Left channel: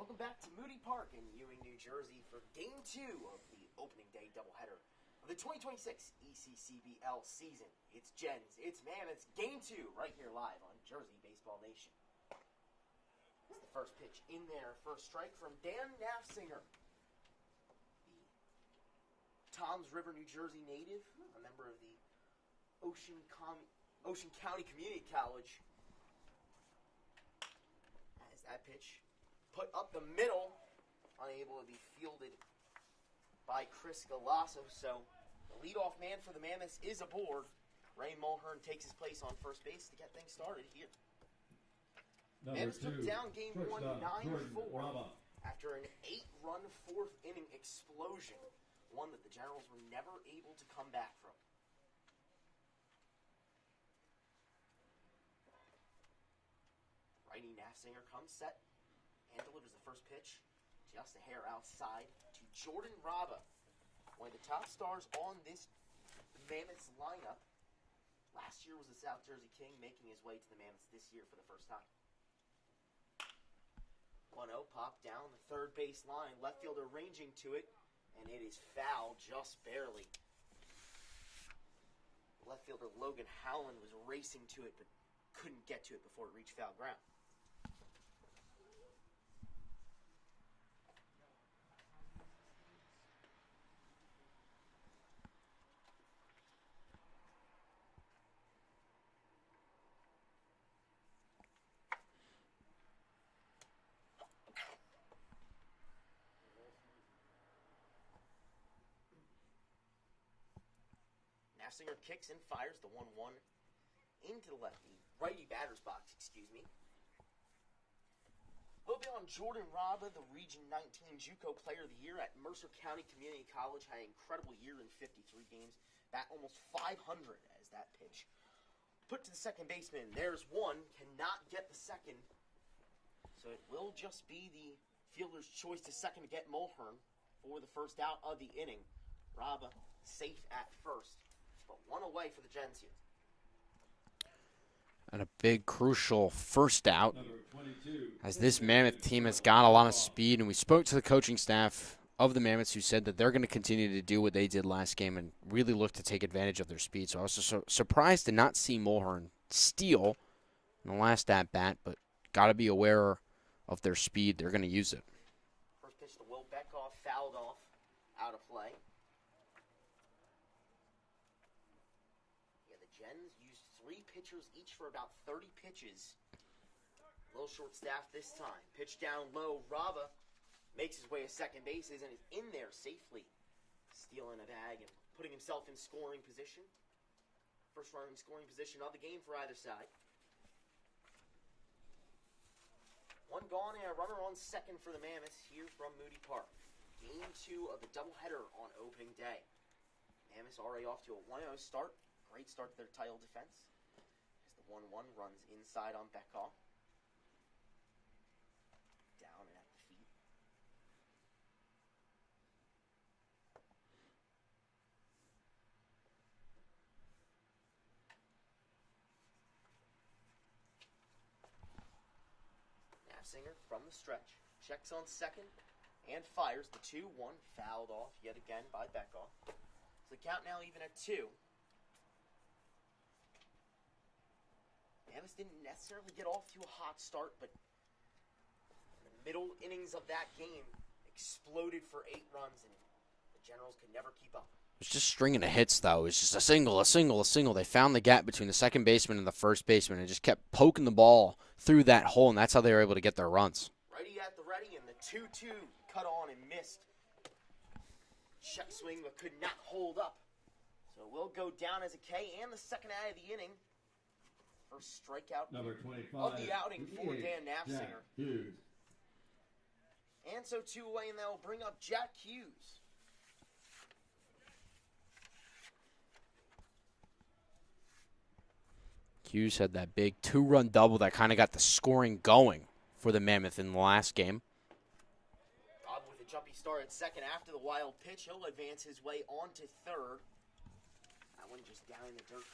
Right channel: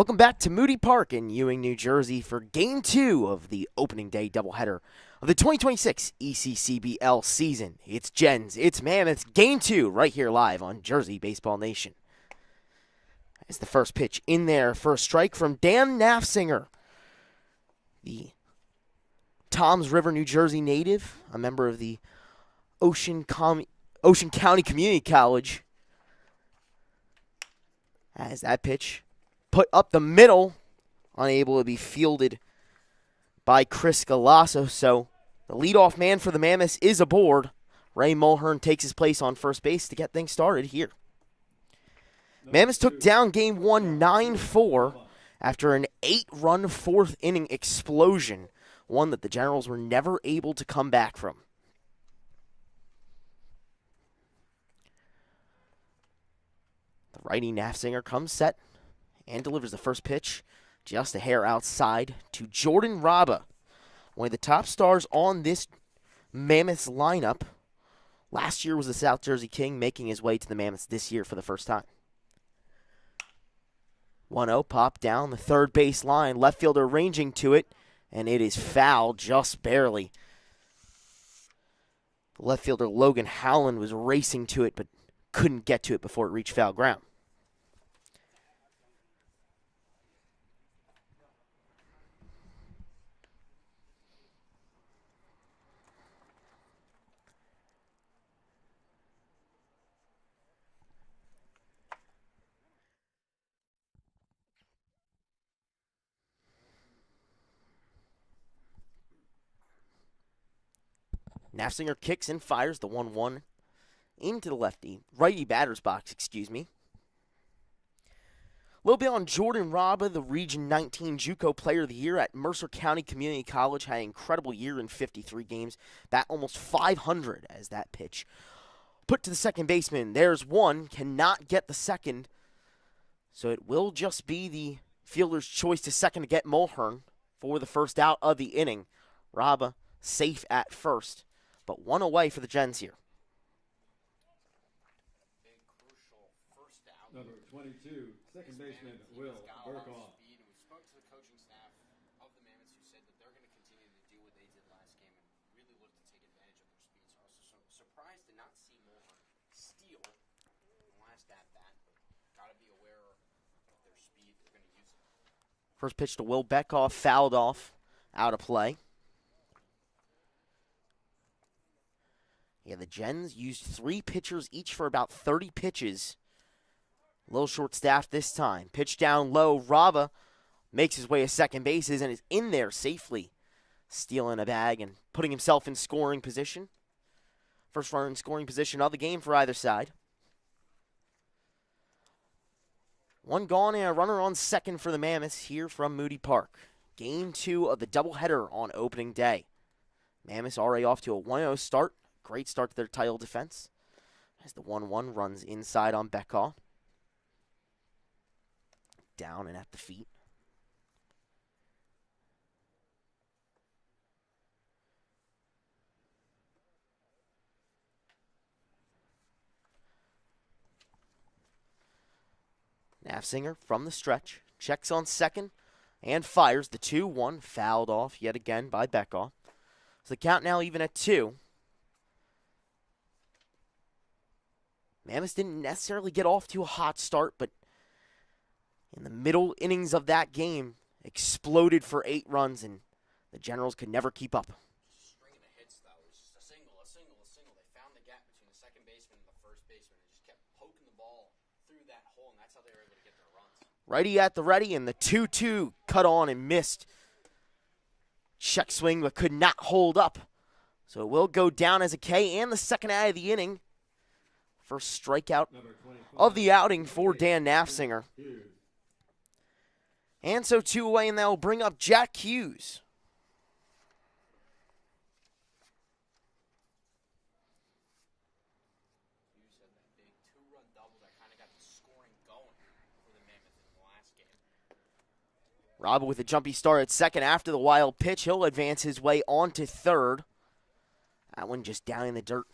Welcome back to Moody Park in Ewing, New Jersey for Game 2 of the opening day doubleheader of the 2026 ECCBL season. It's Gens, it's Mammoths, Game 2 right here live on Jersey Baseball Nation. As the first pitch in there for a strike from Dan Nafsinger, the Toms River, New Jersey native, a member of the Ocean County Community College. As that pitch put up the middle, unable to be fielded by Chris Galasso. So the leadoff man for the Mammoths is aboard. Ray Mulhern takes his place on first base to get things started here. Mammoths took down Game 1 9-4 after an 8-run fourth inning explosion, one that the Generals were never able to come back from. The righty Nafsinger comes set and delivers the first pitch just a hair outside to Jordan Raba, one of the top stars on this Mammoths lineup. Last year was the South Jersey King, making his way to the Mammoths this year for the first time. 1-0 pop down the third base line, left fielder ranging to it, and it is foul just barely. Left fielder Logan Howland was racing to it but couldn't get to it before it reached foul ground. Nafsinger kicks and fires the 1-1 into the righty batter's box, A little bit on Jordan Raba, the Region 19 JUCO Player of the Year at Mercer County Community College. Had an incredible year in 53 games. Bat almost 500 as that pitch put to the second baseman. There's one, cannot get the second. So it will just be the fielder's choice to second to get Mulhern for the first out of the inning. Raba safe at first, but one away for the Gens here. And a big, crucial first out, as this Mammoth team has got a lot of speed. And we spoke to the coaching staff of the Mammoths, who said that they're going to continue to do what they did last game and really look to take advantage of their speed. So I was so surprised to not see Mulhern steal in the last at-bat, but got to be aware of their speed. They're going to use it. First pitch to Will Beckoff, fouled off, out of play. Yeah, the Gens used 3 pitchers each for about 30 pitches. A little short-staffed this time. Pitch down low. Raba makes his way to second bases and is in there safely, stealing a bag and putting himself in scoring position. First runner in scoring position of the game for either side. One gone and a runner on second for the Mammoths here from Moody Park. Game 2 of the doubleheader on opening day. Mammoths already off to a 1-0 start. Great start to their title defense as the 1-1 runs inside on Beckoff. Down and at the feet. Nafsinger from the stretch, checks on second and fires the 2-1, fouled off yet again by Beckoff. So the count now even at 2. Mammoths didn't necessarily get off to a hot start, but in the middle innings of that game, exploded for 8 runs, and the Generals could never keep up. It was just stringing of hits, though. It was just a single. They found the gap between the second baseman and the first baseman and just kept poking the ball through that hole, and that's how they were able to get their runs. Righty at the ready, and the 2-2 cut on and missed. Check swing, but could not hold up. So it will go down as a K, and the second out of the inning. First strikeout of the outing for Dan Nafsinger. And so 2 away, and that will bring up Jack Hughes. Hughes had that big 2-run double that kind of got the scoring going for the Mammoth in the last game. Raba with a jumpy start at second after the wild pitch. He'll advance his way on to third. That one just down in the dirt.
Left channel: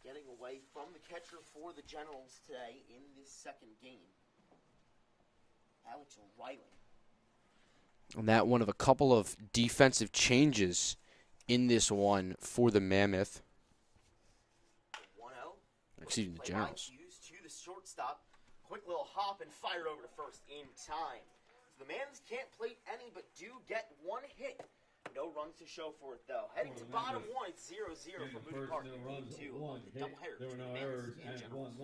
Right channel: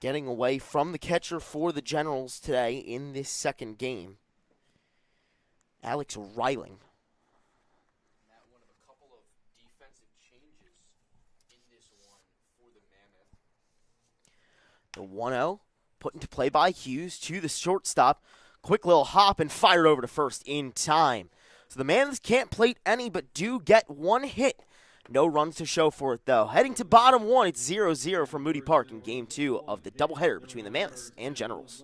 Getting away from the catcher for the Generals today in this second game. Alex Reiling. And that one of a couple of defensive changes in this one for the Mammoth. The 1-0 put into play Generals. by Hughes to the shortstop. Quick little hop and fired over to first in time. So the Mammoths can't plate any but do get one hit. No runs to show for it, though. Heading to bottom one, it's 0-0 from Moody Park in Game 2 of the doubleheader between the Mammoths and Generals.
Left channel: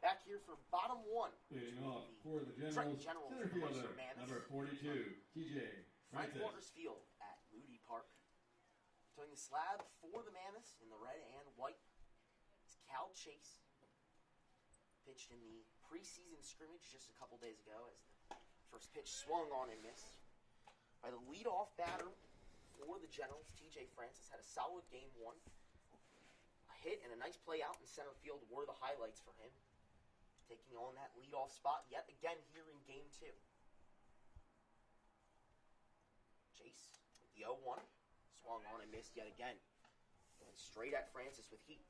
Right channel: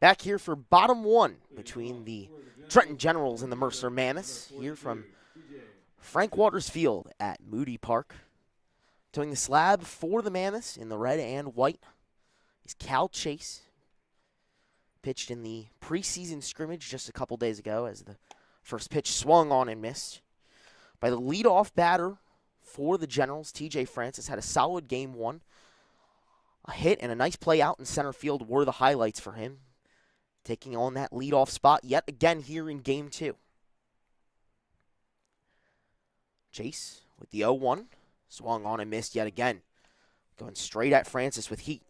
Back here for bottom one between the Trenton Generals and the Mercer Mammoths. Here from Frank Waters Field at Moody Park. Towing the slab for the Mammoths in the red and white is Cal Chase. Pitched in the preseason scrimmage just a couple days ago as the first pitch swung on and missed. By the leadoff batter for the Generals, TJ Francis had a solid game one. A hit and a nice play out in center field were the highlights for him. Taking on that leadoff spot yet again here in Game 2. Chase with the 0-1. Swung on and missed yet again. Going straight at Francis with heat.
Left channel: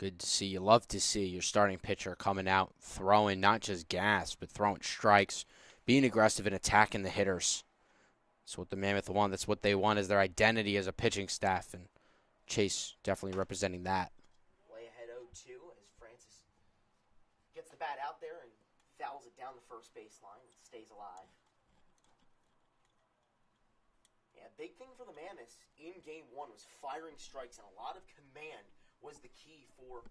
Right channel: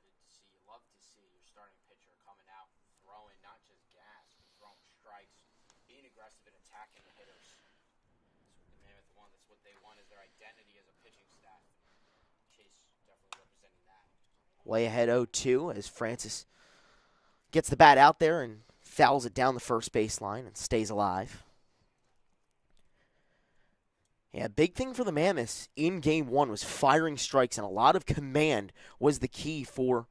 Good to see. You love to see your starting pitcher coming out, throwing not just gas, but throwing strikes, being aggressive and attacking the hitters. That's what the Mammoth want. That's what they want as their identity as a pitching staff. And Chase definitely representing that. Way ahead 0-2 as Francis gets the bat out there and fouls it down the first baseline and stays alive. Yeah, big thing for the Mammoths in Game 1 was firing strikes, and a lot of command was the key for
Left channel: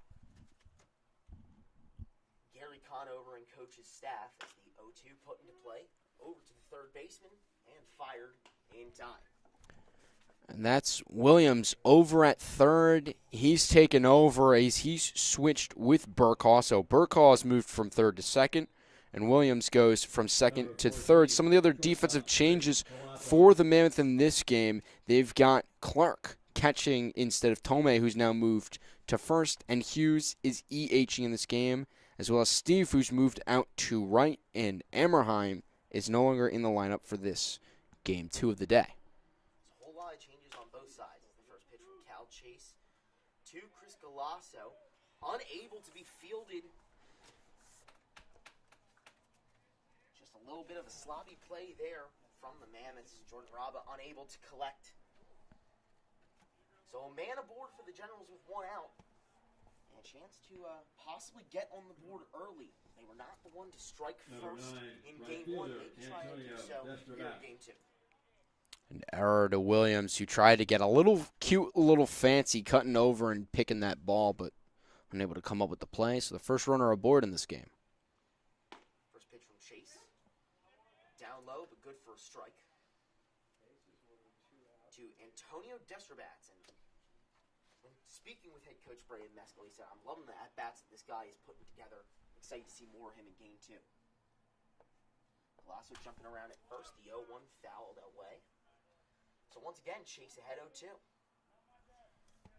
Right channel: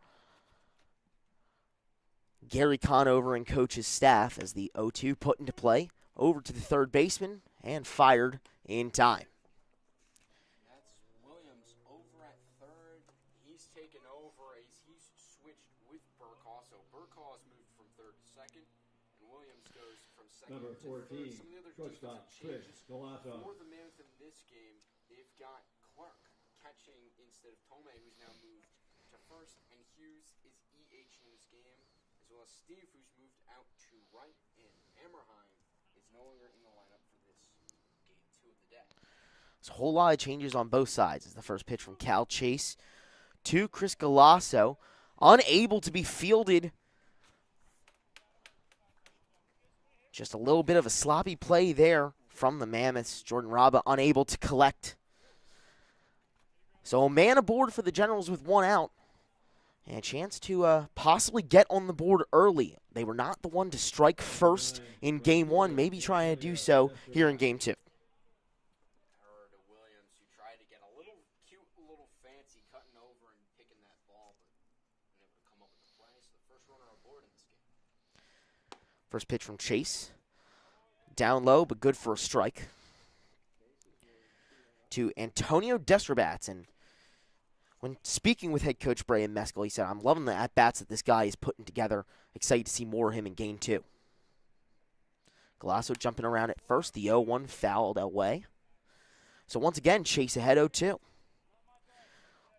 Gary Conover and coach's staff as the 0-2 put into play over to the third baseman and fired in time. And that's Williams over at third. He's taken over as he's switched with Burkhaw. So Burkhaw's moved from third to second, and Williams goes from second to third. Some of the other defensive changes for the Mammoth in this game, they've got Clark catching instead of Tomei, who's now moved to first, and Hughes is EHing in this game, as well as Steve, who's moved out to right, and Ammerheim is no longer in the lineup for this Game 2 of the day. There's a whole lot of changes on both sides. It's the first pitch from Cal Chase to Chris Galasso, unable to be fielded. Just a little bit of a sloppy play there from the Mammoths. Jordan Raba unable to collect. So a man aboard for the Generals with one out. And a chance to possibly get on the board early. They were not the one to strike first in game one, maybe trying to do so here in game two. An error to Williams, who tried to get a little cute, a little fancy, cutting over and picking that ball, but unable to come up with the play. So the first runner aboard in this game. First pitch from Chase. Down low, but good for a strike. To Antonio Destrobats. And when speaking with head coach Brian Meskel, he said, I'm loving the at-bats that this guy is putting together. Excited to see more of him in game two. Galasso jumping around at first. The 0-1 fouled away. So once again, Chase ahead 0-2.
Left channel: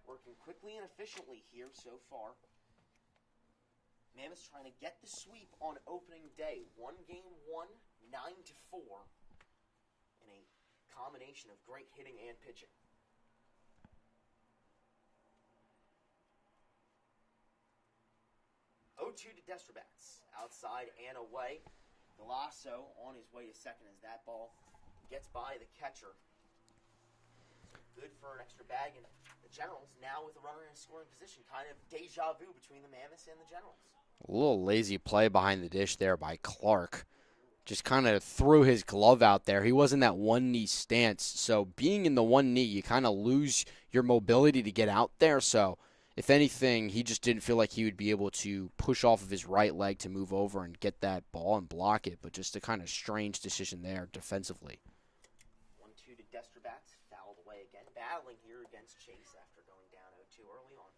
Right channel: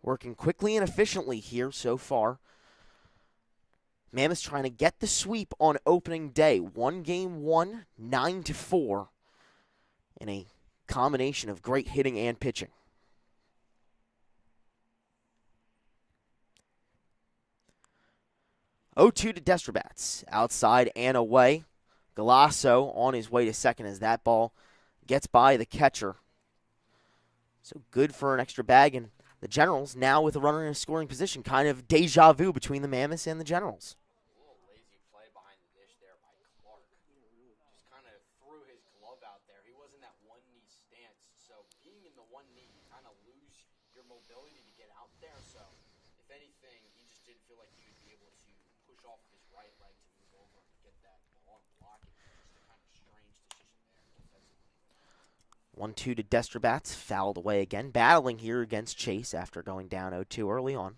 Working quickly and efficiently here so far. Mammoths trying to get the sweep on opening day. One game one, 9-4. In a combination of great hitting and pitching. Oh, 2 to Destrobats. Outside and away. Galasso on his way to second as that ball gets by the catcher. So good for an extra bag. And the Generals now with a runner in a scoring position. Kind of deja vu between the Mammoths and the Generals. A little lazy play behind the dish there by Clark. Just kind of threw his glove out there. He was in that one knee stance. So being in the one knee, you kind of lose your mobility to get out there. So if anything, he just didn't feel like he would be able to push off of his right leg to move over and get that ball and block it. But just a kind of strange decision there defensively. 1-2 to Destrobats. Fouled away again. Battling here against Chase after going down 0-2 early on.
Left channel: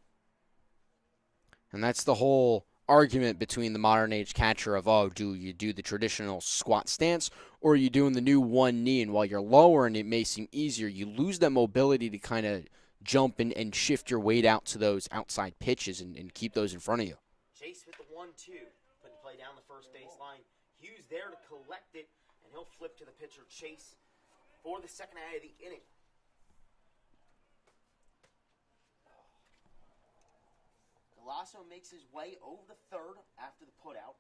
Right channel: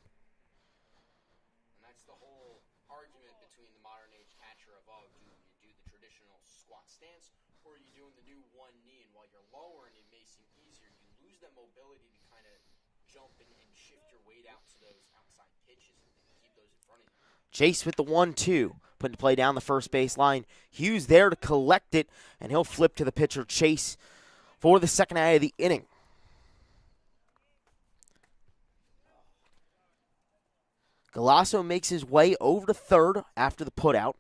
And that's the whole argument between the modern age catcher of, oh, do you do the traditional squat stance or are you doing the new one knee? And while you're lower and it may seem easier, you lose that mobility to kind of jump and shift your weight out to those outside pitches and keep those in front of you. Chase with the 1-2. Putting the play down the first base line. Hughes there to collect it, and he'll flip to the pitcher, Chase, for the second out of the inning. Galasso makes his way over to third after the putout.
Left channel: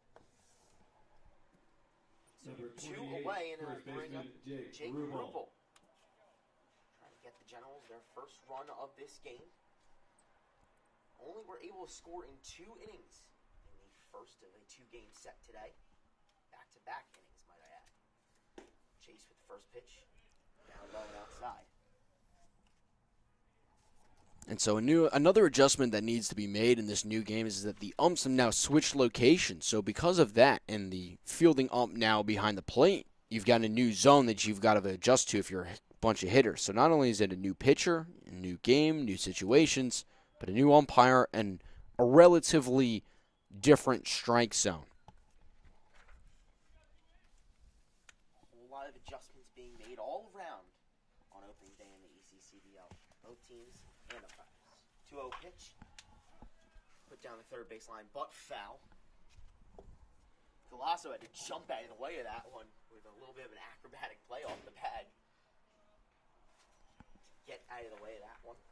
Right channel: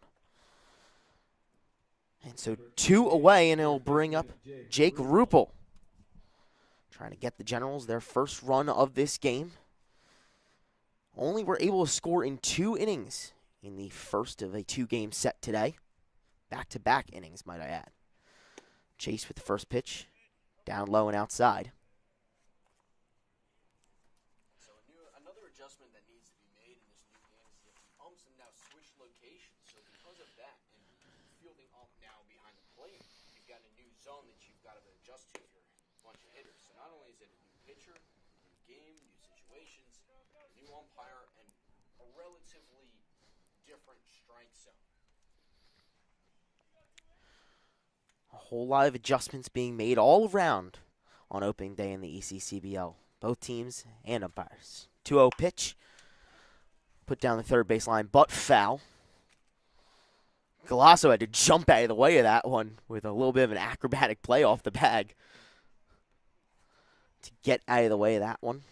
And so 2 away, and it'll bring up Jake Ruppel. Trying to get the Generals their first run of this game. Only were able to score in 2 innings in the first of a 2-game set today. Back-to-back innings, might I add. Chase with the first pitch. Down low and outside. And so another adjustment that needs to be made in this new game is that the umps have now switched locations. So because of that, and the fielding ump now behind the plate, you've got a new zone that you've got to adjust to if you're a bunch of hitters. So not only is it a new pitcher, a new game, new situations, but a new umpire and a relatively different strike zone. A whole lot of adjustments being made all around on opening day in the ECCBL. Both teams and umpires. 2-0 pitch. Put down the third baseline, but foul. Galasso had to jump out of the way of that one with a little bit of an acrobatic play off the bag to get out of the way of that one.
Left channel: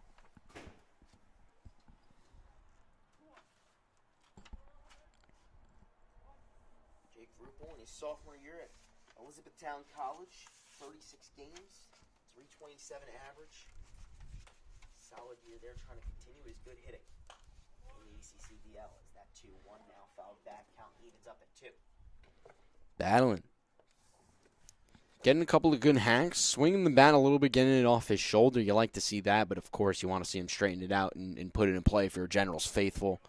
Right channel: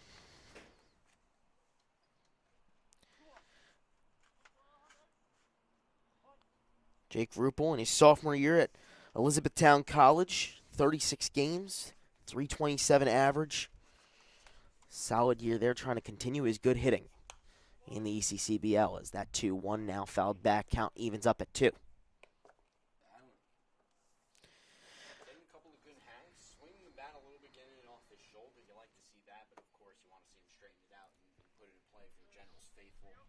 Jake Ruppel in his sophomore year at Elizabethtown College, 36 games, 327 average. Solid year there, trying to continue his good hitting in the ECCBL as that 2-1 now fouled back. Count evens up at 2. Battling. Getting a couple of good hacks, swinging the bat a little bit, getting it off his shoulder. You like to see that, but of course you want to see him straighten it out and put it in play if your Generals faithful.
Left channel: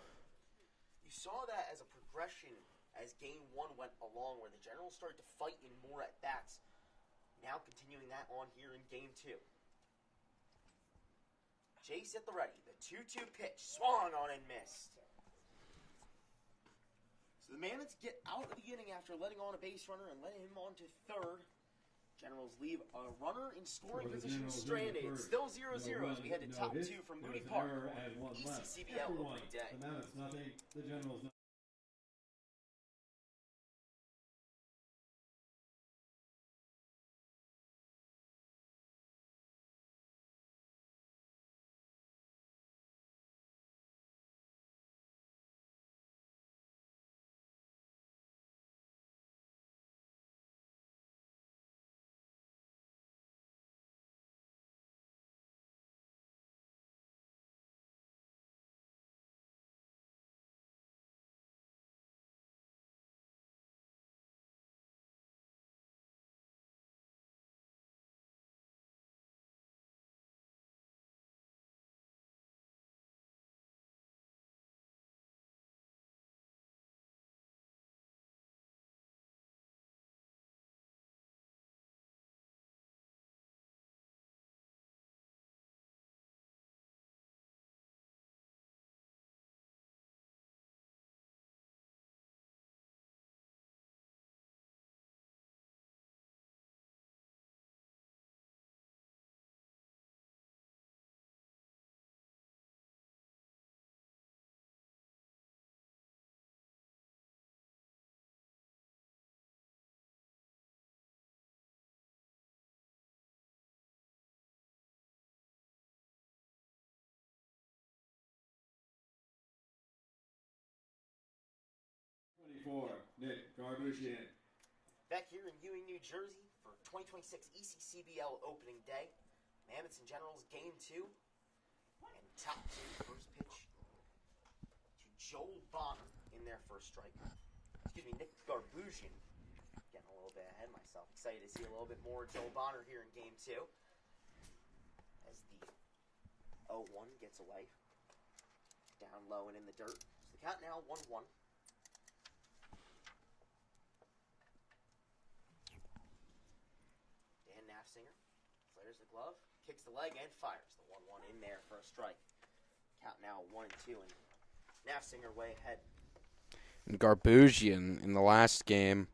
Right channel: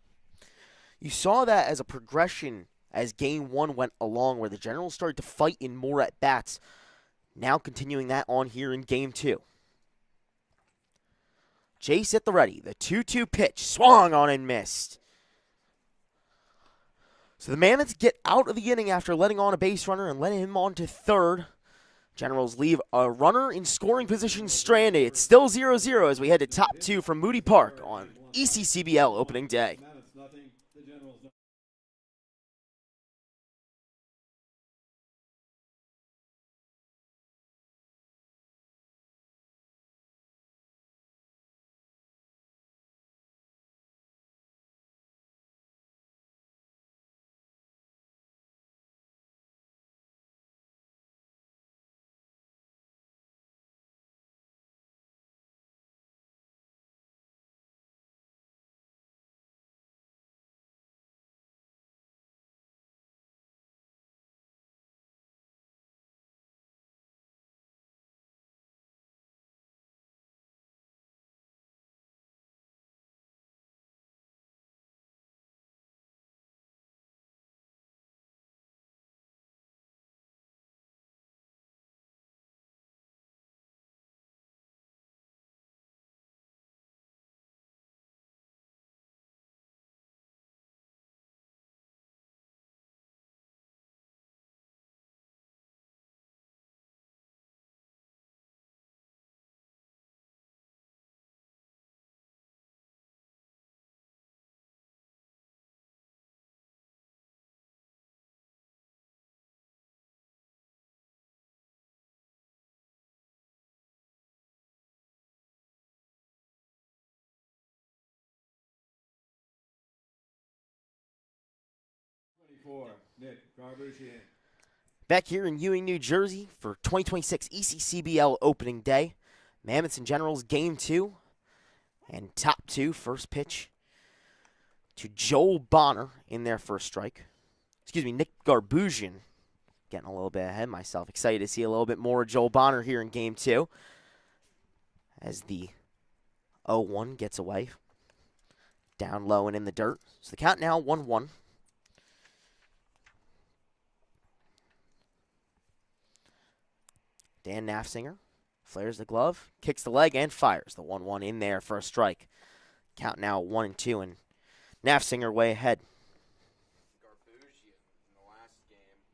You saw that as a progression as game one went along, where the Generals started to fight in more at-bats. Now continuing that on here in game two. Chase at the ready. The 2-2 pitch. Swung on and missed. So the Mammoths get out of the inning after letting on a base runner and letting him on to third. Generals leave a runner in scoring position stranded. It's still 0-0 as we head to top 2 from Moody Park on ECCBL opening day. Back here in Ewing, New Jersey for 2026 ECCBL opening day. Mammoths and Generals game 2. And top 2, first pitch to Joel Bonner in their first strike. Excuse me, Nick Garbusian. Getting a little bit ahead of myself. Excited to see a little bit more of Joel Bonner here in game 2. As the 0-1 gets away. Down low and in the dirt. So the count now 1-1. Dan Nafsinger flares the glove, kicks the leg, and fires the 1-1 in there for a strike. Count now 1-2, and Nafsinger way ahead. And Garbusian in the last game,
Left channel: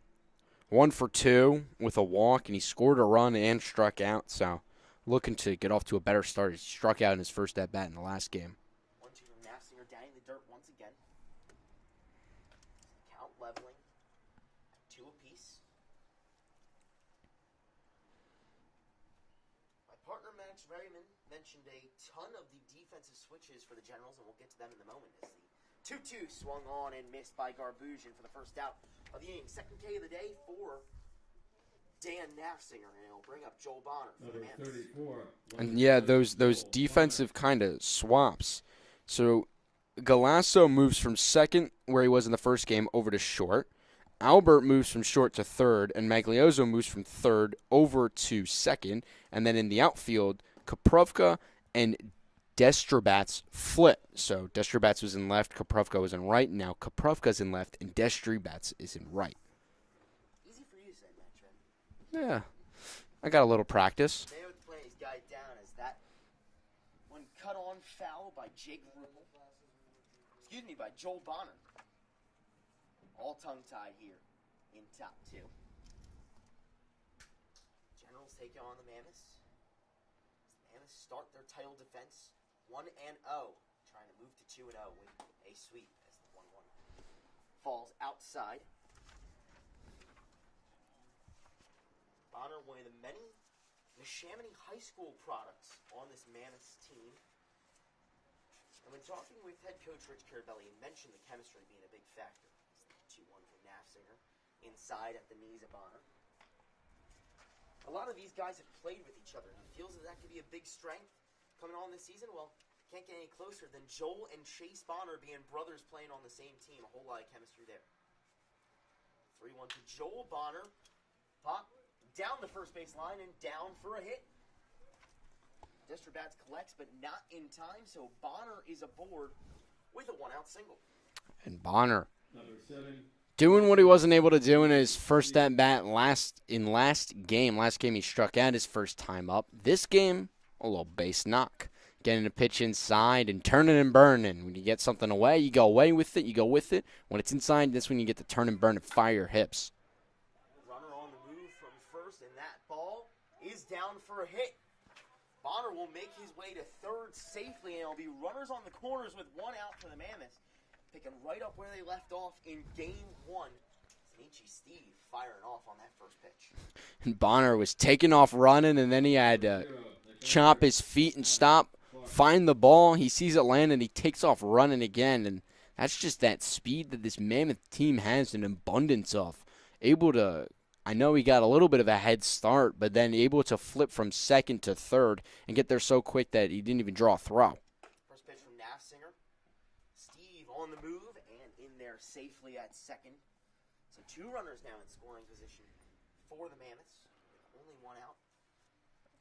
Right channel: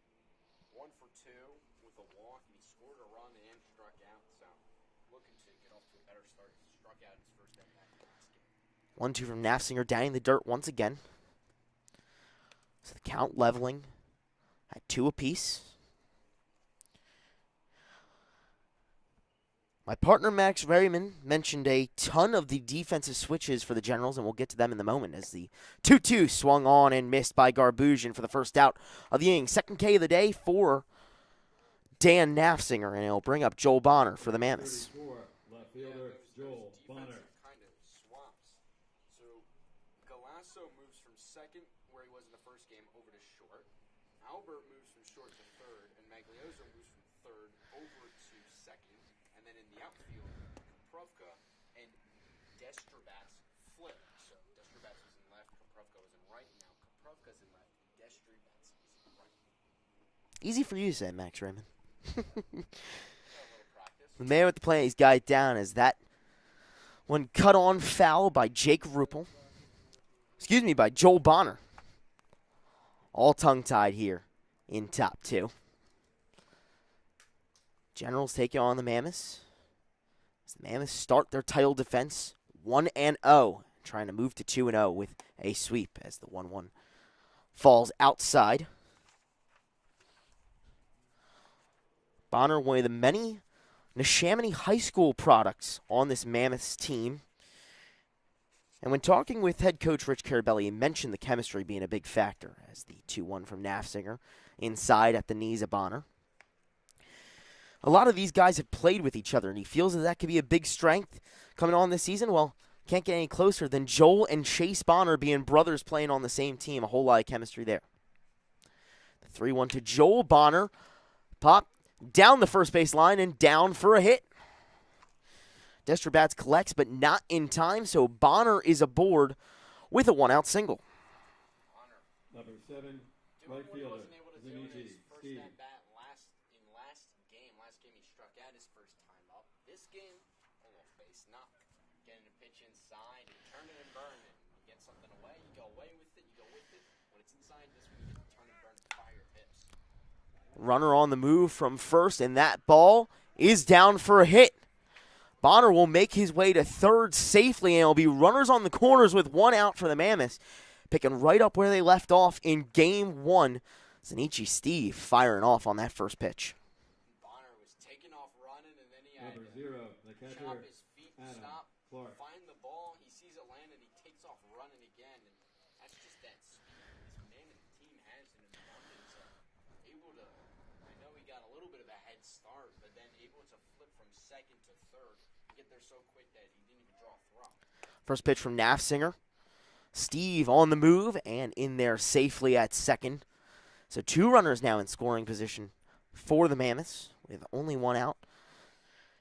1 for 2 with a walk, and he scored a run and struck out. So looking to get off to a better start. He struck out in his first at-bat in the last game. 1-2 from Nafsinger, down in the dirt once again. So the count leveling at 2 apiece. My partner, Max Raymond, mentioned a ton of the defensive switches for the Generals, and we'll get to them in the moment as the 2-2 swung on and missed by Garbusian for the first out of the inning. Second K of the day for Dan Nafsinger, and it'll bring up Joel Bonner for the Mammoths. And, yeah, those defensive kind of swaps. So Galasso moves from second, where he was in the first game, over to short. Albert moves from short to third, and Magliozzo moves from third over to second. And then in the outfield, Koprovka and Destrobats flip. So Destrobats was in left, Koprovka was in right. Now Koprovka's in left, and Destrobats is in right. Easy for you to say, Max Raymond. Yeah, I got a little practice. The man with the plan, he's got it down as that one cut on foul by Jake Ruppel. Excuse me, by Joel Bonner. All tongue-tied here in top 2. Generals taking on the Mammoths. As the Mammoths start their title defense 1-0, trying to move to 2-0 with a sweep as the 1-1 falls outside. Bonner, one of the many Neshaminy High School products on this Mammoths team. And when talking with head coach Rich Carabelli, he mentioned the chemistry being a big factor as the 2-1 from Nafsinger inside at the knees of Bonner. A lot of these guys have played with each other, and he feels that could be a big strength coming on this season. Well, can't get any closer than Joel and Chase Bonner being brothers playing on the same team. A whole lot of chemistry there. The 3-1 to Joel Bonner. Pop down the first base line and down for a hit. Destrobats collects, but not in time, so Bonner is aboard with a 1-out single. And Bonner doing what he wasn't able to do in his first at-bat last game. Last game he struck out his first time up. This game, a little base knock. Getting a pitch inside and turning and burning. When you get something away, you go away with it, you go with it. When it's inside, that's when you get to turn and burn and fire your hips. Runner on the move from first, and that ball is down for a hit. Bonner will make his way to third safely, and it'll be runners on the corners with 1 out for the Mammoths. Picking right up where they left off in Game 1. Zanichi Steve firing off on that first pitch. And Bonner was taking off running, and then he had to chop his feet and stop, find the ball. He sees it land, and he takes off running again. And that's just that speed that this Mammoth team has an abundance of. Able to, I know he got a little bit of a head start, but then able to flip from second to third and get there so quick that he didn't even draw a throw. First pitch from Nafsinger. Steve on the move and in there safely at second. So 2 runners now in scoring position for the Mammoths with only 1 out.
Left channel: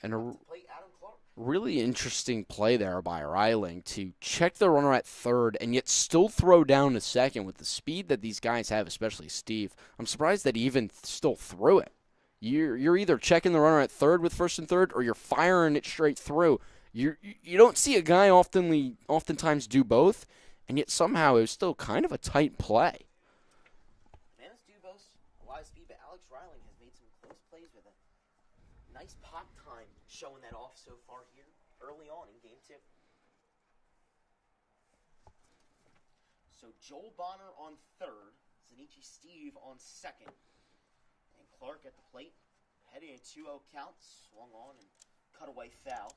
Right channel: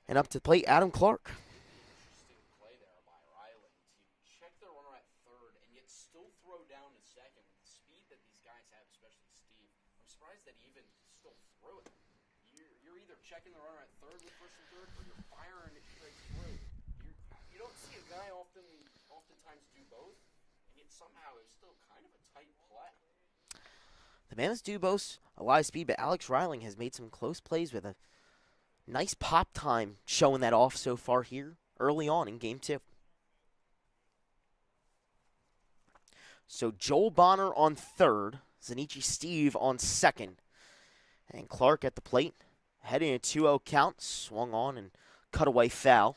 And up to plate, Adam Clark. Really interesting play there by Reiling to check the runner at third and yet still throw down to second with the speed that these guys have, especially Steve. I'm surprised that he even still threw it. You're either checking the runner at third with first and third or you're firing it straight through. You don't see a guy oftentimes do both. And yet somehow it was still kind of a tight play. The Mammoths do boast a lot of speed, but Alex Reiling has made some close plays with a nice pop time showing that off so far here early on in Game 2. So Joel Bonner on third, Zanichi Steve on second, and Clark at the plate. Heading a 2-0 count, swung on and cut away foul.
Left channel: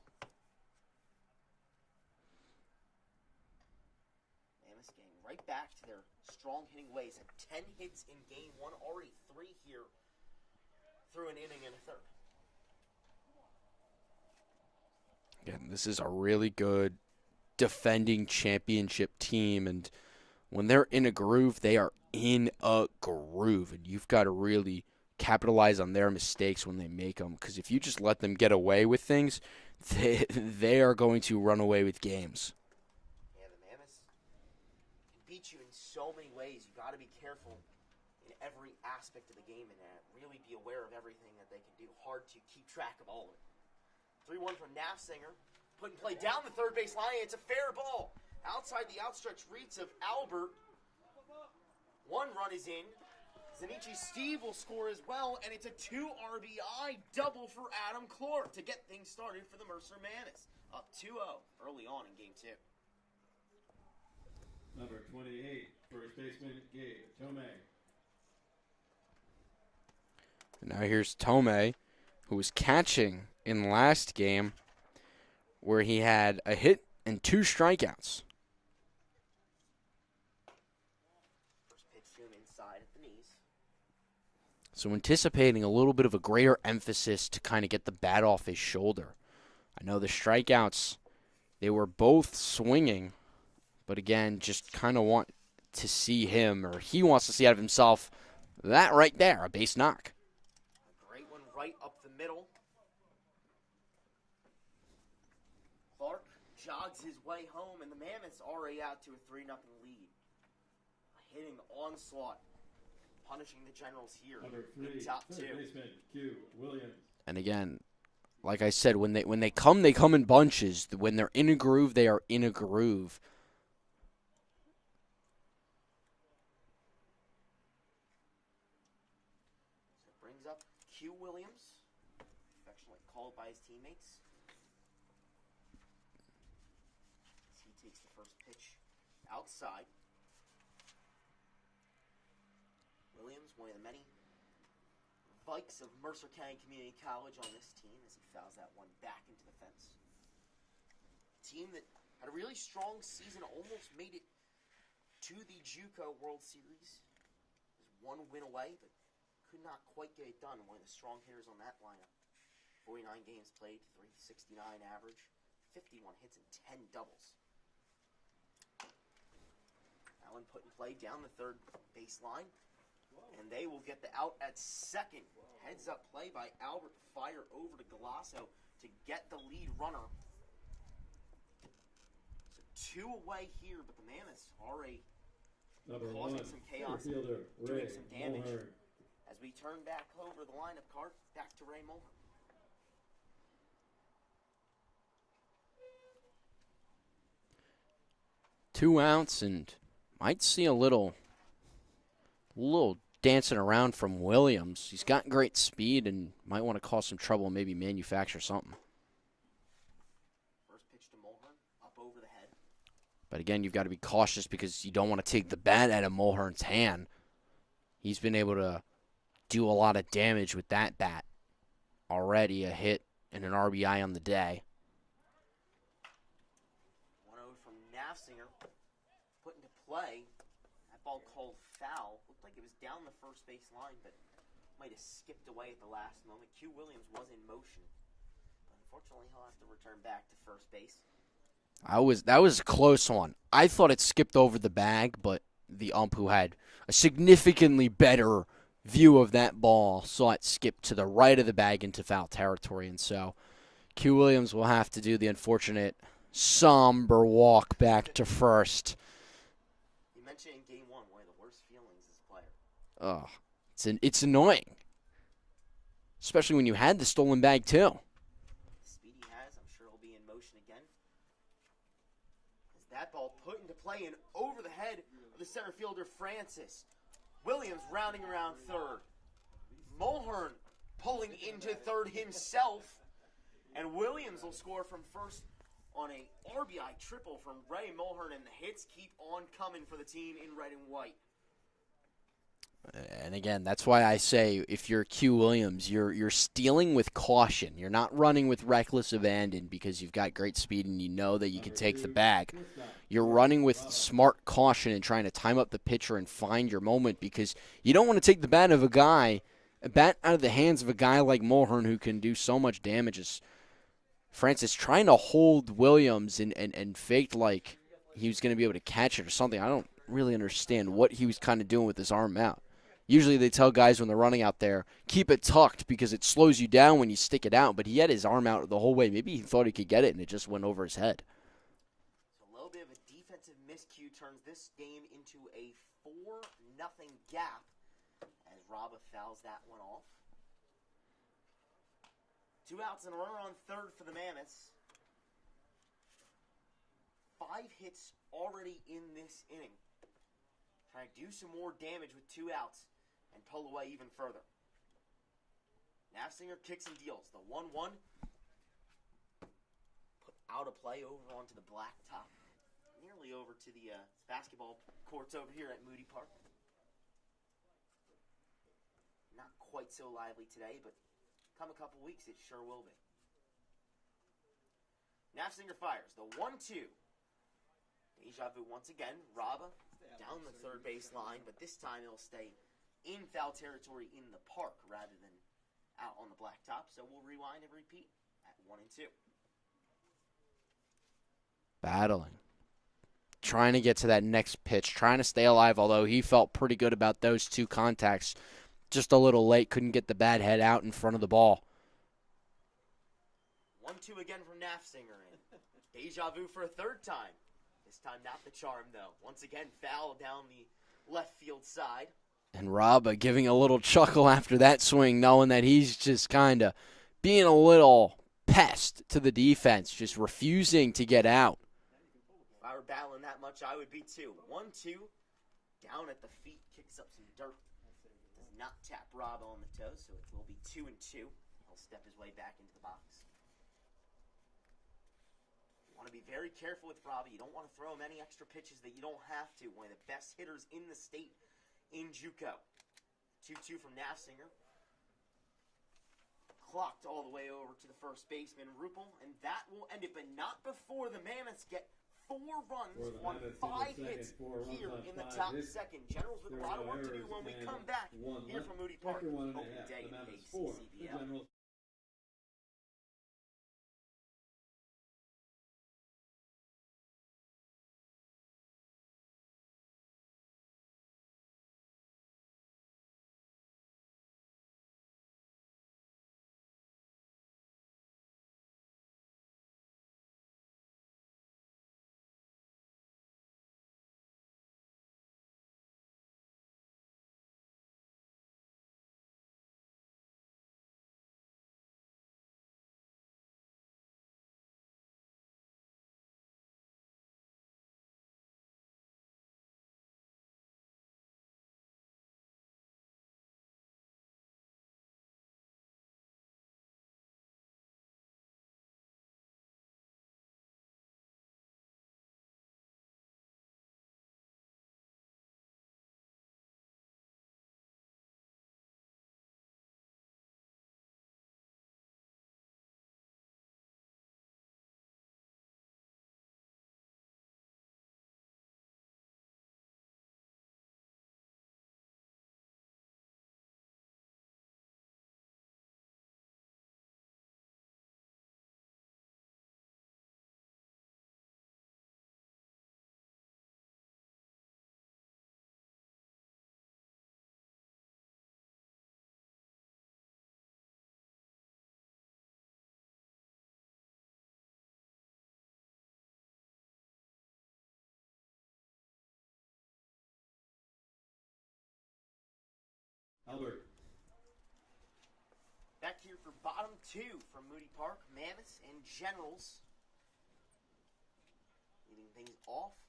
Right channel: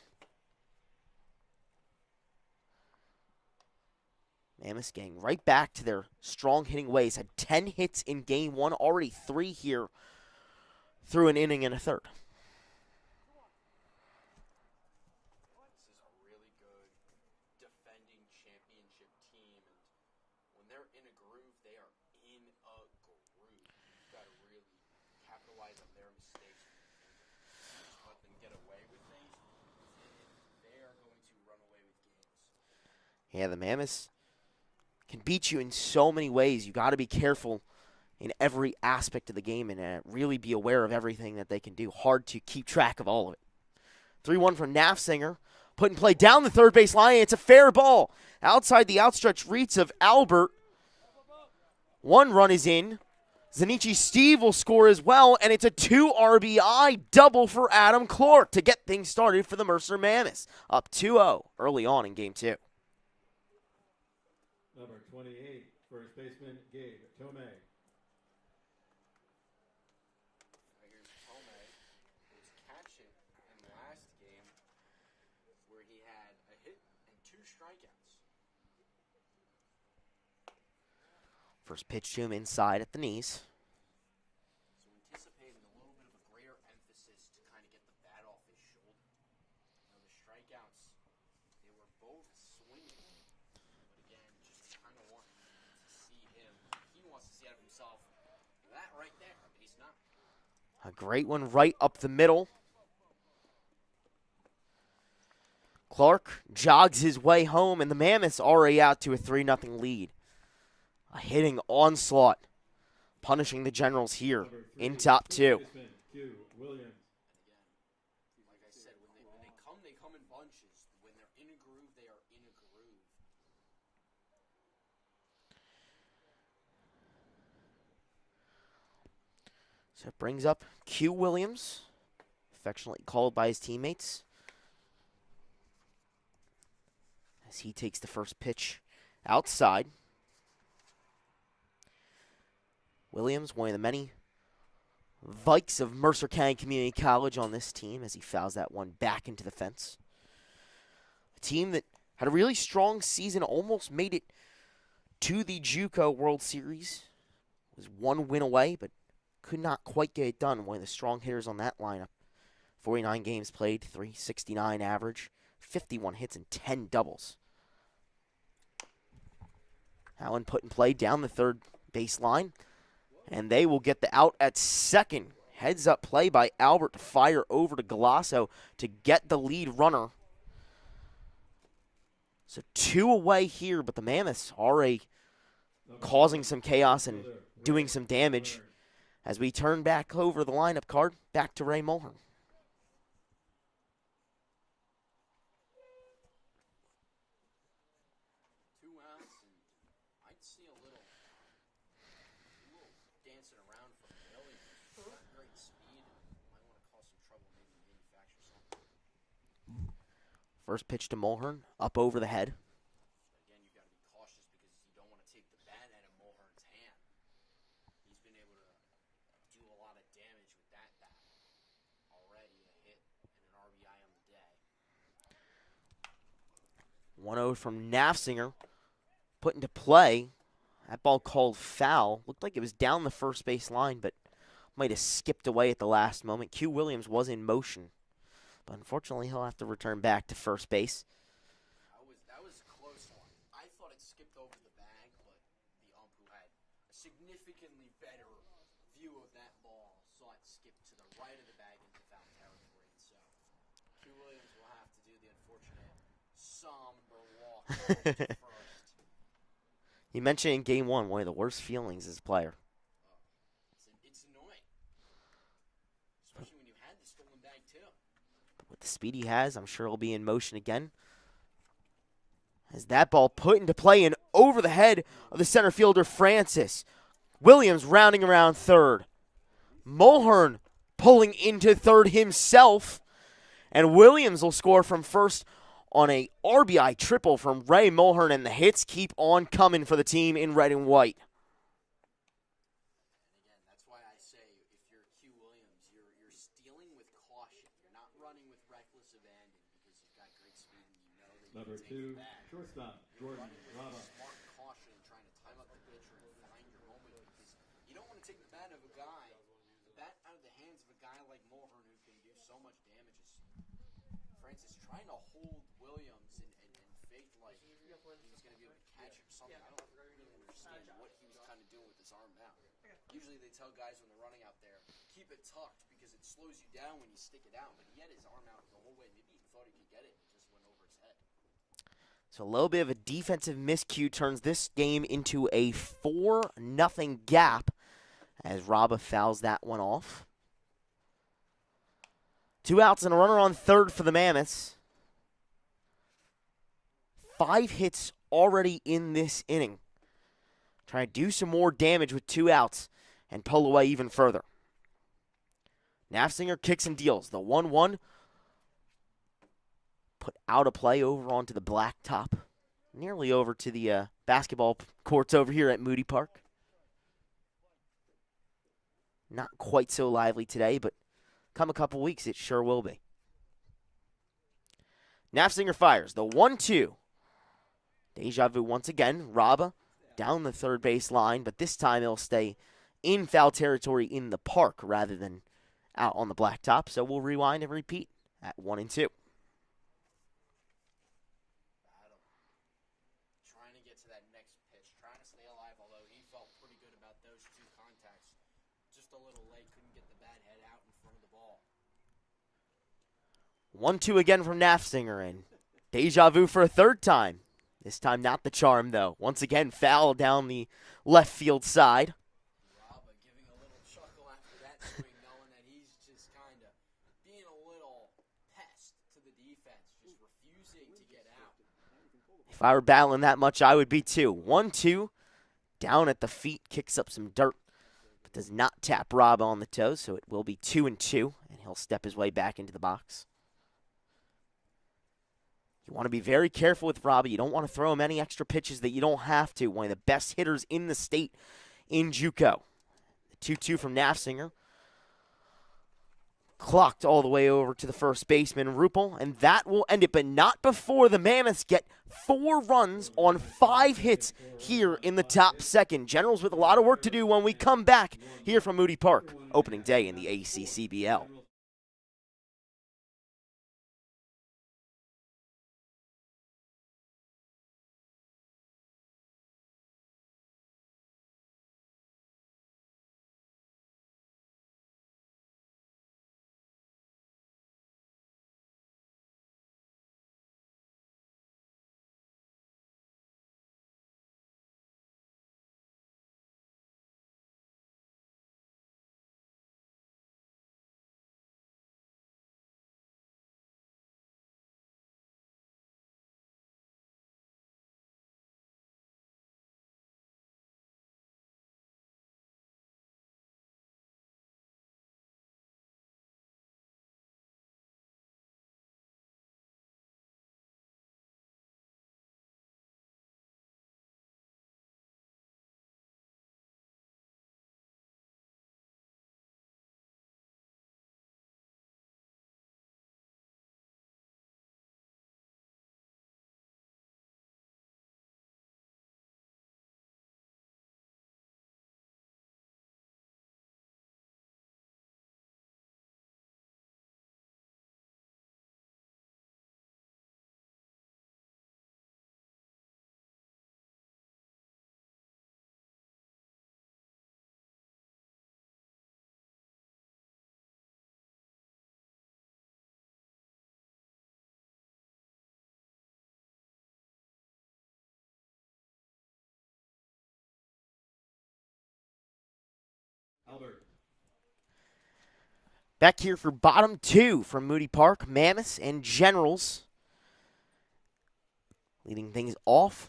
Mammoths getting right back to their strong hitting ways. Had 10 hits in game one, already 3 here through an inning and a third. Again, this is a really good defending championship team, and when they're in a groove, they are in a groove, and you've got to really capitalize on their mistakes when they make them, because if you just let them get away with things, they are going to run away with games. Yeah, the Mammoths can beat you in so many ways. You got to be careful in every aspect of the game and really be aware of everything that they can do. Hard to keep track of all of it. 3-1 from Nafzinger. Put in play down the third base line. It's a fair ball. Outside the outstretched reach of Albert. 1 run is in. Zanichi Steve will score as well, and it's a 2 RBI double for Adam Clark to get things started for the Mercer Mammoths. Up 2-0 early on in game 2. Number 28, first baseman Gabe Tomei. Now here's Tomei, who was catching in last game, where he had a hit and 2 strikeouts. First pitch to him inside at the knees. So anticipating a little bit of a greater emphasis to kind of get the bat off his shoulder. I know the strikeouts, they were both swinging, but again, just kind of want to see him, or he wants to see out of himself, that right there, a base knock. A great one right up the middle. Clark jogs his way home, and the Mammoths already out to a 3-0 lead. A hitting onslaught, punishing the Generals here in top 2. And again, like I said, when they come in bunches. When they're in a groove, they are in a groove. So it brings up Q Williams, affectionately called by his teammates, as he takes the first pitch outside. Williams, one of the many Vikes of Mercer County Community College on this team, as he fouls that one back into the fence. A team that had a really strong season, almost made it to the JUCO World Series. Was 1 win away, but could not quite get it done. One of the strong hitters on that lineup. 49 games played, 369 average, 51 hits, and 10 doubles. Allen put in play down the third baseline, and they will get the out at second. Heads up play by Albert to fire over to Galasso to get the lead runner. So 2 away here, but the Mammoths already causing some chaos and doing some damage. As we turn back over the lineup card, back to Ray Mulhern. Two outs, and might see a little dancing around from Williams. He's got great speed and might want to cause some trouble and maybe manufacture something. First pitch to Mulhern, up over the head. But again, you've got to be cautious because you don't want to take the bat out of Mulhern's hand. He's been able to do a lot of damage with that bat. Already a hit and an RBI on the day. 1-0 from Nafzinger. Put into play. That ball called foul. Looked like it was down the first base line, but might have skipped away at the last moment. Q Williams was in motion, but unfortunately he'll have to return back to first base. That was a close one. I thought it skipped over the bag, but the ump, who had a significantly better view of that ball, saw it skip to the right of the bag into foul territory, and so Q Williams will have to do the unfortunate somber walk back to first. You mentioned in game one of the worst feelings as a player. Oh, it's annoying, especially when you had the stolen bag too. With the speed he has, I'm sure he'll be in motion again. As that ball put into play and over the head of the center fielder Francis. Williams rounding around third. Mulhern pulling into third himself. And Williams will score from first on a RBI triple from Ray Mulhern, and the hits keep on coming for the team in red and white. And again, that's why I say if you're Q Williams, you're stealing with caution. You're not running with reckless abandon because you've got great speed and you know that you can take the bag. You're running with smart caution and trying to time up the pitcher and find your moment because you don't want to take the bat out of the hands of a guy like Mulhern who can do so much damage. As Francis trying to hold Williams and faked like he was going to be able to catch it or something. I don't really understand what he was kind of doing with his arm out. Usually they tell guys when they're running out there, keep it tucked because it slows you down when you stick it out. But he had his arm out the whole way. Maybe he thought he could get it, and it just went over his head. So a little bit of a defensive miscue turns this game into a 4-0 gap as Raba fouls that one off. 2 outs and a runner on third for the Mammoths. 5 hits already in this inning. Trying to do some more damage with 2 outs and pull away even further. Nafziger kicks and deals. The 1-1 put out of play over onto the blacktop. Nearly over to the basketball courts over here at Moody Park. Not quite so lively today, but come a couple weeks, it sure will be. Nafziger fires. The 1-2. Deja vu once again. Raba down the third base line, but this time it'll stay in foul territory in the park rather than out on the blacktop. So we'll rewind and repeat at 1-2. Battling. Trying to get to that next pitch. Trying to stay alive, although he felt pretty good about those 2 contacts. Just a little late. Couldn't get the bat head out in front of the ball. 1-2 again from Nafziger, and deja vu for a third time. This time not the charm, though. Once again, foul down the left field side. And Raba giving a little chuckle after that swing, knowing that he's just kind of being a little pest to the defense, just refusing to get out. If I were battling that much, I would be too. 1-2, down at the feet, kicks up some dirt, but does not tap Raba on the toes, so it will be 2-2, and he'll step his way back into the box. You want to be very careful with Robbie. You don't want to throw him any extra pitches that you don't have to. One of the best hitters in the state in JUCO. The 2-2 from Nafziger. Clocked all the way over to the first baseman, Rupel, and that will end it, but not before the Mammoths get 4 runs on 5 hits here in the top second. Generals with a lot of work to do when we come back here from Moody Park, opening day in the ACCBL. Albert. Back here for bottom 2 from Moody Park, Mammoths and Generals. Leading things off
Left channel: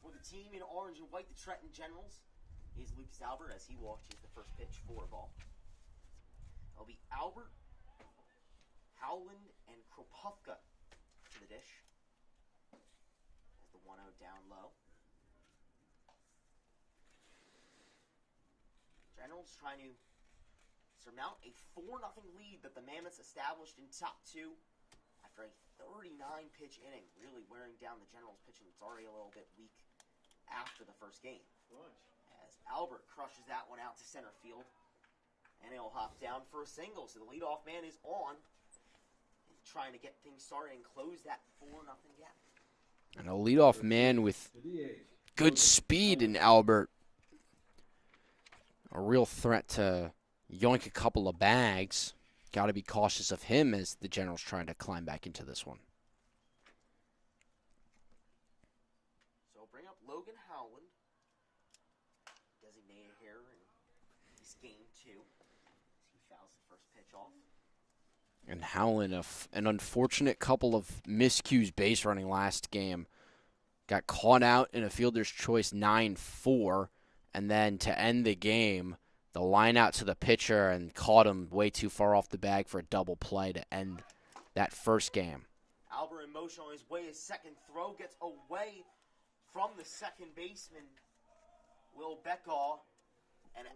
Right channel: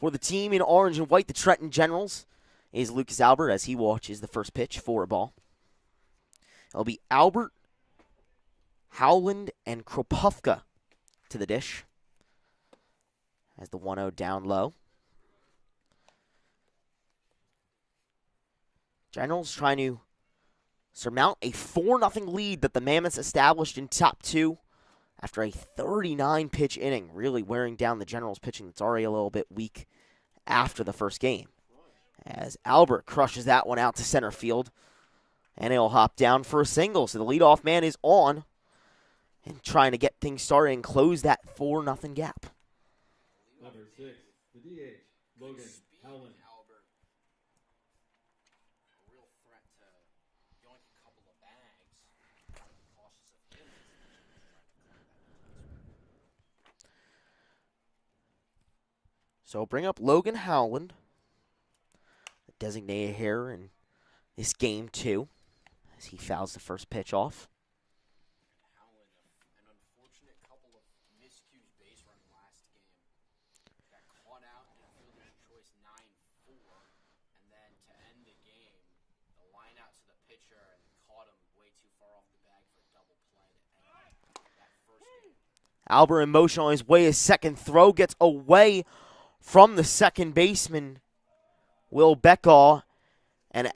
for the team in orange and white, the Trenton Generals, is Lucas Albert as he watches the first pitch for a ball. It'll be Albert, Howland, and Kropofka to the dish as the 1-0 down low. Generals trying to surmount a 4-0 lead that the Mammoths established in top 2 after a 39-pitch inning, really wearing down the Generals pitching that's already a little bit weak after the first game. As Albert crushes that one out to center field, and he'll hop down for a single. So the leadoff man is on and trying to get things started and close that 4-0 gap. And a leadoff man with good speed in Albert. A real threat to yoink a couple of bags. Got to be cautious of him as the Generals trying to climb back into this one. So bring up Logan Howland, the designated hitter in this game too, as he fouls the first pitch off. And Howland, an unfortunate couple of miscues base running last game. Got caught out in a fielder's choice 9-4, and then to end the game, the line out to the pitcher and caught him way too far off the bag for a double play to end that first game. Albert in motion on his way. His second throw gets away from the second baseman, Will Beckaw, and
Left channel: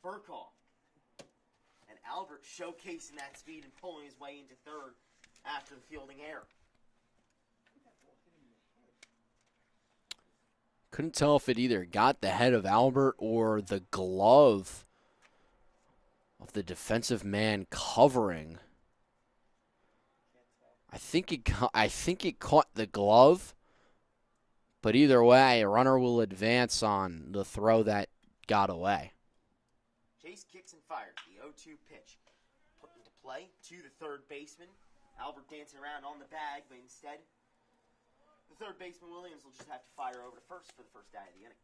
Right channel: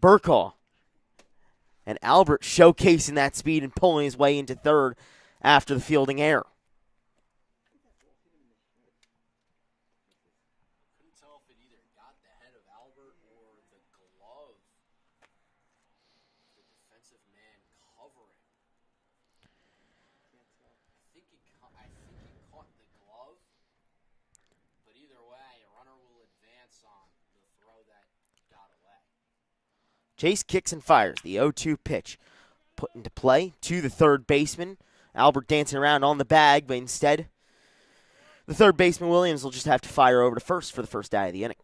Burkaw. And Albert showcasing that speed and pulling his way into third after the fielding error. Couldn't tell if it either got the head of Albert or the glove of the defensive man covering. I think it caught the glove, but either way, a runner will advance on the throw that got away. Chase kicks and fires. The 0-2 pitch put into play to the third baseman. Albert dancing around on the bag, but instead, the third baseman, Williams, will just have to fire over to first for the first out of the inning.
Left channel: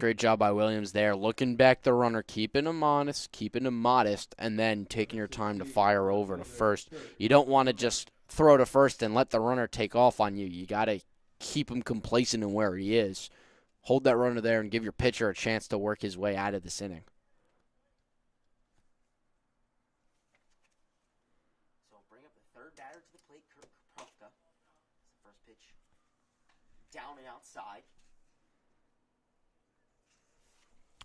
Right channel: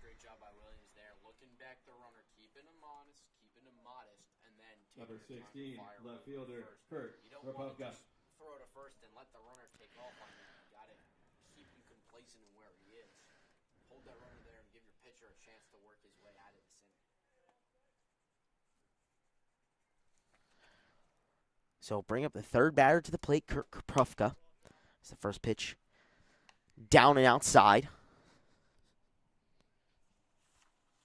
Great job by Williams there, looking back the runner, keeping him honest, keeping him modest, and then taking your time to fire over to first. You don't want to just throw to first and let the runner take off on you. You got to keep him complacent in where he is. Hold that runner there and give your pitcher a chance to work his way out of this inning. So bring up the third batter to the plate, Kurt Koprofka. It's the first pitch down and outside.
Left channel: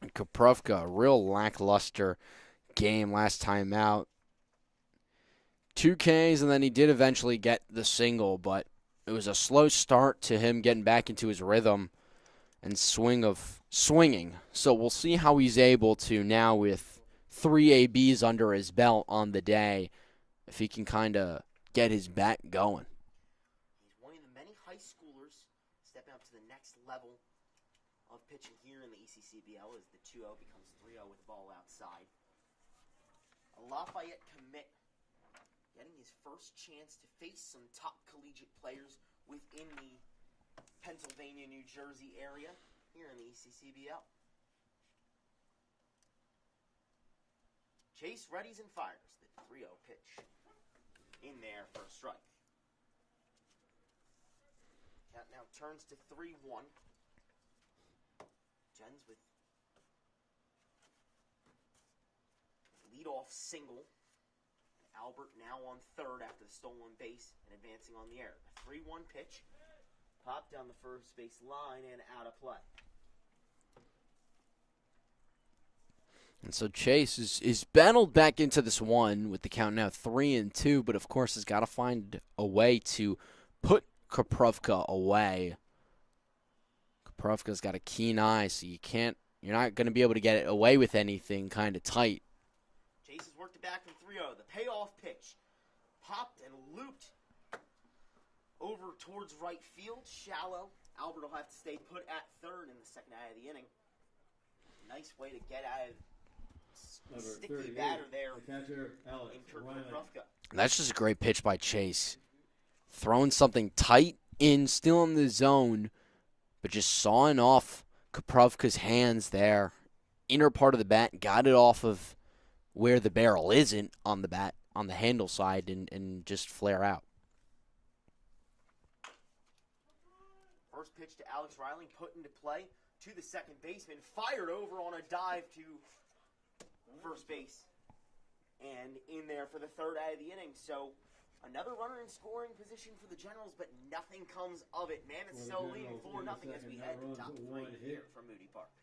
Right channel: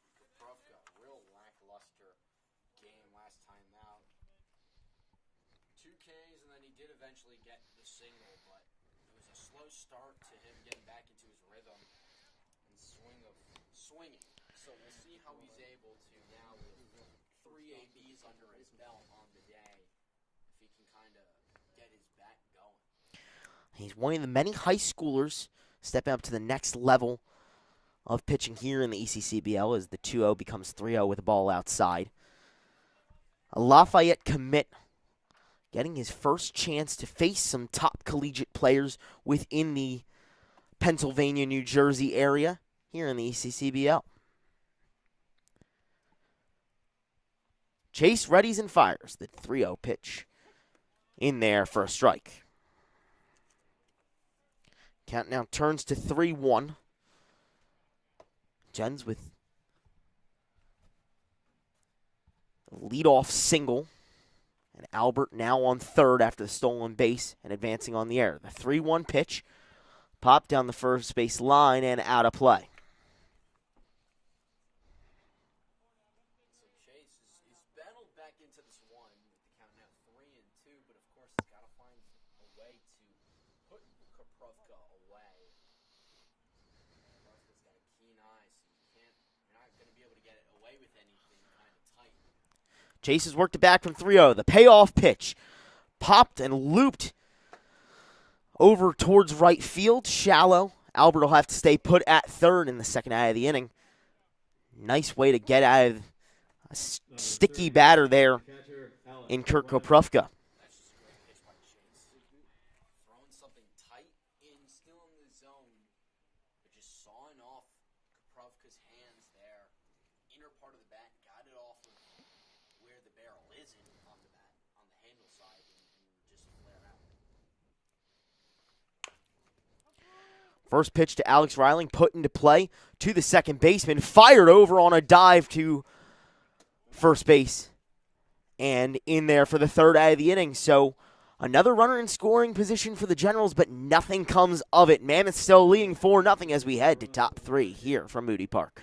And Koprofka, a real lackluster game last time out. 2 Ks, and then he did eventually get the single, but it was a slow start to him getting back into his rhythm and swinging. So we'll see how he's able to now with 3 ABs under his belt on the day, if he can kind of get his bat going. He's one of the many high schoolers stepping up to the next level of pitching here in the ECCBL as the 2-0 becomes 3-0 with the ball outside. A Lafayette commit getting his first chance to face some top collegiate players within the Pennsylvania, New Jersey area here in the ECCBL. Chase readies and fires the 3-0 pitch in there for a strike. Count now turns to 3-1. Jens with a leadoff single. And Albert now on third after the stolen base and advancing on the air. The 3-1 pitch popped down the first base line and out of play. And so Chase is battled back into this one with the count now 3-2, but of course has got to find a way to put Koprofka away. Koprofka's got a keen eye, so you're not going to be able to get it away with anything kind of tight. Chase has worked it back from 3-0. The payoff pitch popped and looped over towards right field, shallow. Albert will have to stay put at third in the second out of the inning. Nice way to get out of a sticky batter there in Kurt Koprofka. That's just a great pitch by Chase. Throwing something tight in, still in the zone, but just sawing off Koprofka's hands there. Inner part of the bat, got it off of where the barrel isn't on the bat, on the handle side, and just flare out. First pitch to Alex Reiling, put into play to the second baseman, fired over on a dive to first base, and in there for the third out of the inning. So another runner in scoring position for the Generals, but nothing comes of it. Mammoths still leading 4-0 as we head to top 3 here from Moody Park.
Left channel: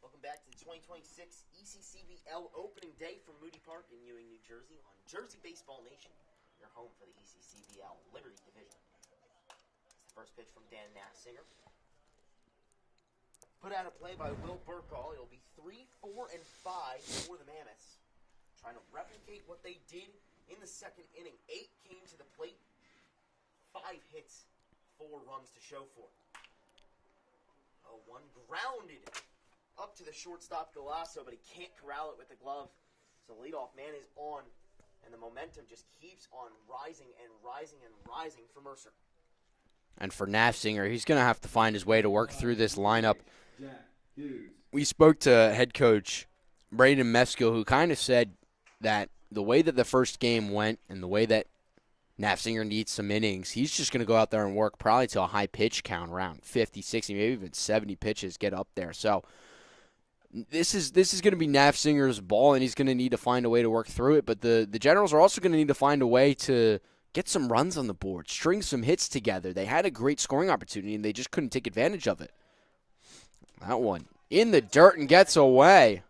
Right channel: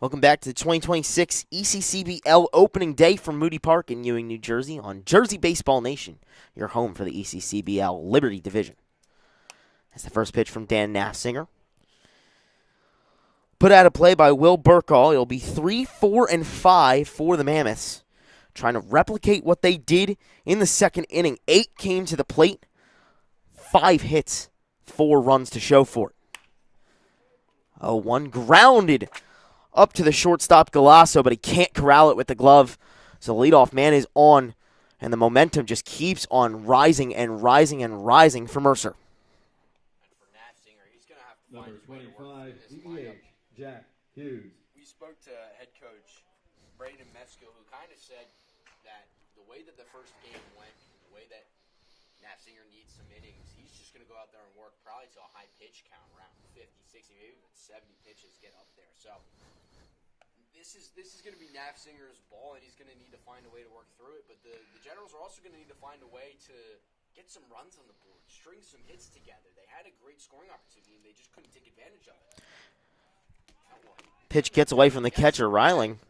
Welcome back to the 2026 ECCBL opening day from Moody Park in Ewing, New Jersey on Jersey Baseball Nation, your home for the ECCBL Liberty Division. That's the first pitch from Dan Nafziger. Put out of play by Will Burkall. It'll be 3, 4, and 5 for the Mammoths, trying to replicate what they did in the second inning. 8 came to the plate, 5 hits, 4 runs to show for it. 0-1 grounded up to the shortstop Galasso, but he can't corral it with the glove. So the leadoff man is on, and the momentum just keeps on rising and rising and rising for Mercer. And for Nafziger, he's going to have to find his way to work through this lineup. Jack Hughes. We spoke to head coach Braden Mesko, who kind of said that the way that the first game went and the way that Nafziger needs some innings, he's just going to go out there and work probably to a high pitch count, around 50, 60, maybe even 70 pitches, get up there. So this is going to be Nafzinger's ball, and he's going to need to find a way to work through it. But the Generals are also going to need to find a way to get some runs on the board, string some hits together. They had a great scoring opportunity, and they just couldn't take advantage of it. That one. Pitch in the gets dirt away from the and gets catcher, away. Riley.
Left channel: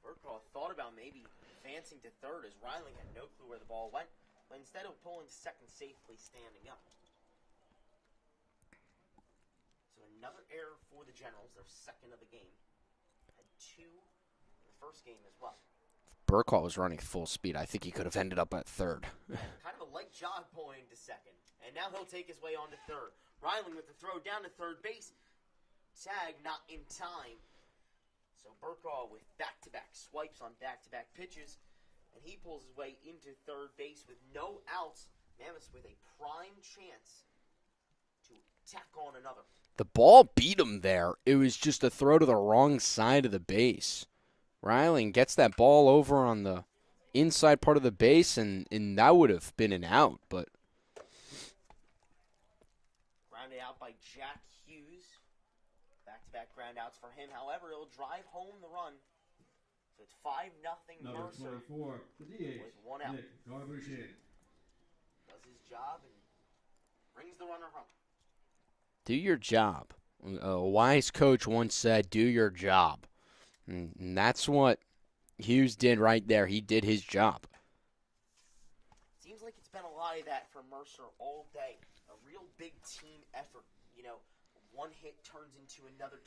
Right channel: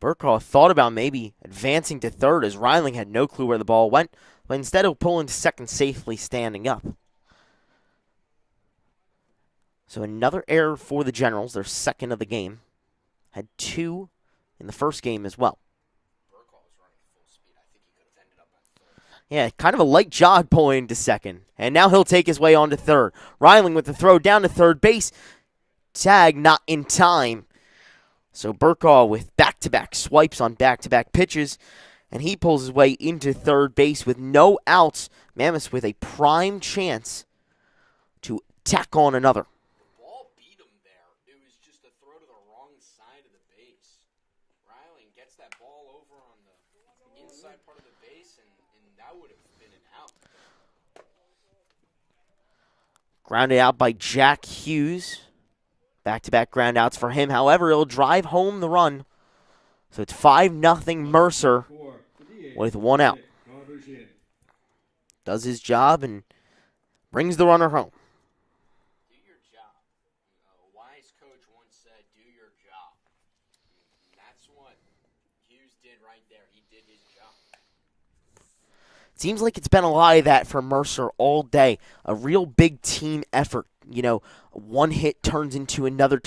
Burkall thought about maybe advancing to third as Ryling had no clue where the ball went, but instead of pulling to second safely standing up. So another error for the Generals, their second of the game. Had 2 in the first game as well. Burkall was running full speed. I think he could have ended up at third. Yeah, kind of a light jog pulling to second. And now he'll take his way on to third. Ryling with the throw down to third base. Tag not in time. So Burkall with back-to-back swipes on back-to-back pitches, and he pulls his way into third base with no outs. Mammoths with a prime chance to tack on another. The ball beat him there. It was just a throw to the wrong side of the base. Ryling gets that ball over on the inside part of the base, and that would have been an out. But grounded out by Jack Hughes. Back-to-back groundouts for him. However, he'll drive home the run. So it's 5-0 Mercer with 1 out. Does his job and brings the runner home. do your job. A wise coach once said, do your job. And that's what Hughes did right there. He did his job. Seems like it's been a lot of that for Mercer all day. A real big team effort. You know, one hit turns into another,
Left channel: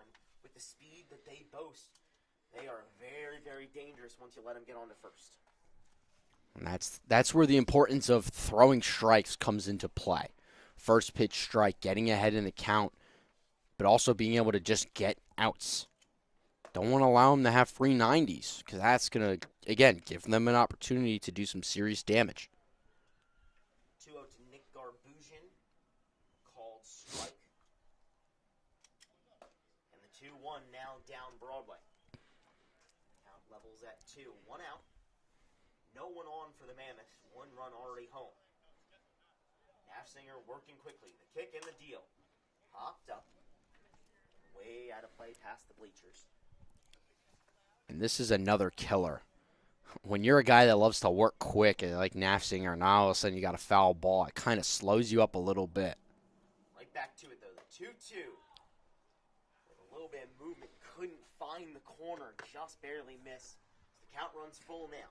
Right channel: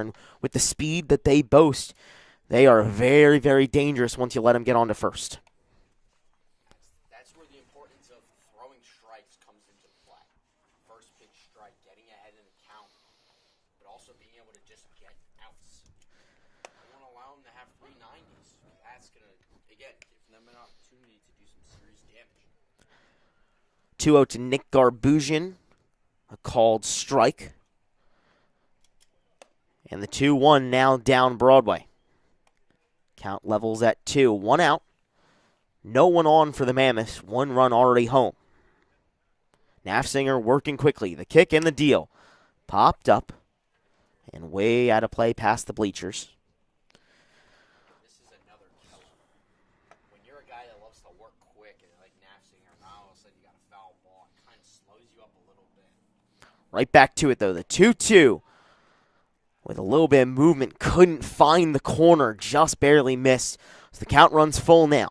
and with the speed that they boast, they are very, very dangerous once you let them get on to first. And that's where the importance of throwing strikes comes into play. First pitch strike, getting ahead in the count, but also being able to just get outs. Don't want to allow them to have free 90s, because that's going to, again, give them an opportunity to do some serious damage. 2-0 to Nick Garbusian, a called strike. And the 2-1 now down Broadway. Count levels at 2. 1 out. No one on for the Mammoths. 1 run already home. Nafziger working quickly. The kick and the deal. Popped up and way out of play past the bleachers. And this is another killer. When you're a guy that loves to work quick, like Nafziger, now all of a sudden you got a foul ball, it kind of slows you up a little bit. Right back to it, though. The 2-2. With a little bit of movement, couldn't find the corner, just barely missed. So the count runs full now.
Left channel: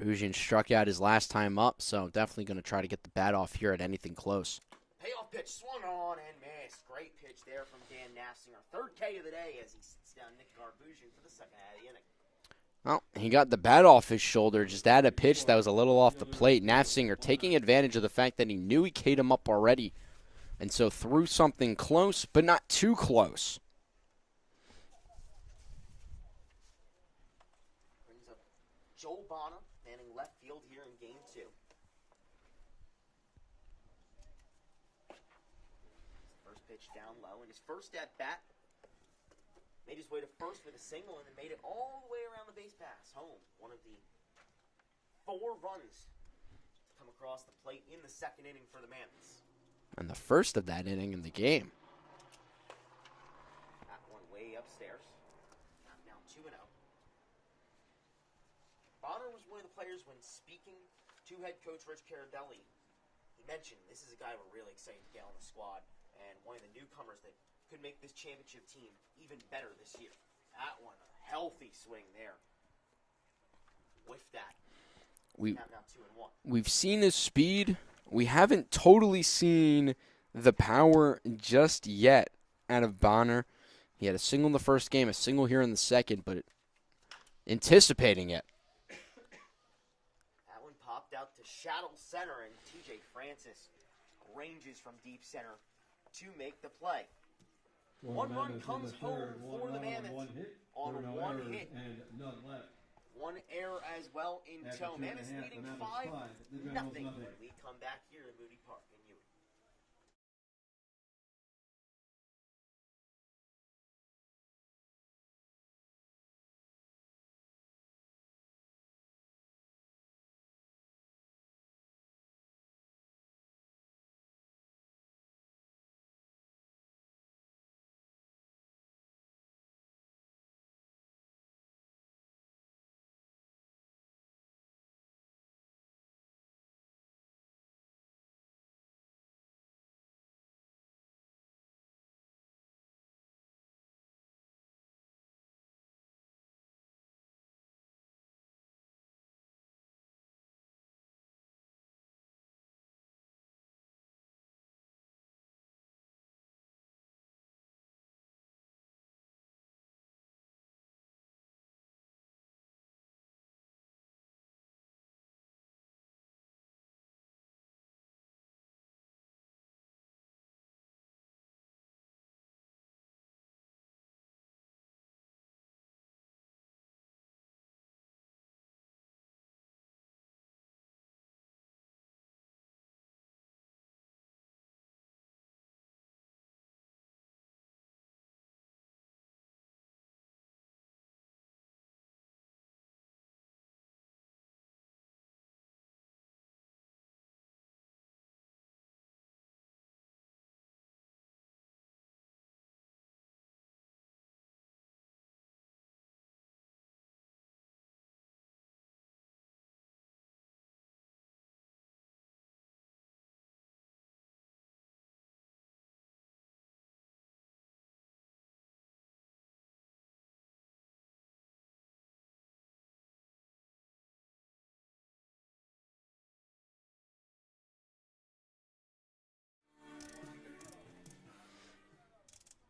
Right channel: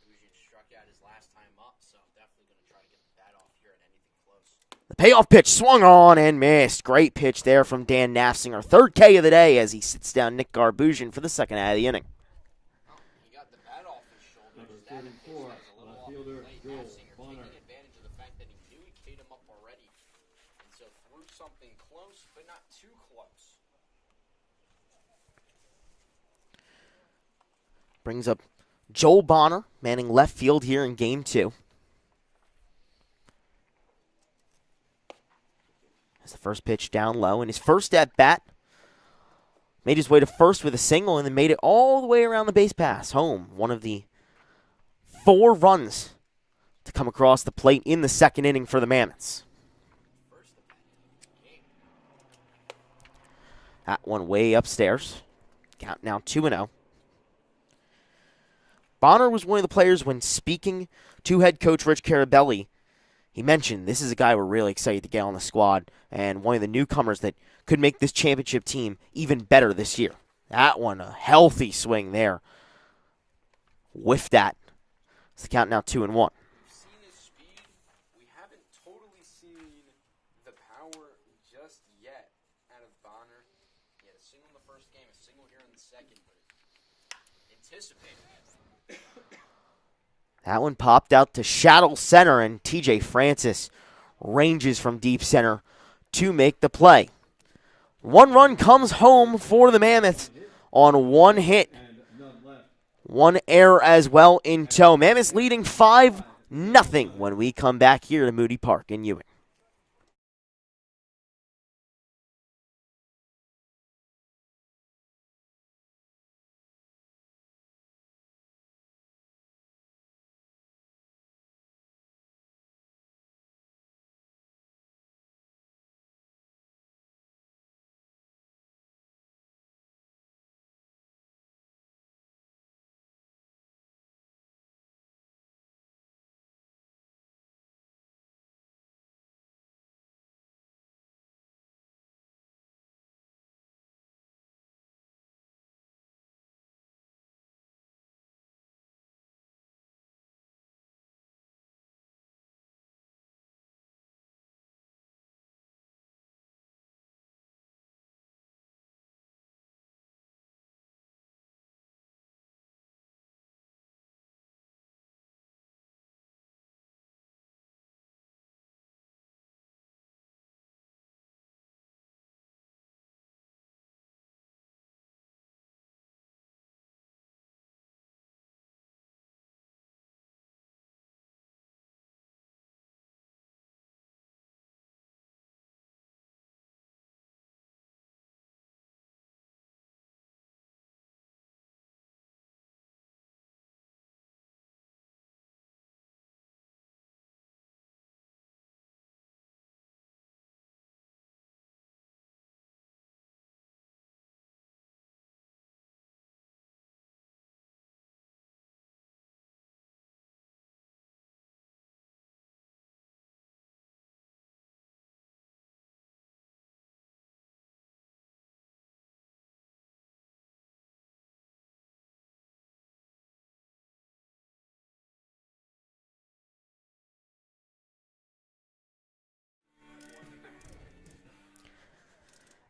Garbusian struck out his last time up, so definitely going to try to get the bat off here at anything close. The payoff pitch swung on and missed. Great pitch there from Dan Nafziger. Third K of the day as he sits down Nick Garbusian for the second out of the inning. Well, he got the bat off his shoulder, just at a pitch that was a little off the plate. Nafziger taking advantage of the fact that he knew he K'd him up already, and so threw something close, but not too close. Brings up Joel Bonner, manning left field here in Game 2. As the first pitch down low, and his first at-bat made his way to first with a single and then made it all the way around the base pass home. One of the 4 runs to come across the plate in the second inning for the Mammoths. And the first of that inning in the game. That one way upstairs. Count now 2-0. Bonner was one of the players when speaking to head coach Rich Carabelli. He mentioned this is a guy we're really excited to get on the squad and one of the newcomers that could make this championship team even better this year. That one, a healthy swing there. Whiffed that. It's count now 2-1. We've seen his speed. We haven't totally seen the power just yet out of Bonner. He had a single in the first game, a single here in the second, but anticipating it. That one popped out to Shadow Center, and TJ Francis ranges from deep center to make the play. One run comes home for the Mammoths on one hit. One error as well in tow. Mammoths leading 5-0 when we come back here to Moody Park in Ewing.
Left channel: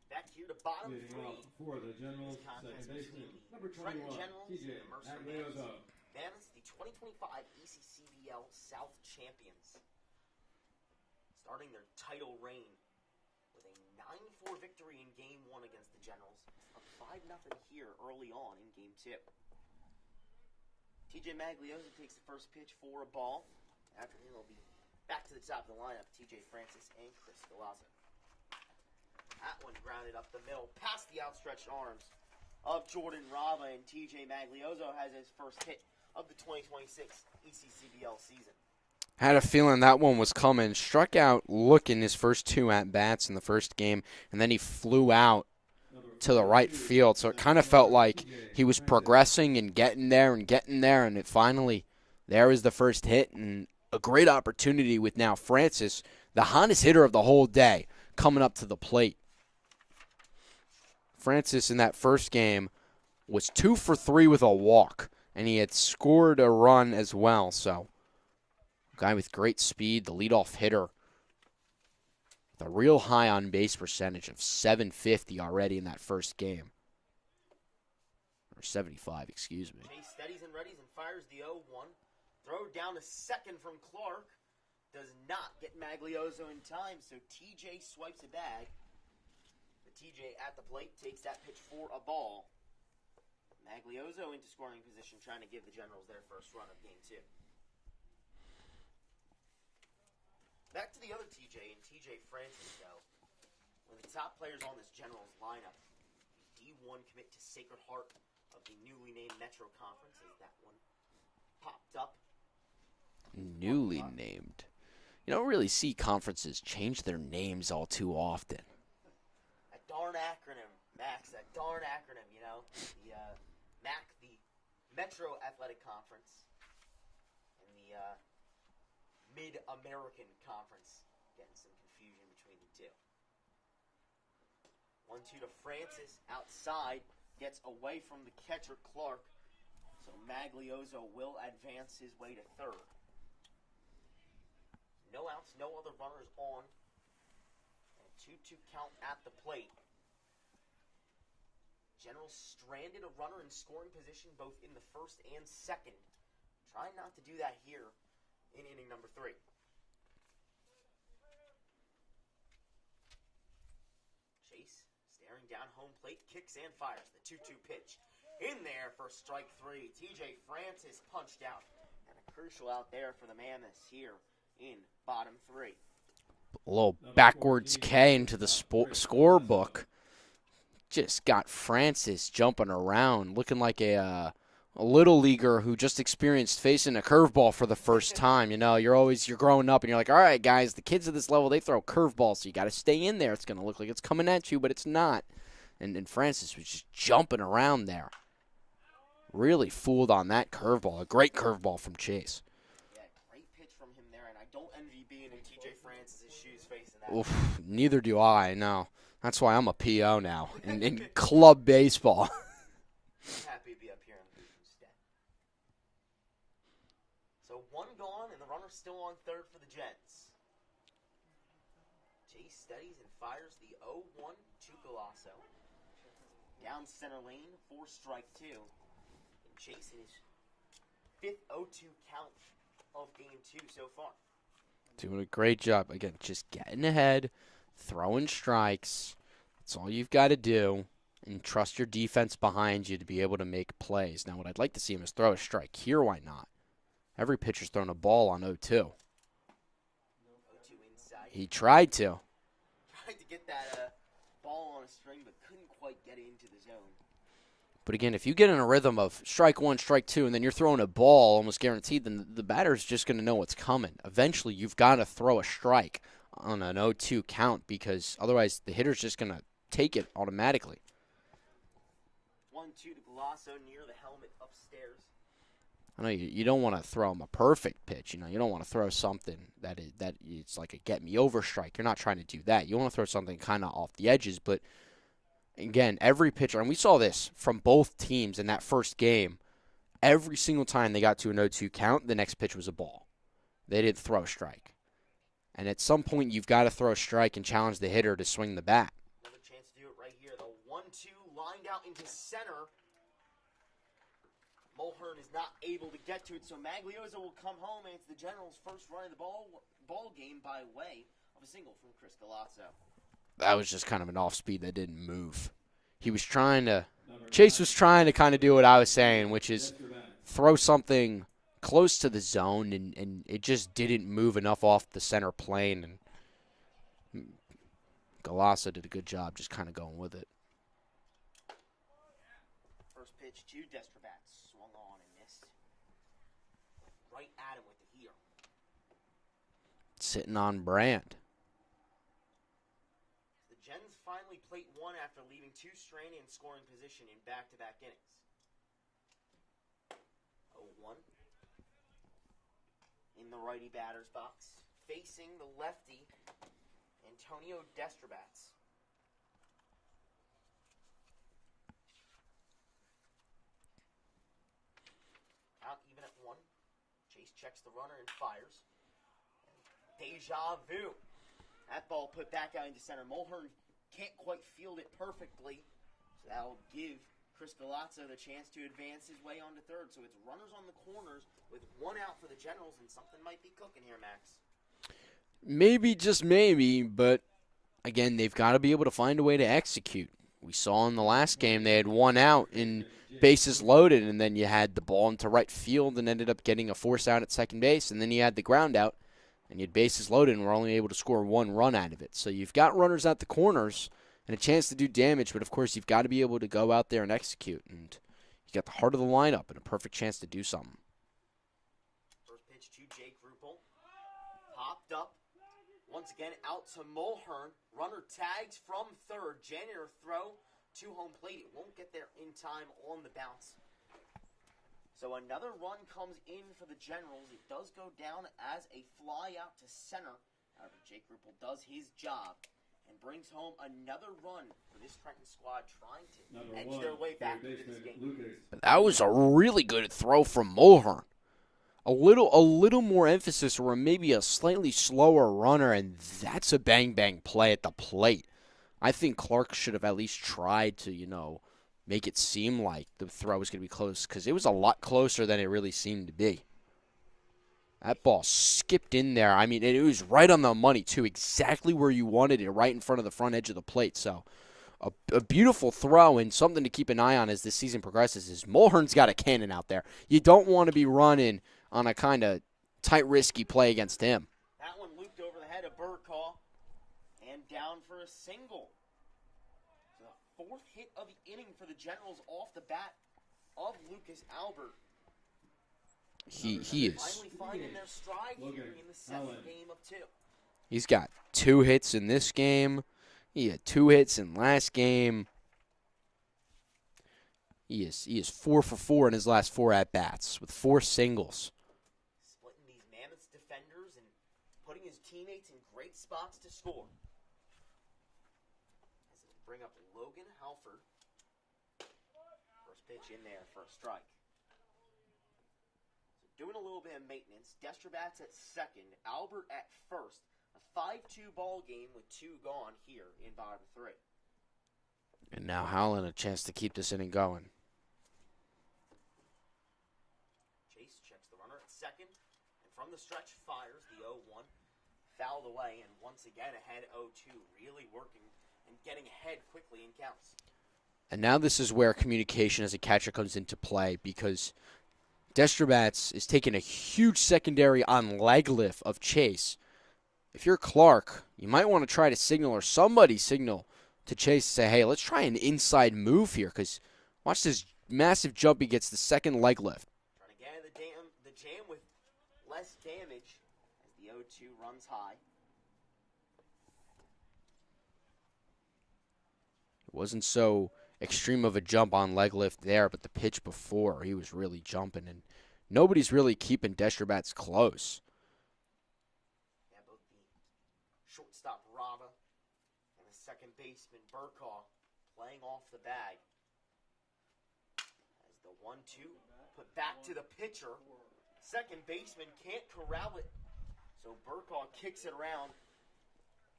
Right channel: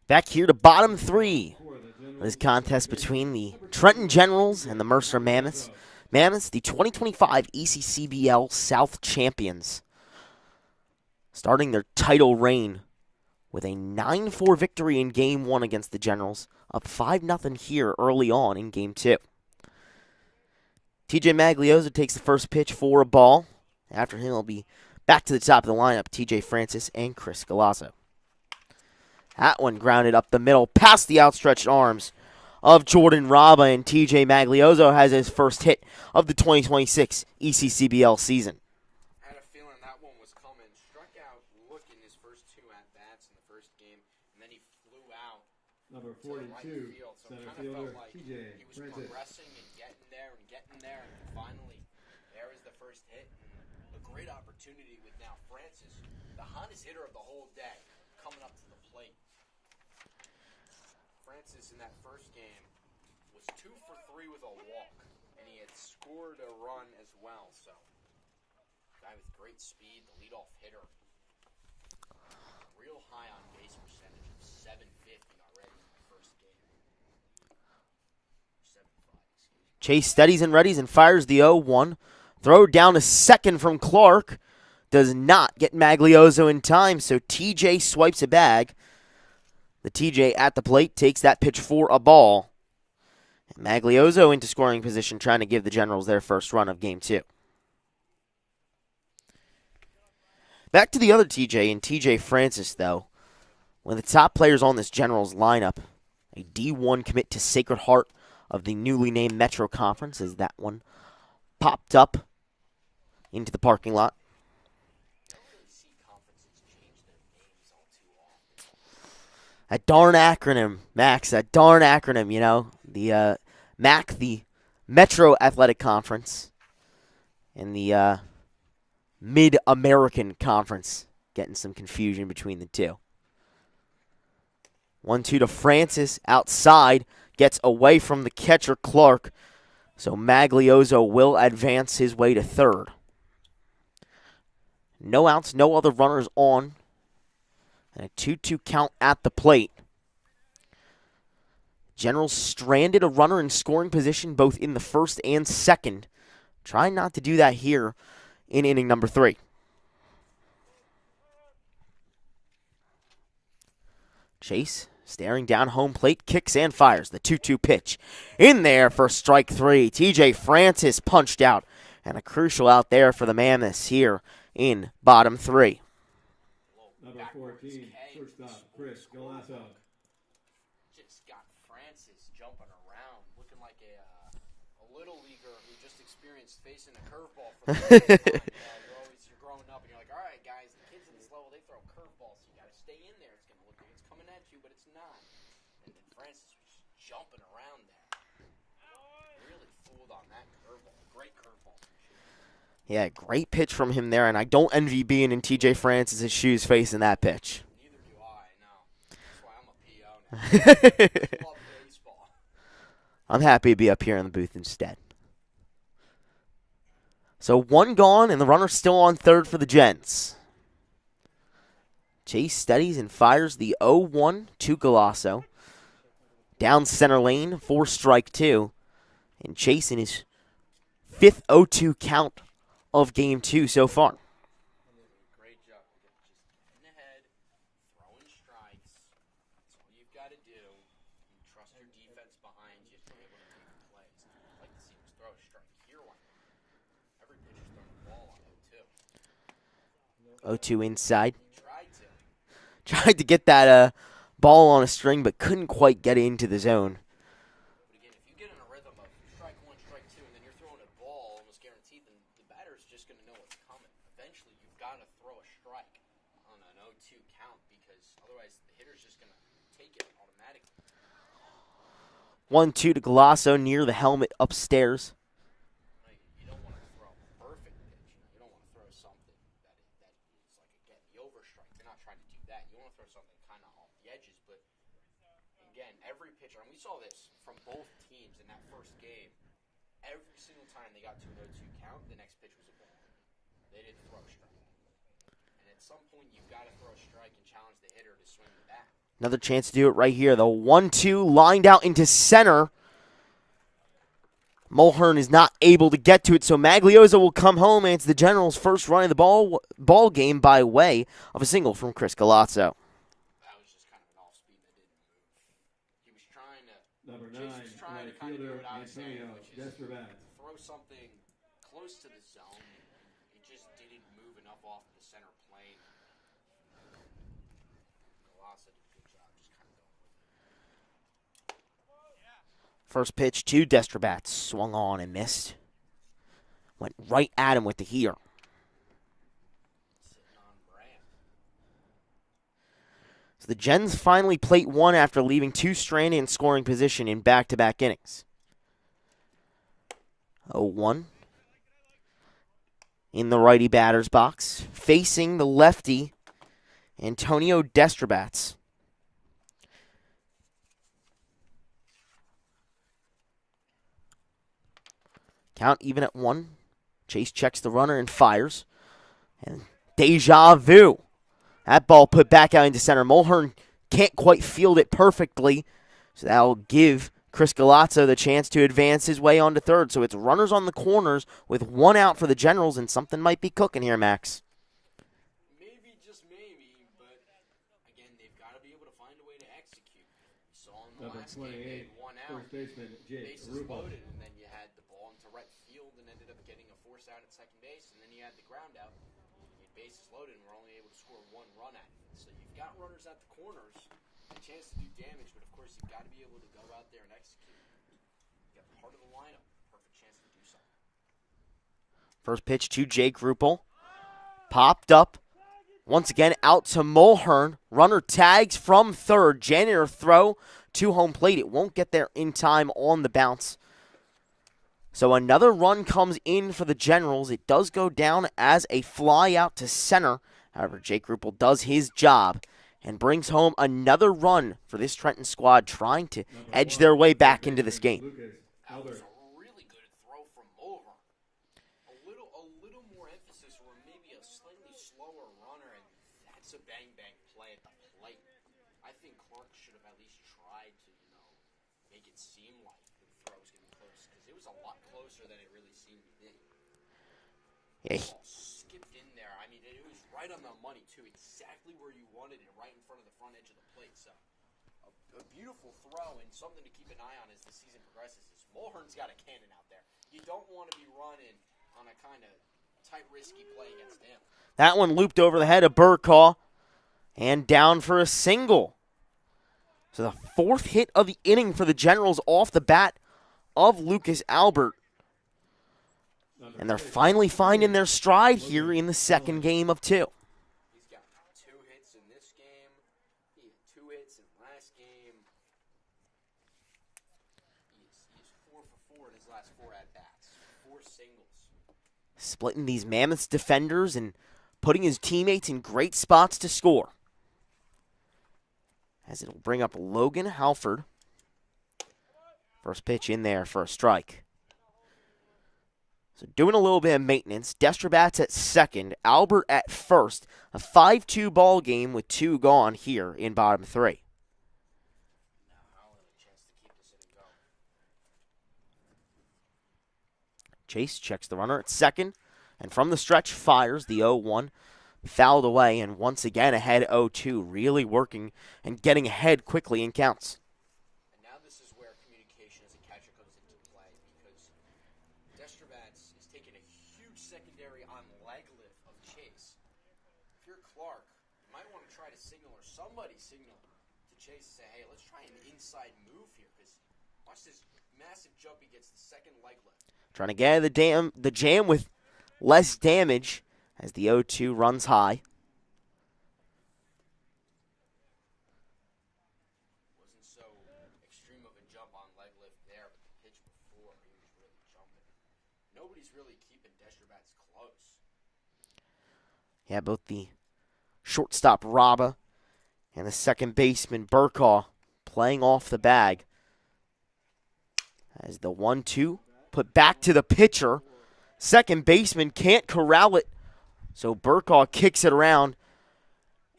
Back here to bottom three. This contest between the Trenton Generals and the Mercer Mammoths. Mammoths, the 2025 ECCBL South champions, starting their title reign with a 9-4 victory in Game 1 against the Generals, up 5-0 here early on in Game 2. TJ Magliosa takes the first pitch for a ball. After him, it'll be back to the top of the lineup, TJ Francis and Chris Galasso. That one grounded up the middle, past the outstretched arms of Jordan Raba, and TJ Maglioso has his first hit of the 2026 ECCBL season. Had a feeling that one was coming. Struck out looking his first two at-bats in the first game, and then he flew out to the right field. So it kind of felt like he was progressing and getting there, and it finally, there was the first hit, and a great opportunity with now Francis, the hottest hitter of the whole day, coming up to the plate. Francis in that first game was 2 for 3 with a walk, and he had scored a run as well. So, guy with great speed, the leadoff hitter, the real high on base percentage of 750 already in that first game. Or 75, excuse me. Chase steadies and readies and fires the 0-1. Throw down to second from Clark. Does not get Maglioso in time, so TJ swipes a bag. The TJ at the plate takes that pitch for a ball. And Maglioso into scoring position, trying to give the Generals their first run of Game 2. Back to the other TJ and TJ Francis, though. One of the top players on this Generals lineup, a D1 commit to Sacred Heart of the newly named Metro Conference, as that one popped up into the parking lot. Named. You don't really see conferences change their names all too often. That darn acronym, Max, that darn acronym, you know. The MAC, the Metro Athletic Conference, and the Mid-American Conference. Getting some confusion between the two. 1-2 to Francis outside. Gets away from the catcher, Clark. So Maglioso will advance his way to third. No outs, no other runners on. And a 2-2 count at the plate. Generals stranded a runner in scoring position both in the first and second. Trying not to do that here in inning number 3. Chase staring down home plate, kicks and fires. The 2-2 pitch. In there for strike 3. TJ Francis punched out. And a crucial out there for the Mammoths here in bottom 3. A little backwards K into the scorebook. Just got Francis jumping around, looking like a little leaguer who just experienced facing a curveball for the first time. You know, you're growing up and you're like, all right, guys, the kids at this level, they throw curveballs, so you got to stay in there. It's going to look like it's coming at you, but it's not. And Francis was just jumping around there. Really fooled on that curveball. A great curveball from Chase. Yeah, great pitch from him there, and I don't envy being in TJ Francis' shoes facing that pitch. Neither do I, no. That's why I'm a PO now. Club baseball. I'm happy to be up here in the booth instead. So 1 gone, and the runner still on third for the Gens. Chase steadies and fires the 0-1 to Galasso. Down center lane for strike 2. And Chase in his 5th 0-2 count of game 2 so far. Doing a great job. Again, just getting ahead, throwing strikes. That's all you've got to do. And trust your defense behind you to be able to make plays. Now, what I'd like to see him is throw a strike. Here, why not? Every pitcher's thrown a ball on 0-2. 0-2 inside. He tried to. Tried to get that ball on a string, but couldn't quite get into the zone. But again, if you get in a rhythm of strike 1, strike 2, and then you're throwing a ball almost guaranteed, then the batter's just going to know what's coming. Eventually, you've got to throw a strike on an 0-2 count because otherwise the hitter's just going to take it automatically. 1-2 to Galasso near the helmet upstairs. I know you don't want to throw him a perfect pitch. You know, you don't want to throw something that it's like a get-me-over strike. You're not trying to do that. You want to throw something kind of off the edges. But, again, every pitcher, and we saw this from both teams in that first game, every single time they got to an 0-2 count, the next pitch was a ball. They didn't throw a strike. And at some point, you've got to throw a strike and challenge the hitter to swing the bat. Another chance to do it right here. The 1-2 lined out into center. Mulhern is not able to get to it, so Maglioso will come home, and it's the Generals' first run of the ball game by way of a single from Chris Galasso. That was just kind of an off-speed that didn't move. He was trying to – Chase was trying to kind of do what I was saying, which is throw something close to the zone, and it just didn't move enough off the center plane. And Galasso did a good job just kind of going with it. First pitch to Destrobat. Swung on and missed. Went right at him with the heater. Sitting on brand. So the Gens finally plate 1 after leaving 2 stranded in scoring position in back-to-back innings. 0-1. In the righty batter's box. Facing the lefty, Antonio Destrobats. Count even at 1. Chase checks the runner and fires. And deja vu. That ball put back out into center. Mulhern can't quite field it perfectly. So that'll give Chris Galasso the chance to advance his way onto third. So it's runners on the corners with 1 out for the Generals, and something might be cooking here, Max. Maybe, just maybe, but again, they've got to be able to find a way to execute. We saw in the last game they had 1 out in bases loaded, and then you had the ball into right field and ended up getting a force out at second base, and then you had the ground out, and you had bases loaded and were only able to score 1 run out of it. So you've got runners at the corners and a chance to do damage, but of course you've got to be able to go out there and execute, and you got the heart of the lineup and a perfect chance to do something. First pitch to Jake Ruppel. Popped up. Once again, out to Mulhern. Runner tags from third. Janitor throw to home plate. It won't get there in time on the bounce. So another run comes in for the Generals. It does go down as a fly out to center. However, Jake Ruppel does his job, and brings home another run for this Trenton squad trying to edge their way back into this game. But that was a really good throw from Mulhern. A little more emphasis or maybe a slightly slower runner, and that's a bang-bang play at the plate. I think Clark should have at least tried to, make it seem like the throw was going to be close, because it was a lot closer than it really seemed to be. That ball skipped in there. I mean, it was right on the money, too, exactly where you wanted it, right in front of the front edge of the plate. So a beautiful throw, and something to keep an eye on as this season progresses is Mulhern's got a cannon out there. You don't want to be running on a kind of tight, risky play against him. That one looped over the head of Burkaw and down for a single. So the fourth hit of the inning for the Generals off the bat of Lucas Albert. And they're finally finding their stride here in the second game of 2. He's got 2 hits in this game. He had 2 hits in last game. He is 4 for 4 in his last 4 at-bats with 4 singles. Splitting these Mammoths defenders and putting his teammates in great spots to score. As it'll bring up Logan Halford. First pitch in there for a strike. So doing a little bit of maintenance. Destrabats at second. Albert at first. A 5-2 ball game with 2 gone here in bottom 3. And now Howland a chance to keep this inning going. Chase checks the runner at second. And from the stretch fires the 0-1. Fouled away, and once again ahead 0-2. Really working and getting ahead quickly in counts. And now this is where communication as a catcher comes into play, because Destrabats is taking a huge secondary on leg lift of Chase. If you're Clark, you might want to try to signal, or somebody signal to Chase to say, hey, let's try an inside move here, because watch this massive jump. He gets the second leg lift. Trying to get out of the jam with less damage as the 0-2 runs high. It wasn't so extreme of a jump on leg lift there, but the pitch before, he was really jumping, and nobody's really keeping Destrabats close. Yeah, both the shortstop Raba and the second baseman Burkaw playing off the bag. As the 1-2 put back to the pitcher. Second baseman can't corral it, so Burkaw kicks it around,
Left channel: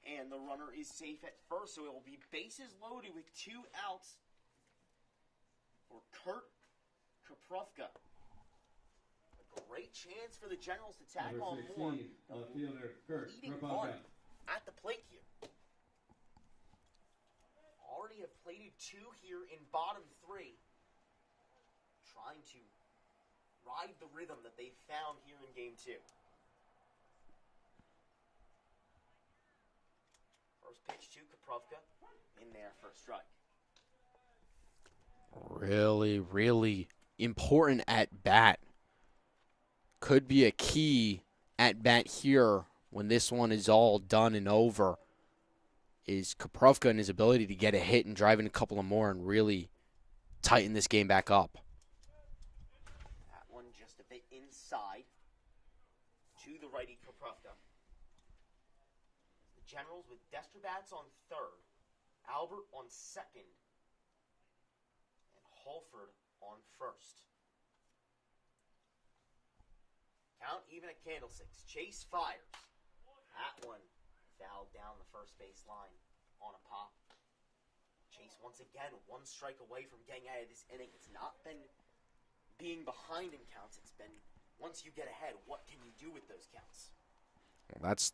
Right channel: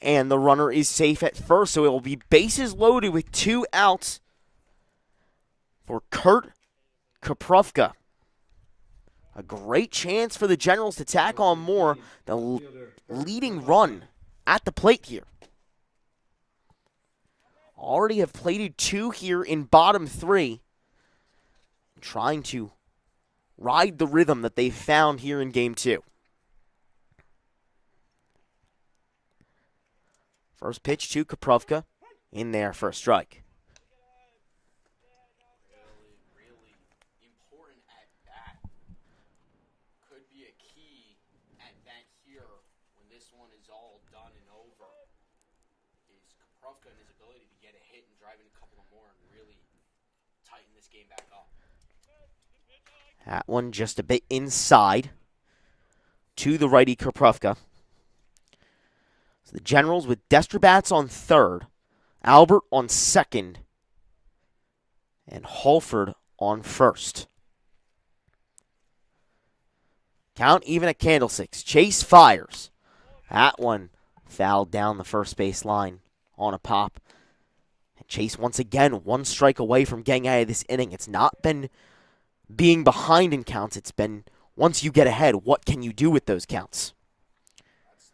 and the runner is safe at first. So it will be bases loaded with 2 outs for Kurt Koprivka. A great chance for the Generals to tack on more. The leading run at the plate here. Already have plated 2 here in bottom 3. Trying to ride the rhythm that they found here in game 2. First pitch to Koprivka. In there for a strike. Really, really important at-bat. Could be a key at-bat here when this one is all done and over, is Koprivka and his ability to get a hit and drive in a couple of more and really tighten this game back up. That one just a bit inside to the righty Koprivka. So the Generals with Destrabats on third, Albert on second, and Halford on first. Count even at candlesticks. Chase fires. That one fouled down the first base line on a pop. And Chase once again 1 strike away from getting out of this inning. It's not been being behind in counts. It's been once you get ahead, what can you do with those counts?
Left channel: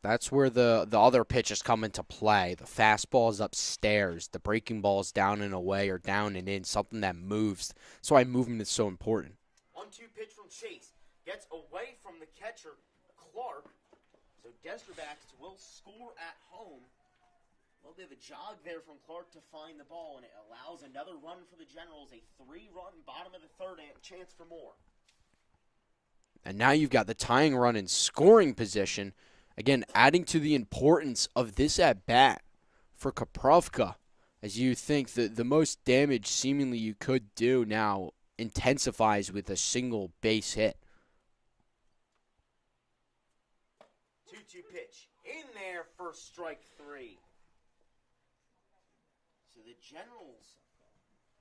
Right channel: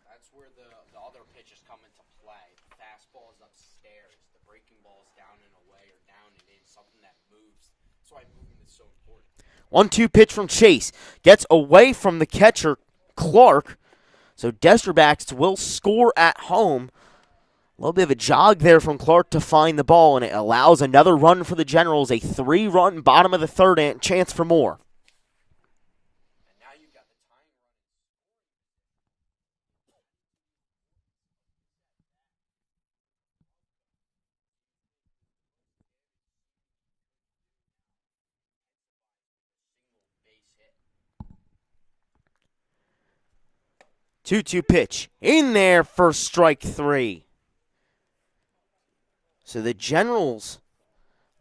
That's where the other pitches come into play. The fastball is upstairs. The breaking ball is down and away or down and in, something that moves. That's why movement is so important. 1-2 pitch from Chase. Gets away from the catcher, Clark. So Destrabats will score at home. A little bit of a jog there from Clark to find the ball, and it allows another run for the Generals. A 3-run bottom of the third and chance for more. And now you've got the tying run in scoring position. Again, adding to the importance of this at-bat for Koprivka, as you think that the most damage seemingly you could do now intensifies with a single base hit. 2-2 pitch. In there for strike 3. So the Generals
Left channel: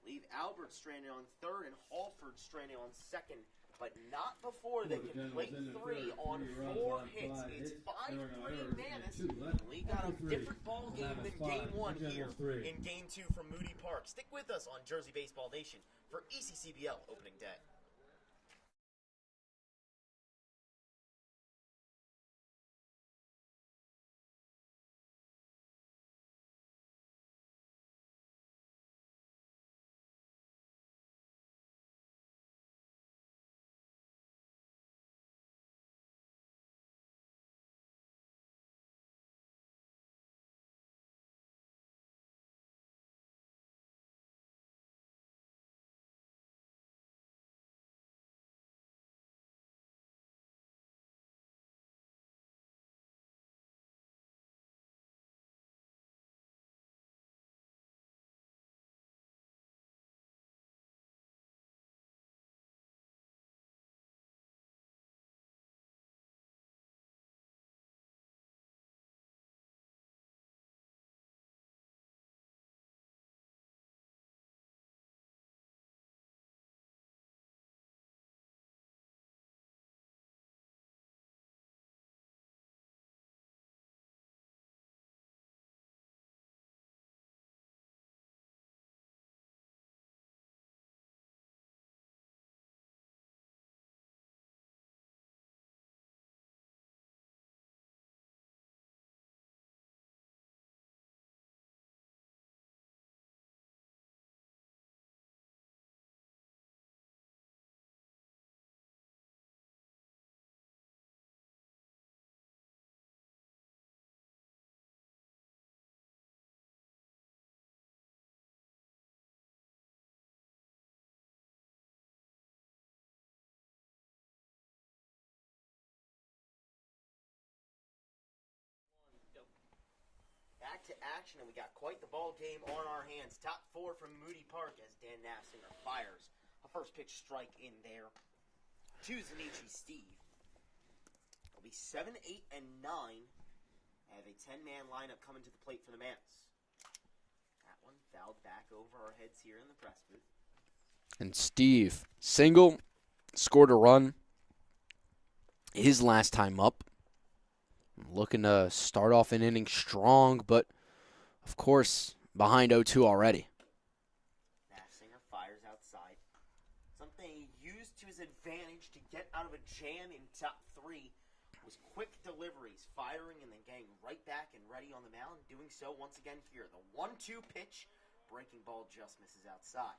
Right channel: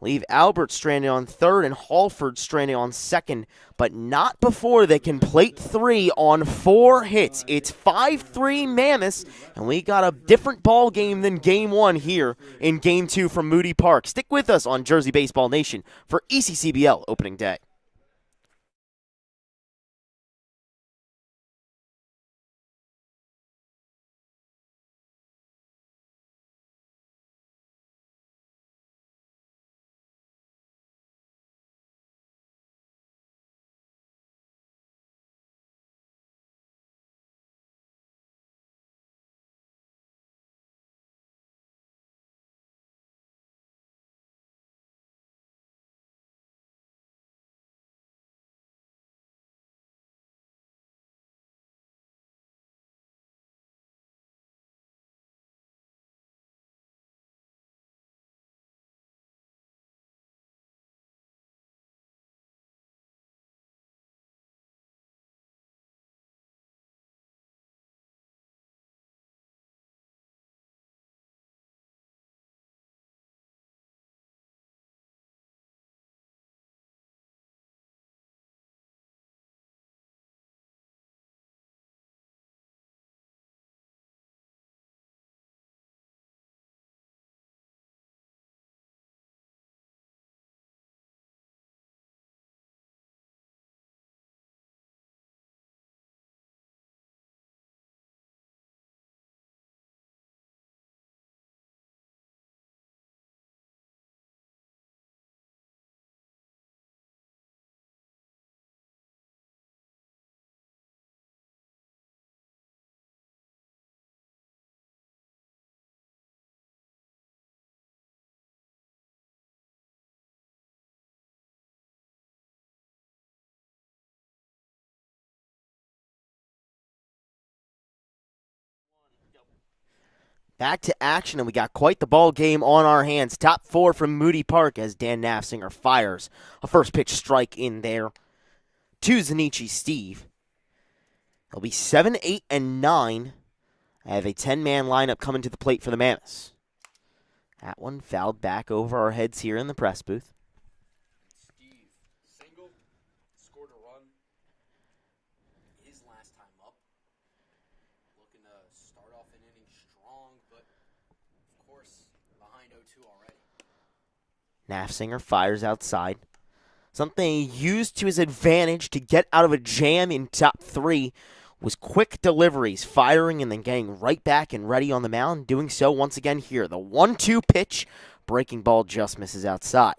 leave Albert stranded on third and Halford stranded on second, but not before they can plate 3 on 4 hits. It's 5-3 Mammoths, and we got a different ball game than Game 1 here in Game 2 from Moody Park. Stick with us on Jersey Baseball Nation for ECCBL Opening Day. Back to action, and we got quite the ball game on our hands. Top 4 from Moody Park as Dan Nafsinger fires a first pitch strike in there to Zanichi Steve. It'll be 7, 8, and 9. I have a 10-man lineup coming to the plate for the Mammoths. That one fouled back over our heads here in the press booth. And Steve, single, scored a run. His last time up. Looking to start off an inning strong, but, of course, behind 0-2 already. Nafsinger fires outside. Something he used to his advantage to get out of a jam in top 3 was quick deliveries, firing and then getting right back and ready on the mound, doing so once again here. The 1-2 pitch, breaking ball just misses outside.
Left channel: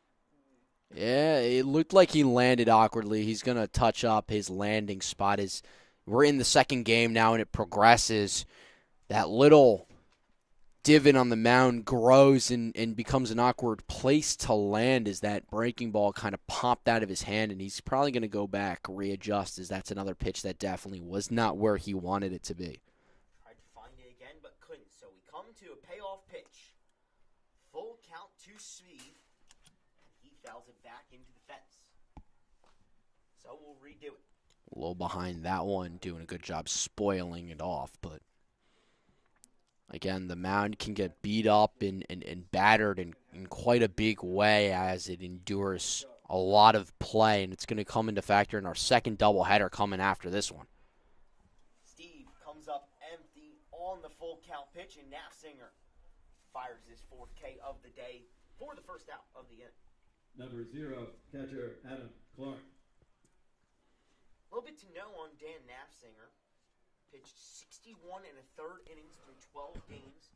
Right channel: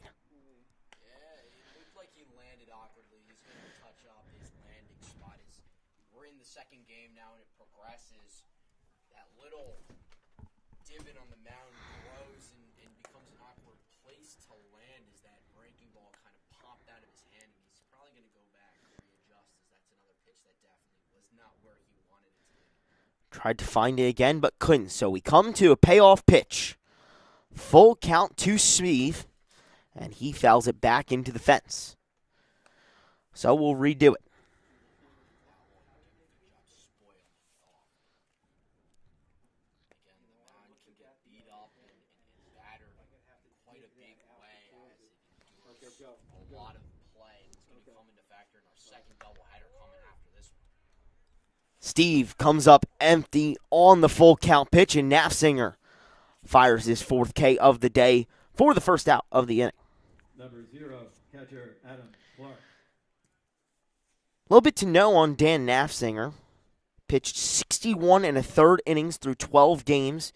Yeah, it looked like he landed awkwardly. He's going to touch up his landing spot. We're in the second game now, and it progresses. That little divot on the mound grows and becomes an awkward place to land as that breaking ball kind of popped out of his hand, and he's probably going to go back, readjust, as that's another pitch that definitely was not where he wanted it to be. Tried to find it again, but couldn't, so we come to a payoff pitch. Full count to Steve, and he fouls it back into the fence. So we'll redo it. A little behind that one, doing a good job spoiling it off, but again, the mound can get beat up and battered in quite a big way as it endures a lot of play, and it's going to come into factor in our second doubleheader coming after this one. Steve comes up empty on the full count pitch, and Nafsinger fires his 4th K of the day for the first out of the inning. Number 0, catcher Adam Clark. A little bit to know on Dan Nafsinger. Pitched 61 1/3 innings through 12 games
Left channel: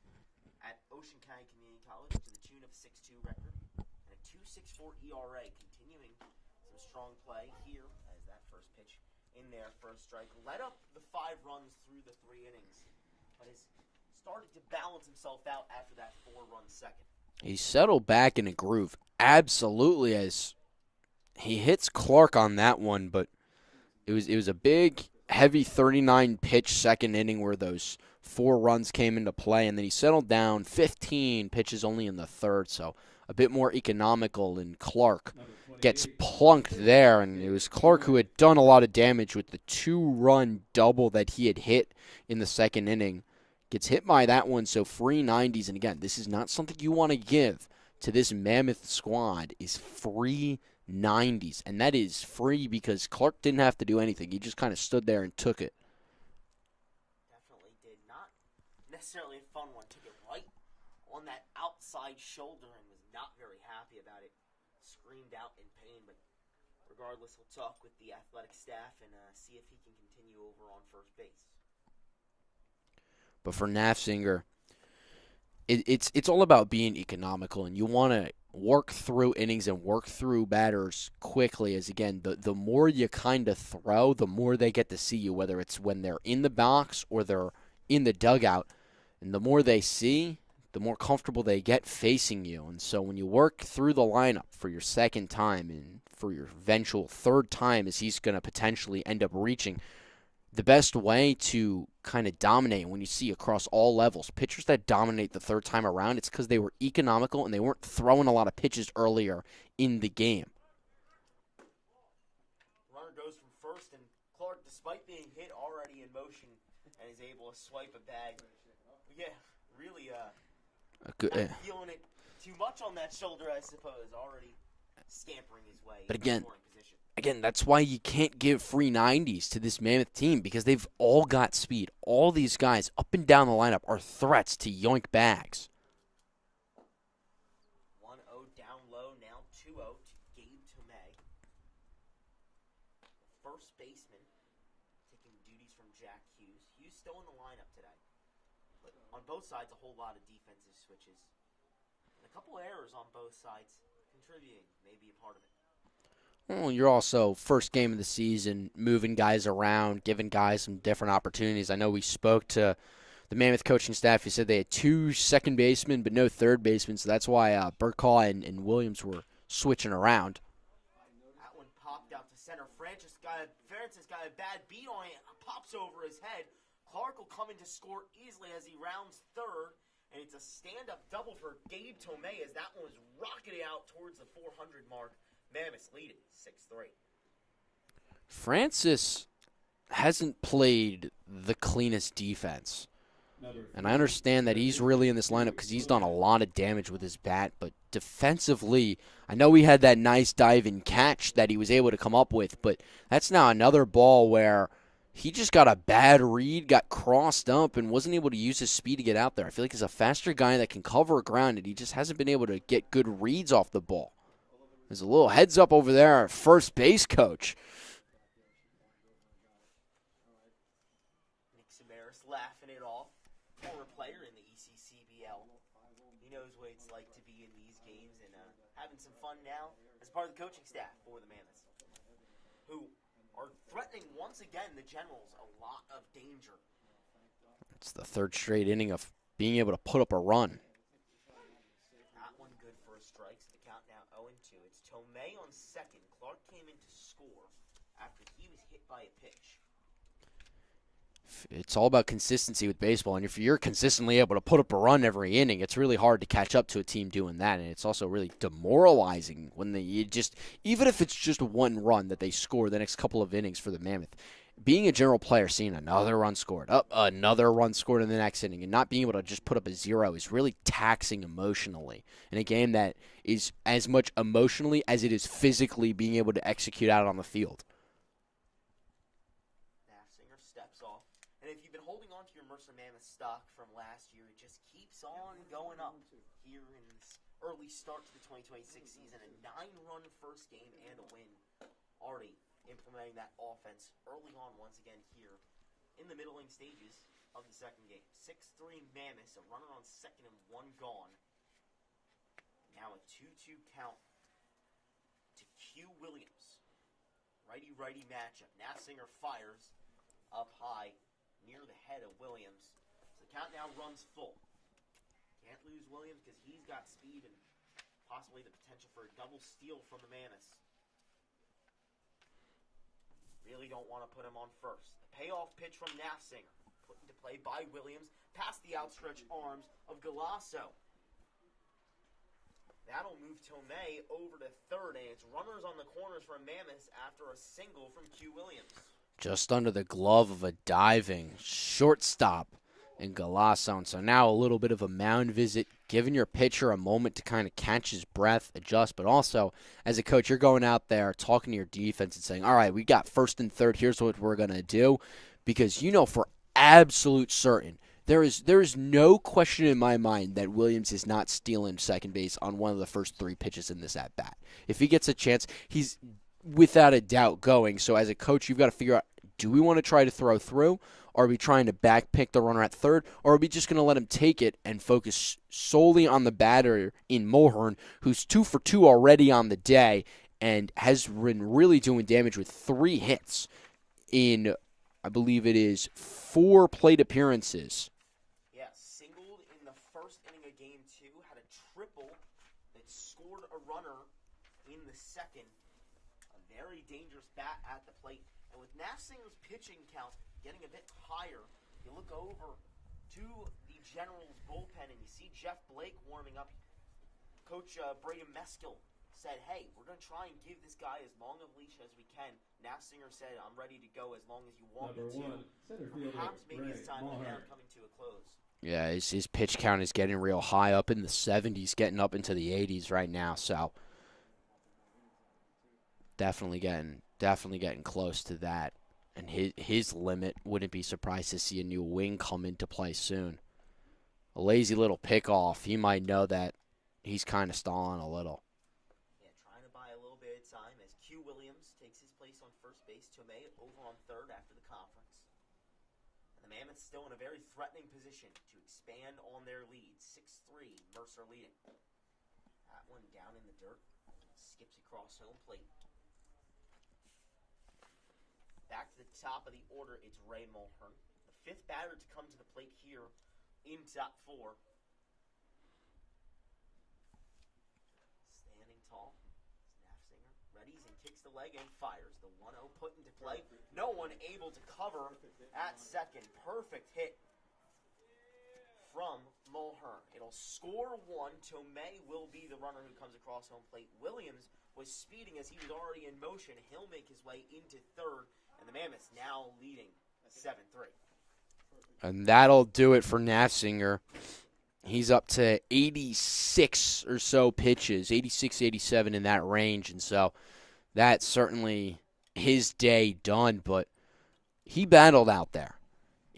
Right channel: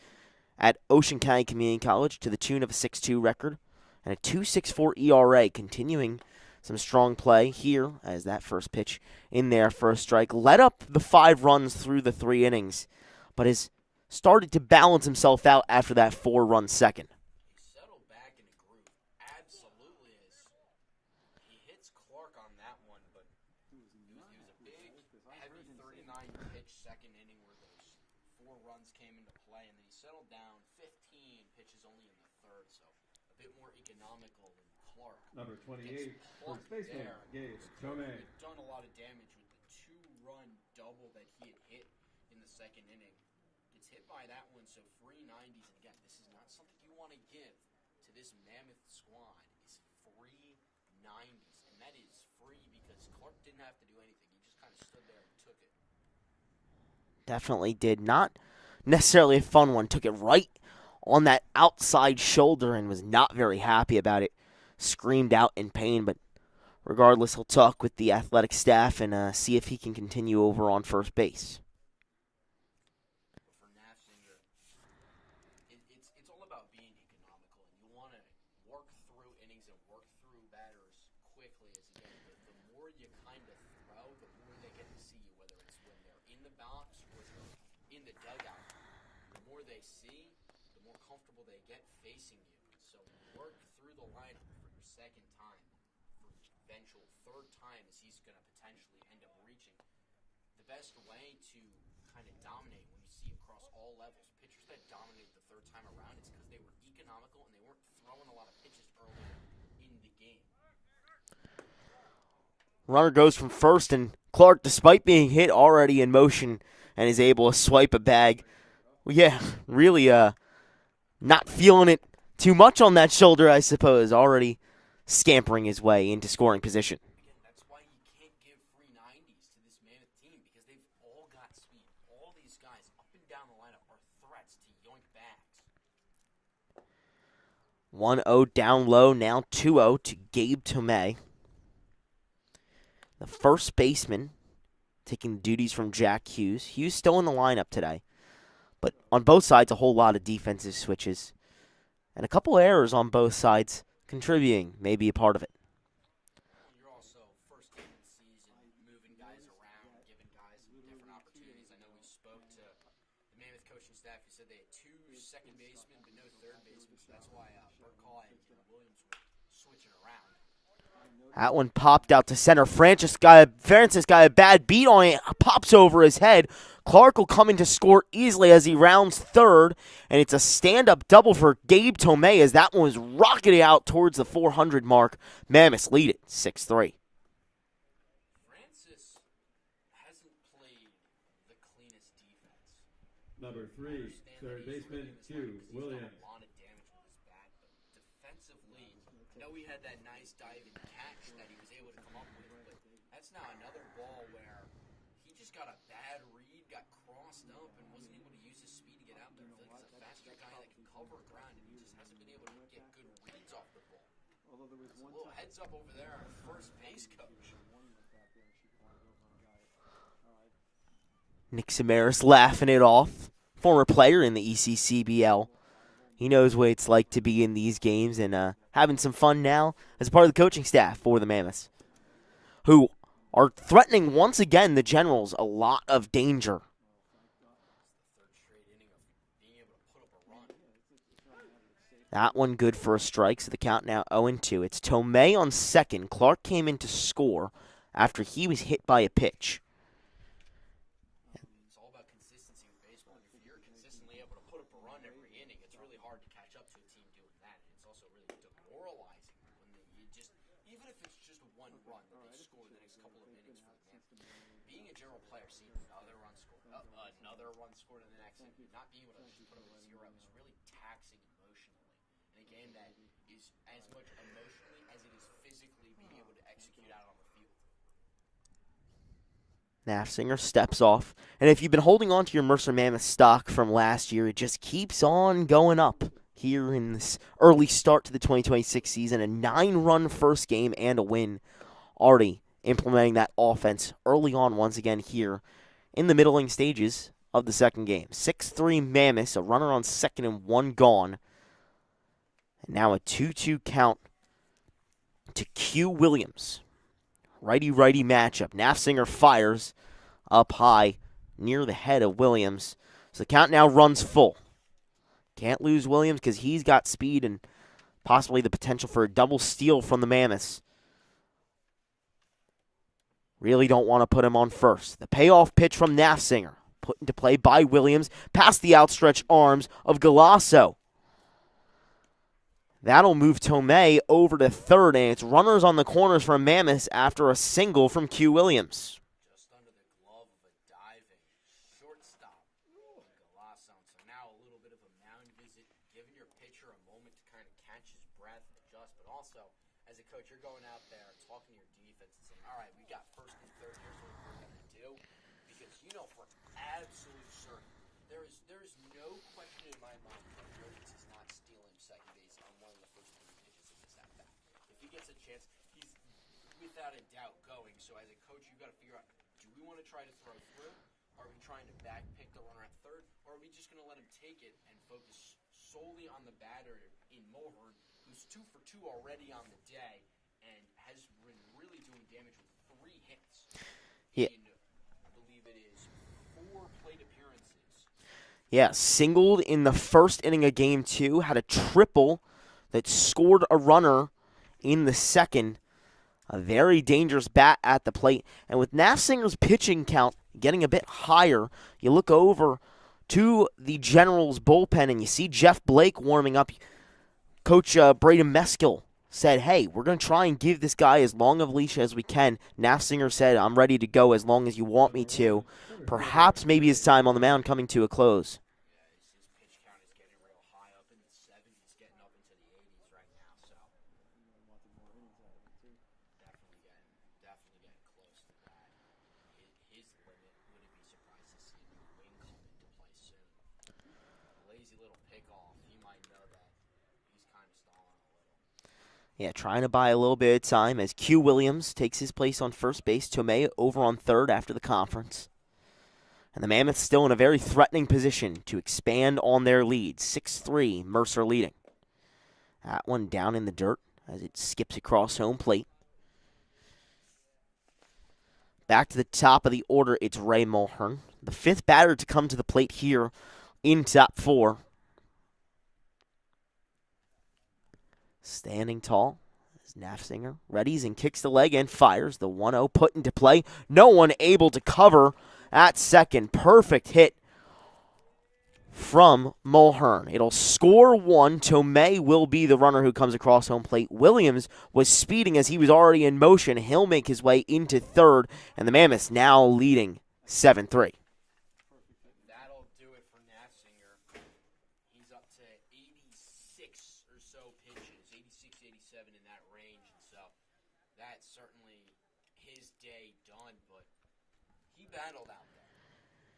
at Ocean County Community College to the tune of a 6.2 record and a 2.64 ERA, continuing some strong play here as that first pitch in there for a strike. Led up the 5 runs through the 3 innings, but has started to balance himself out after that 4-run second. He settled back in a groove, absolutely, as he hits Clark on that one, but it was a big, heavy 39-pitch second inning where those 4 runs came into play, and then he settled down 15 pitches only in the 3rd, so a bit more economical, and Clark gets plunked there, and it was Clark who had done a lot of damage with the 2-run double that he had hit in the second inning Gets hit by that one, so free 90s. And again, this is not something you want to give to this Mammoth squad, is free 90s. And that is free because Clark didn't have to do anything. He just kind of stood there and took it. Definitely did. Not necessarily a fun one. Took it right on that outside shoulder and was not very happy about it. Screamed out in pain, but regardless, he'll talk with the athletic staff and see if he can continue over on first base. But for Nafziger, it's all about being economical, and you want to work through innings and work through batters quickly. As again, the more you kind of throw, the more they get to see you, whether it's when they're in the box or they're in the dugout. And the more they see, the more comfortable they get facing you. And so when you work through the lineup for your second time and for your eventual third time, as he's going to potentially end up reaching, the best way to kind of dominate when you see across all levels, pitchers that dominate the third time around, it's because they were economical and they weren't throwing a lot of pitches earlier in the game. Runner goes from first, and Clark, despite being hit, already in motion and is able to swipe a bag. Well, yeah, really not feeling it too much on that shoulder, I suppose. Already scampering his way into scoring position. Again, that's why you can't give free 90s to this Mammoth team, because they've all got speed. All these guys up and down the lineup are threats to yoink bags. 1-0 down low, now 2-0 to Gabe Tomei. The first baseman taking duties from Jack Hughes. Hughes still in the lineup today, but on both sides, a whole lot of defensive switches and a couple errors on both sides contributing, maybe a part of it. Well, you're also first game of the season, moving guys around, giving guys some different opportunities. I know we spoke to the Mammoth coaching staff. He said they had 2 second basemen but no third baseman, so that's why Burkaw and Williams were switching around. That one popped out to center. Francis got a bad beat on it, pops over his head. Clark will come in to score easily as he rounds third, and it's a stand-up double for Gabe Tomei as that one was rocketed out towards the 400 mark. Mammoths lead it 6-3. Francis hasn't played the cleanest defense. And I understand that he's really in this lineup because he's done a lot of damage with his bat, but defensively, I know he had that nice dive-in catch that he was able to come up with, but that's now another ball where he just got a bad read, got crossed up, and wasn't able to use his speed to get out there. I feel like he's a faster guy that can cover ground, and he just hasn't been able to get good reads off the ball. There's a little heads up over there, our first base coach. Nick Samaras laughing it off. Former player in the ECCBL. He knows what it's like to be in these games and having some fun now as part of the coaching staff for the Mammoths, who are threatening once again the Generals a lot of danger. It's the third straight inning of being able to put up a run. That one good for a strike, so the count now 0-2. It's Tomei on second. Clark came in to score after he was hit by a pitch. It's all about consistency with baseball, and if you're consistently able to put up a run every inning, it's really hard to catch up to a team doing that, and it's also really demoralizing when even if it's just one run that they score the next couple of innings for the Mammoth. Being a general player, seeing another run scored, another run scored in the next inning, and not being able to just put up a zero is really taxing emotionally in a game that is as much emotionally as it is physically being able to execute out on the field. Nafziger steps off. And if you've been holding on to your Mercer Mammoth stock from last year, it just keeps on going up here in this early start to the 2026 season. A 9-run first game and a win. Already implementing that offense early on once again here in the middling stages of the second game. 6-3 Mammoths, a runner on second and 1 gone. And now a 2-2 count to Q Williams. Righty-righty matchup. Nafziger fires up high near the head of Williams. So the count now runs full. Can't lose Williams because he's got speed and possibly the potential for a double steal from the Mammoths. Really don't want to put him on first. The payoff pitch from Nafziger. Put into play by Williams. Past the outstretched arms of Galasso. That'll move Tomei over to third, and it's runners on the corners from Mammoths after a single from Q Williams. Just under the glove of a diving shortstop. and Galasso. And so now a little bit of a mound visit, giving your pitcher a moment to kind of catch his breath, adjust, but also as a coach, you're going out there talking to your defense and saying, all right, we got first and third, here's what we're going to do, because you know for absolute certain there is no question in my mind that Williams is not stealing second base on one of the first 3 pitches in this at-bat. If he gets a chance, he's without a doubt going. So as a coach, you've got to figure out, do we want to try to throw through? Are we trying to backpick the runner at third? Or are we just going to let him take it and focus solely on the batter in Mulhern, who's 2 for 2 already on the day and has been really doing damage with 3 hits in, I believe it is, 4 plate appearances. Yeah, singled in the first inning of Game 2, had a triple that scored a runner in the second. A very dangerous bat at the plate. And with Nafsinger's pitching count getting a bit higher, you look over to the Generals bullpen and you see Jeff Blake warming up. Coach Braden Meskill said, hey, we're going to try and give this guy as long of a leash as we can. Nafsinger said, I'm ready to go as long as you want me to. Perhaps maybe his time on the mound coming to a close. Yeah, his pitch count is getting real high, up in the 70s, getting up into the 80s right now. So definitely getting close to that. And his limit, wouldn't be surprised to see a new wing come into play soon. A lazy little pickoff, he might know that he's kind of stalling a little. Yeah, trying to buy a little bit of time as Q Williams takes his place on first base. Tomei over on third after the conference. And the Mammoths still in a very threatening position to expand on their lead. 6-3, Mercer leading. That one down in the dirt as it skips across home plate. Back to the top of the order, it's Ray Mulhern. The 5th batter to come to the plate here in top 4. Standing tall is Nafsinger. Readies and kicks the leg and fires. The 1-0 put into play. No one able to cover at second. Perfect hit from Mulhern. It'll score 1. Tomei will be the runner who comes across home plate. Williams was speeding as he was already in motion. He'll make his way into third, and the Mammoths now leading 7-3. And that'll do it for Nafsinger. He's up to 86 or so pitches, 86, 87 in that range, and so that's certainly his day done, but he battled out there.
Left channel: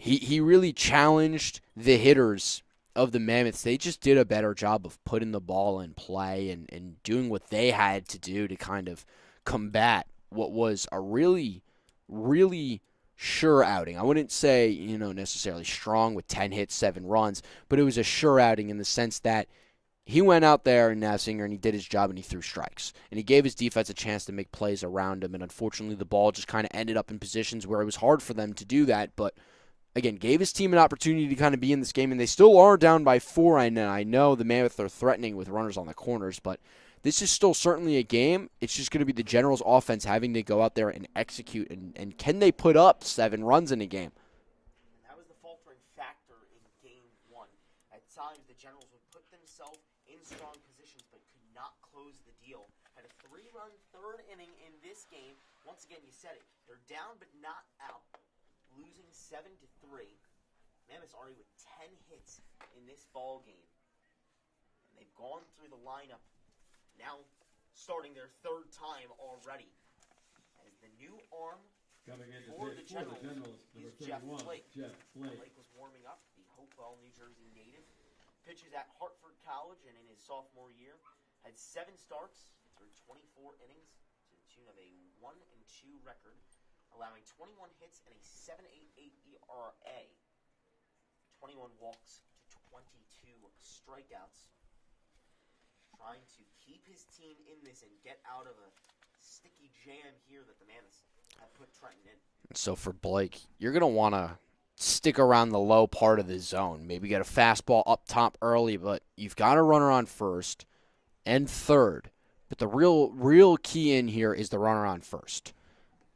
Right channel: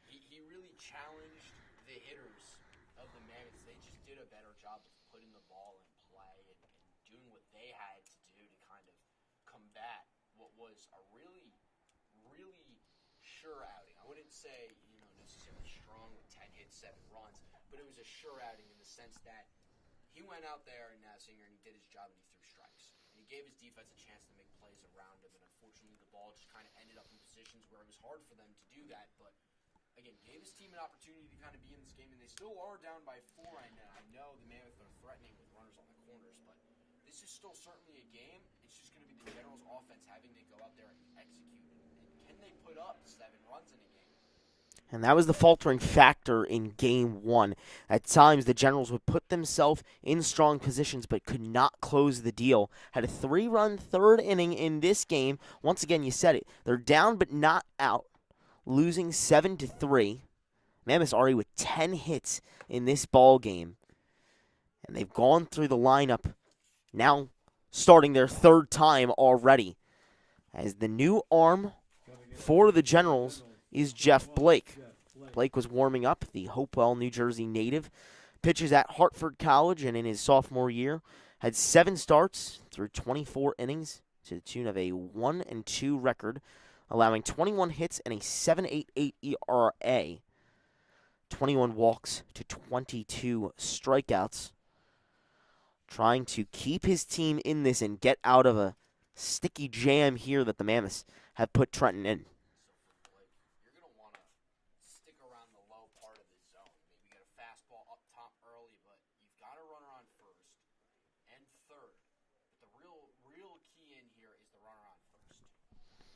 He really challenged the hitters of the Mammoths. They just did a better job of putting the ball in play and doing what they had to do to kind of combat what was a really, really sure outing. I wouldn't say, necessarily strong with 10 hits, 7 runs, but it was a sure outing in the sense that he went out there in Nafsinger and he did his job and he threw strikes. And he gave his defense a chance to make plays around him, and unfortunately the ball just kind of ended up in positions where it was hard for them to do that, but again, gave his team an opportunity to kind of be in this game, and they still are down by 4. And I know the Mammoths are threatening with runners on the corners, but this is still certainly a game. It's just going to be the Generals' offense having to go out there and execute, and can they put up 7 runs in a game? And that was the faltering factor in Game 1. At times, the Generals would put themselves in strong positions but could not close the deal. Had a 3-run third inning in this game. Once again, you said it. They're down but not out, losing 7-3. Mammoths already with 10 hits in this ball game. And they've gone through the lineup, now starting their 3rd time already. As the new arm for the Generals is Jeff Blake. Blake was warming up, the Hopewell, New Jersey native. Pitches at Hartford College, and in his sophomore year had 7 starts through 24 innings to the tune of a 1-2 record, allowing 21 hits and a 7.88 ERA, 21 walks to 22 strikeouts. Trying to keep his team in this and get out of a sticky jam here that the Mammoths have put Trenton in. So for Blake, you're going to want to stick around the low part of the zone. Maybe get a fastball up top early, but you've got a runner on first and third. But the real key in here is the runner on first.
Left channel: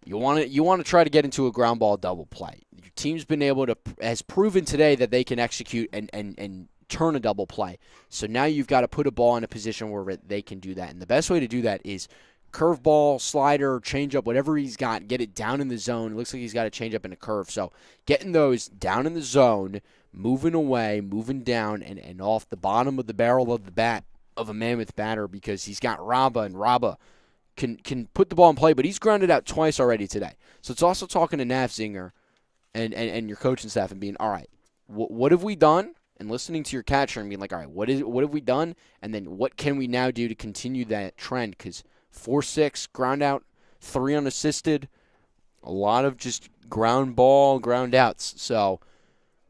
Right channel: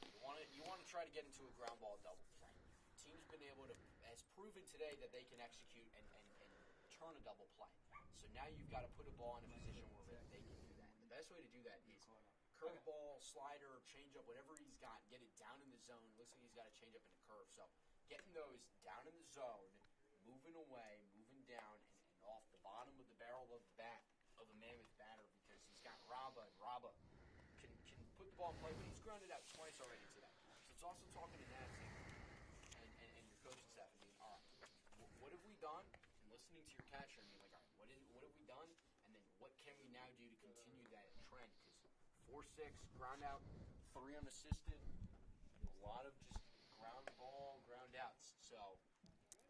You want to try to get into a ground ball double play. Your team's been able to, has proven today that they can execute and turn a double play. So now you've got to put a ball in a position where they can do that. And the best way to do that is curveball, slider, changeup, whatever he's got, get it down in the zone. It looks like he's got a changeup and a curve. So getting those down in the zone, moving away, moving down, and off the bottom of the barrel of the bat of a Mammoth batter because he's got Raba, and Raba can put the ball in play, but he's grounded out twice already today. So it's also talking to Nafzinger and your coaching staff and being, all right, what have we done? And listening to your catcher and being like, all right, what have we done? And then what can we now do to continue that trend? Because 4-6, ground out, 3 unassisted, a lot of just ground ball, ground outs. So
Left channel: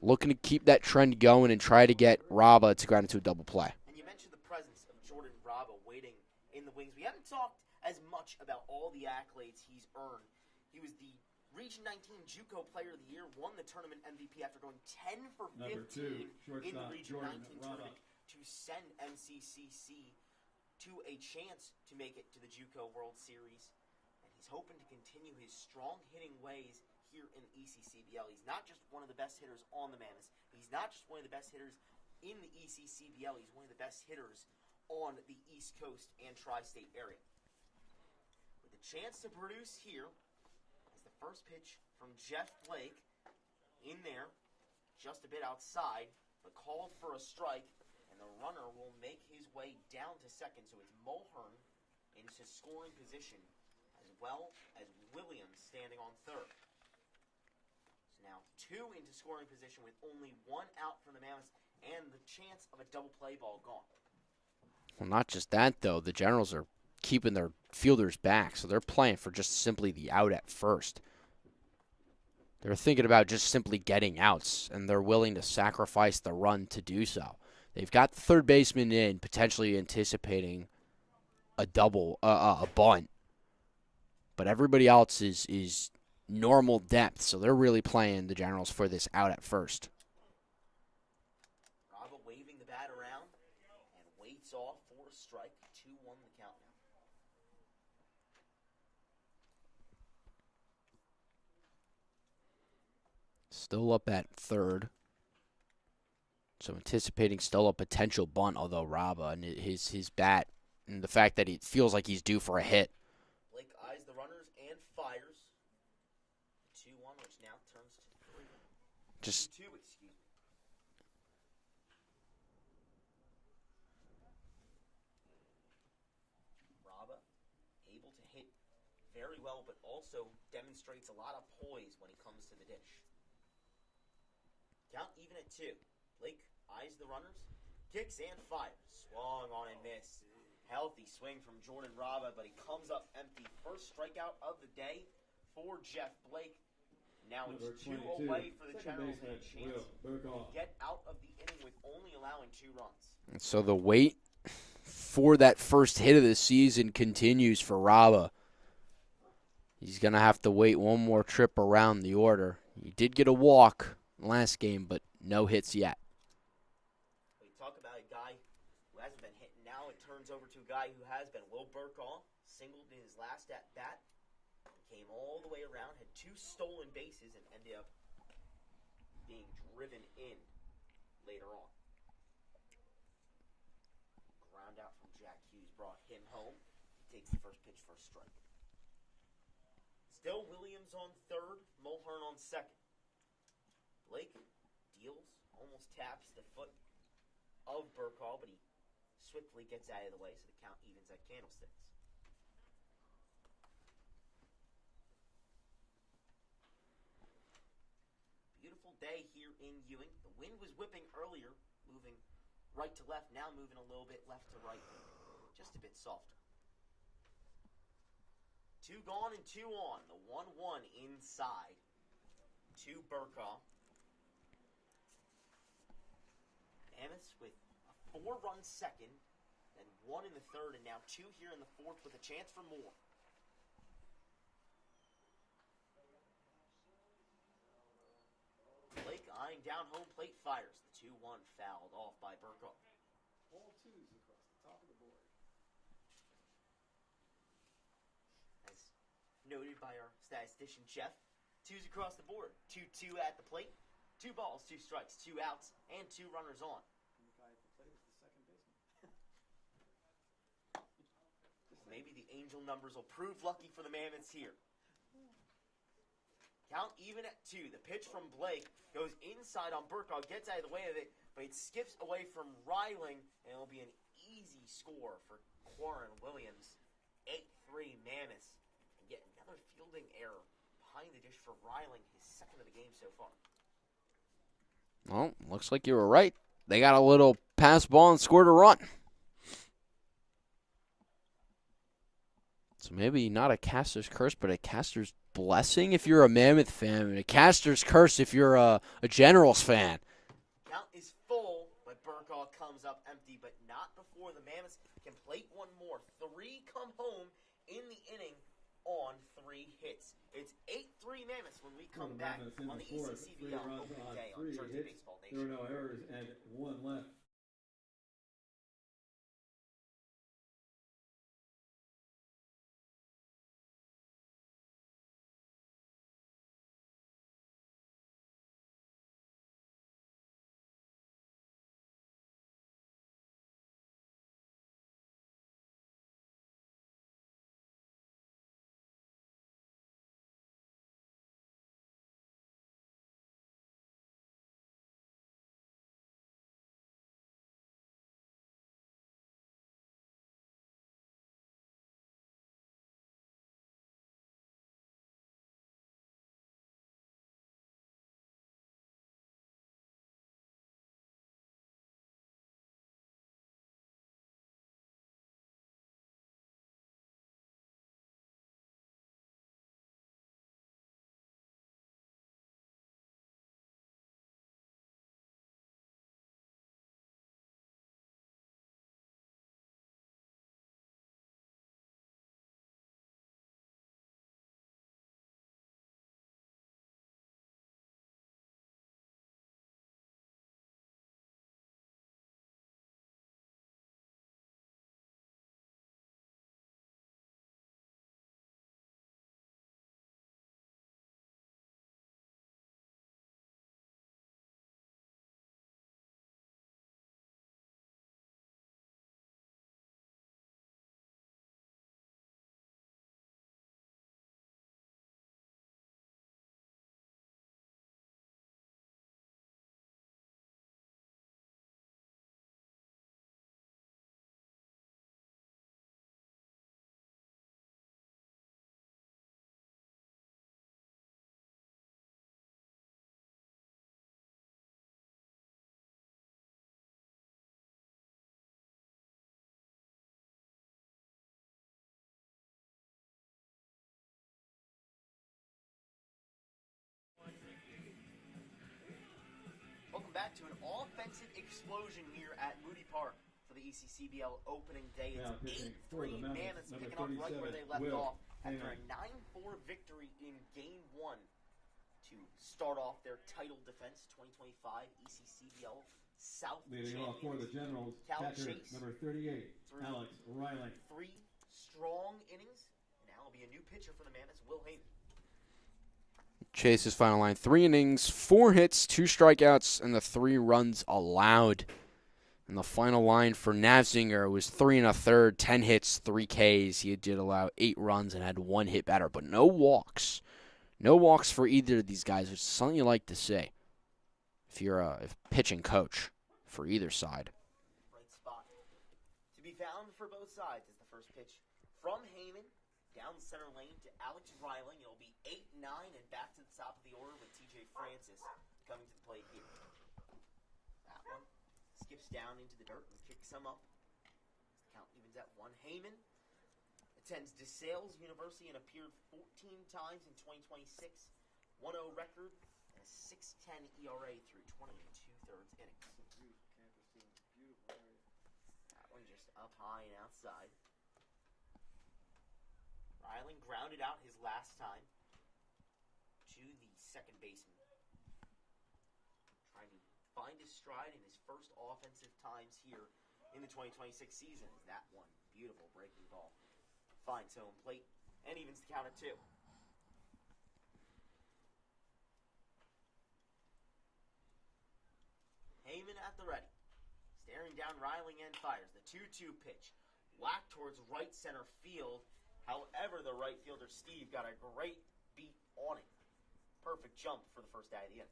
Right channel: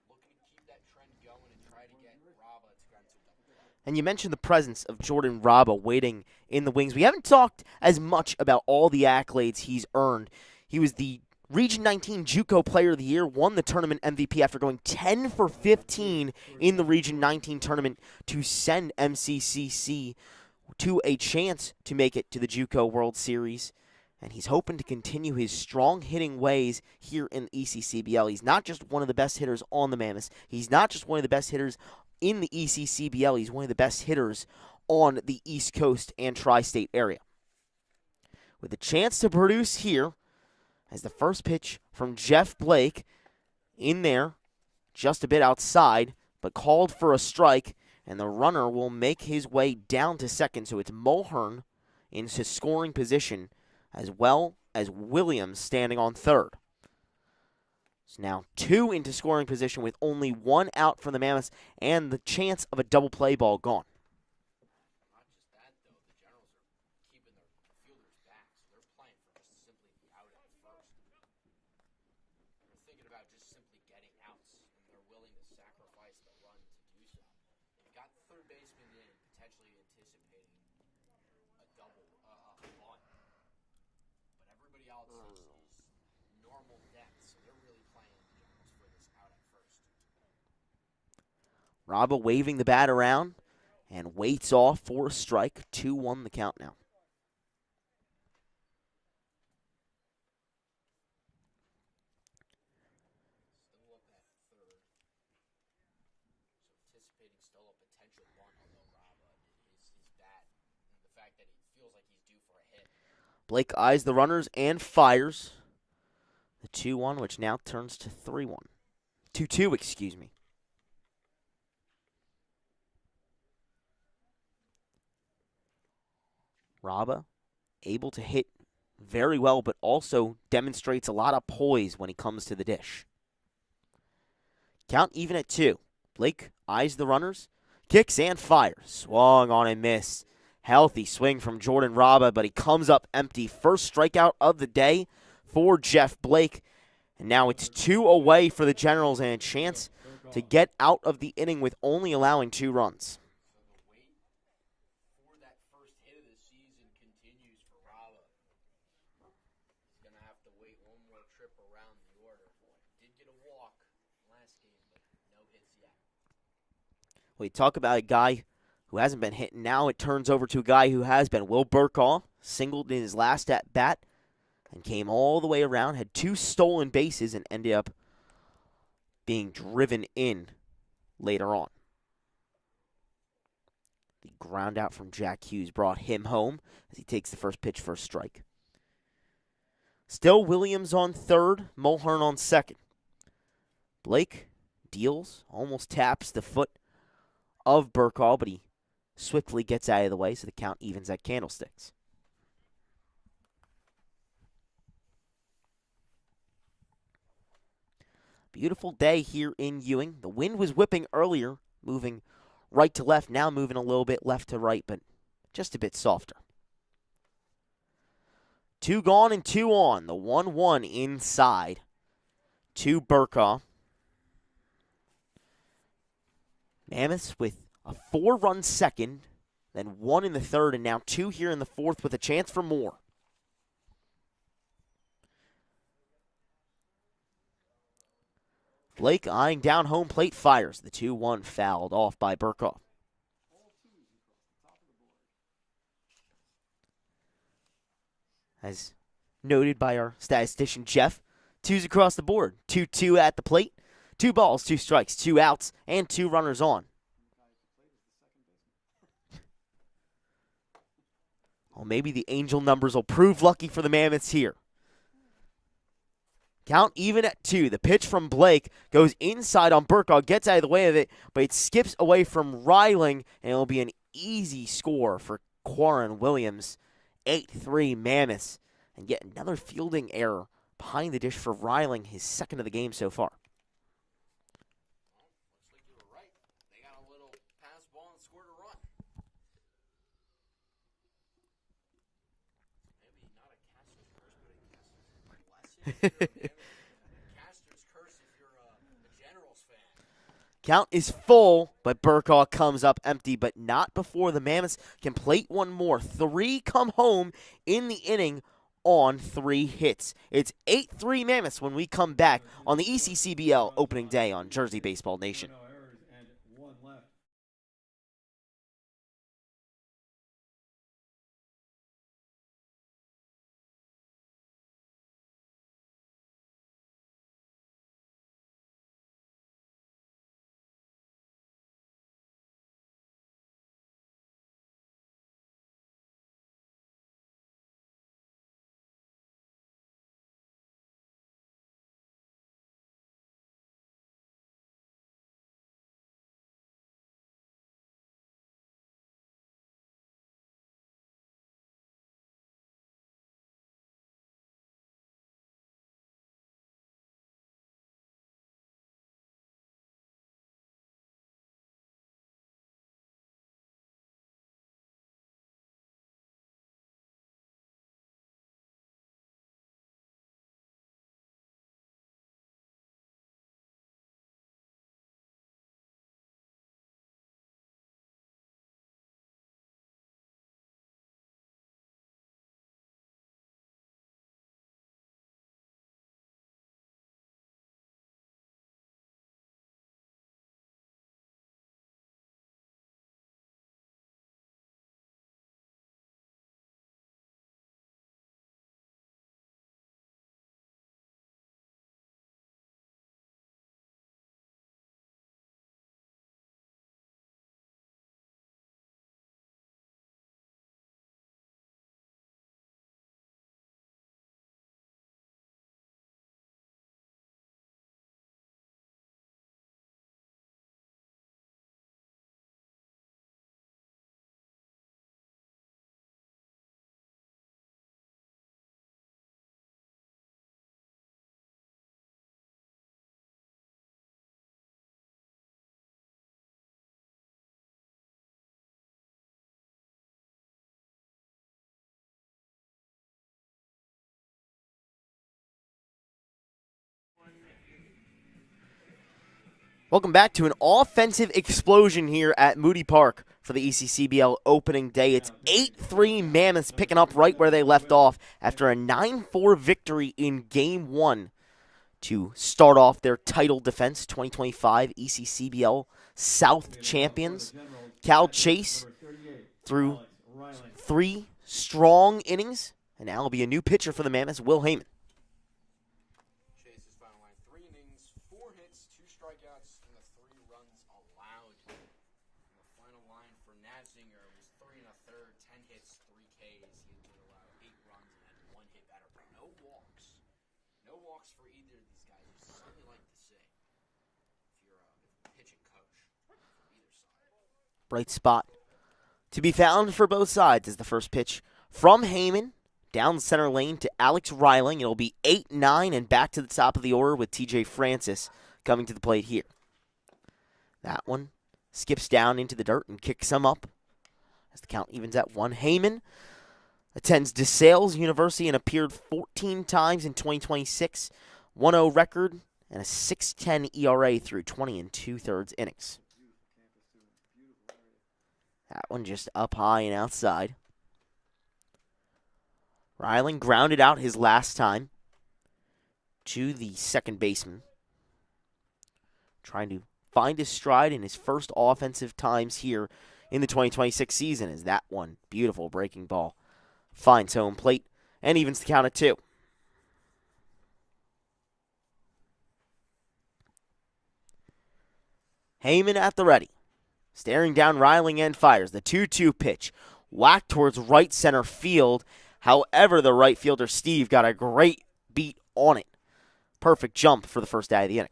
looking to keep that trend going and try to get Raba to ground into a double play. And you mentioned the presence of Jordan Raba waiting in the wings. We haven't talked as much about all the accolades he's earned. He was the Region 19 JUCO Player of the Year, won the tournament MVP after going 10 for 15 in the Region 19 tournament to send MCCC to a chance to make it to the JUCO World Series. And he's hoping to continue his strong hitting ways here in ECCBL. He's not just one of the best hitters on the Mammoths. He's not just one of the best hitters in the ECCBL. He's one of the best hitters on the East Coast and tri-state area. With a chance to produce here, as the first pitch from Jeff Blake in there, just a bit outside, but called for a strike, and the runner will make his way down to second. So it's Mulhern into scoring position, as well as Williams standing on third. So now 2 into scoring position with only 1 out for the Mammoths and the chance of a double play ball gone. Well, not just that, though. The Generals are keeping their fielders back, so they're playing for just simply the out at first. They're thinking about just simply getting outs, and they're willing to sacrifice the run to do so. They've got the third baseman in, potentially anticipating a double, a bunt. But everybody else is normal depth, so they're really playing the Generals for this out at first. Raba waving the bat around and waits off for a strike. 2-1 the count now. Still up at third. So anticipating still a potential bunt, although Raba and his bat and the fact that it feels like he's due for a hit. Blake eyes the runners and fires. The 2-1, which now turns to 3-1. 2-2, excuse me. Raba able to hit very well, but also demonstrates a lot of poise when he comes to the dish. Count even at 2. Blake eyes the runners, kicks and fires. Swung on and missed. Healthy swing from Jordan Raba, but he comes up empty. First strikeout of the day for Jeff Blake. And now it's 2 away for the Generals and a chance to get out of the inning with only allowing 2 runs. So the wait for that first hit of the season continues for Raba. He's going to have to wait one more trip around the order. He did get a walk last game, but no hits yet. We talk about a guy who hasn't been hitting. Now it turns over to a guy who has been. Will Burkaw singled in his last at-bat and came all the way around, had 2 stolen bases, and ended up being driven in later on. The ground out from Jack Hughes brought him home as he takes the first pitch for a strike. Still Williams on third, Mulhern on second. Blake deals, almost taps the foot of Burkaw, but he swiftly gets out of the way, so the count evens at Candlesticks. Beautiful day here in Ewing. The wind was whipping earlier, moving right to left, now moving a little bit left to right, but just a bit softer. 2 gone and 2 on. The 1-1 inside to Burkaw. Mammoths with a 4-run second, then 1 in the third, and now 2 here in the fourth with a chance for more. Blake eyeing down home plate, fires. The 2-1 fouled off by Burkaw. As noted by our statistician Jeff, 2s across the board. 2-2 at the plate. 2 balls, 2 strikes, 2 outs, and 2 runners on. Well, maybe the Angel numbers will prove lucky for the Mammoths here. Count even at 2. The pitch from Blake goes inside on Burkaw, gets out of the way of it, but it skips away from Reiling, and it'll be an easy score for Quarren Williams. 8-3 Mammoths. And yet another fielding error behind the dish for Reiling, his second of the game so far. Well, looks like you were right. They got a little pass ball and scored a run. So maybe not a caster's curse, but a caster's blessing if you're a Mammoth fan, and a caster's curse if you're a Generals fan. Count is full, but Burkaw comes up empty, but not before the Mammoths can plate one more. 3 come home in the inning on 3 hits. It's 8-3 Mammoths when we come back on the ECCBL opening day on Jersey Baseball Nation. No errors and 1 left. Welcome back to an offensive explosion here at Moody Park for the ECCBL opening day. It's 8-3 Mammoths picking up right where they left off after a 9-4 victory in Game 1 to start off their title defense, 2025 ECCBL South champions. Cal Chase through 3 strong innings, and now will be a new pitcher for the Mammoths, Will Heyman. Chase's final line: 3 innings, 4 hits, 2 strikeouts, and the 3 runs allowed. And the final line for Navzinger was 3 1/3, 10 hits, 3 Ks. He did allow 8 runs and had 1 hit batter, but no walks. No walks for either of these guys, which is something you like to see if you're a pitching coach for either side. Bright spot to be found for both sides is the first pitch from Heyman. Down center lane to Alex Reiling. It'll be 8-9 and back to the top of the order with TJ Francis coming to the plate here. That one skips down into the dirt and kicks him up as the count evens at 1. Heyman attends DeSales University and appeared 14 times in 2026. 1-0 record and a 6.10 ERA through 20 2/3 innings. That one just up high and outside. Reiling grounded out his last time to the second baseman. Trying to find his stride in his first offensive times here in the 2026 season as that one beautiful breaking ball finds home plate and evens the count at 2. Heyman at the ready. Staring down Reiling and fires. The 2-2 pitch. Whacked towards right center field. However, the right fielder, Steve, got a great beat on it. perfect jump for the first out of the inning.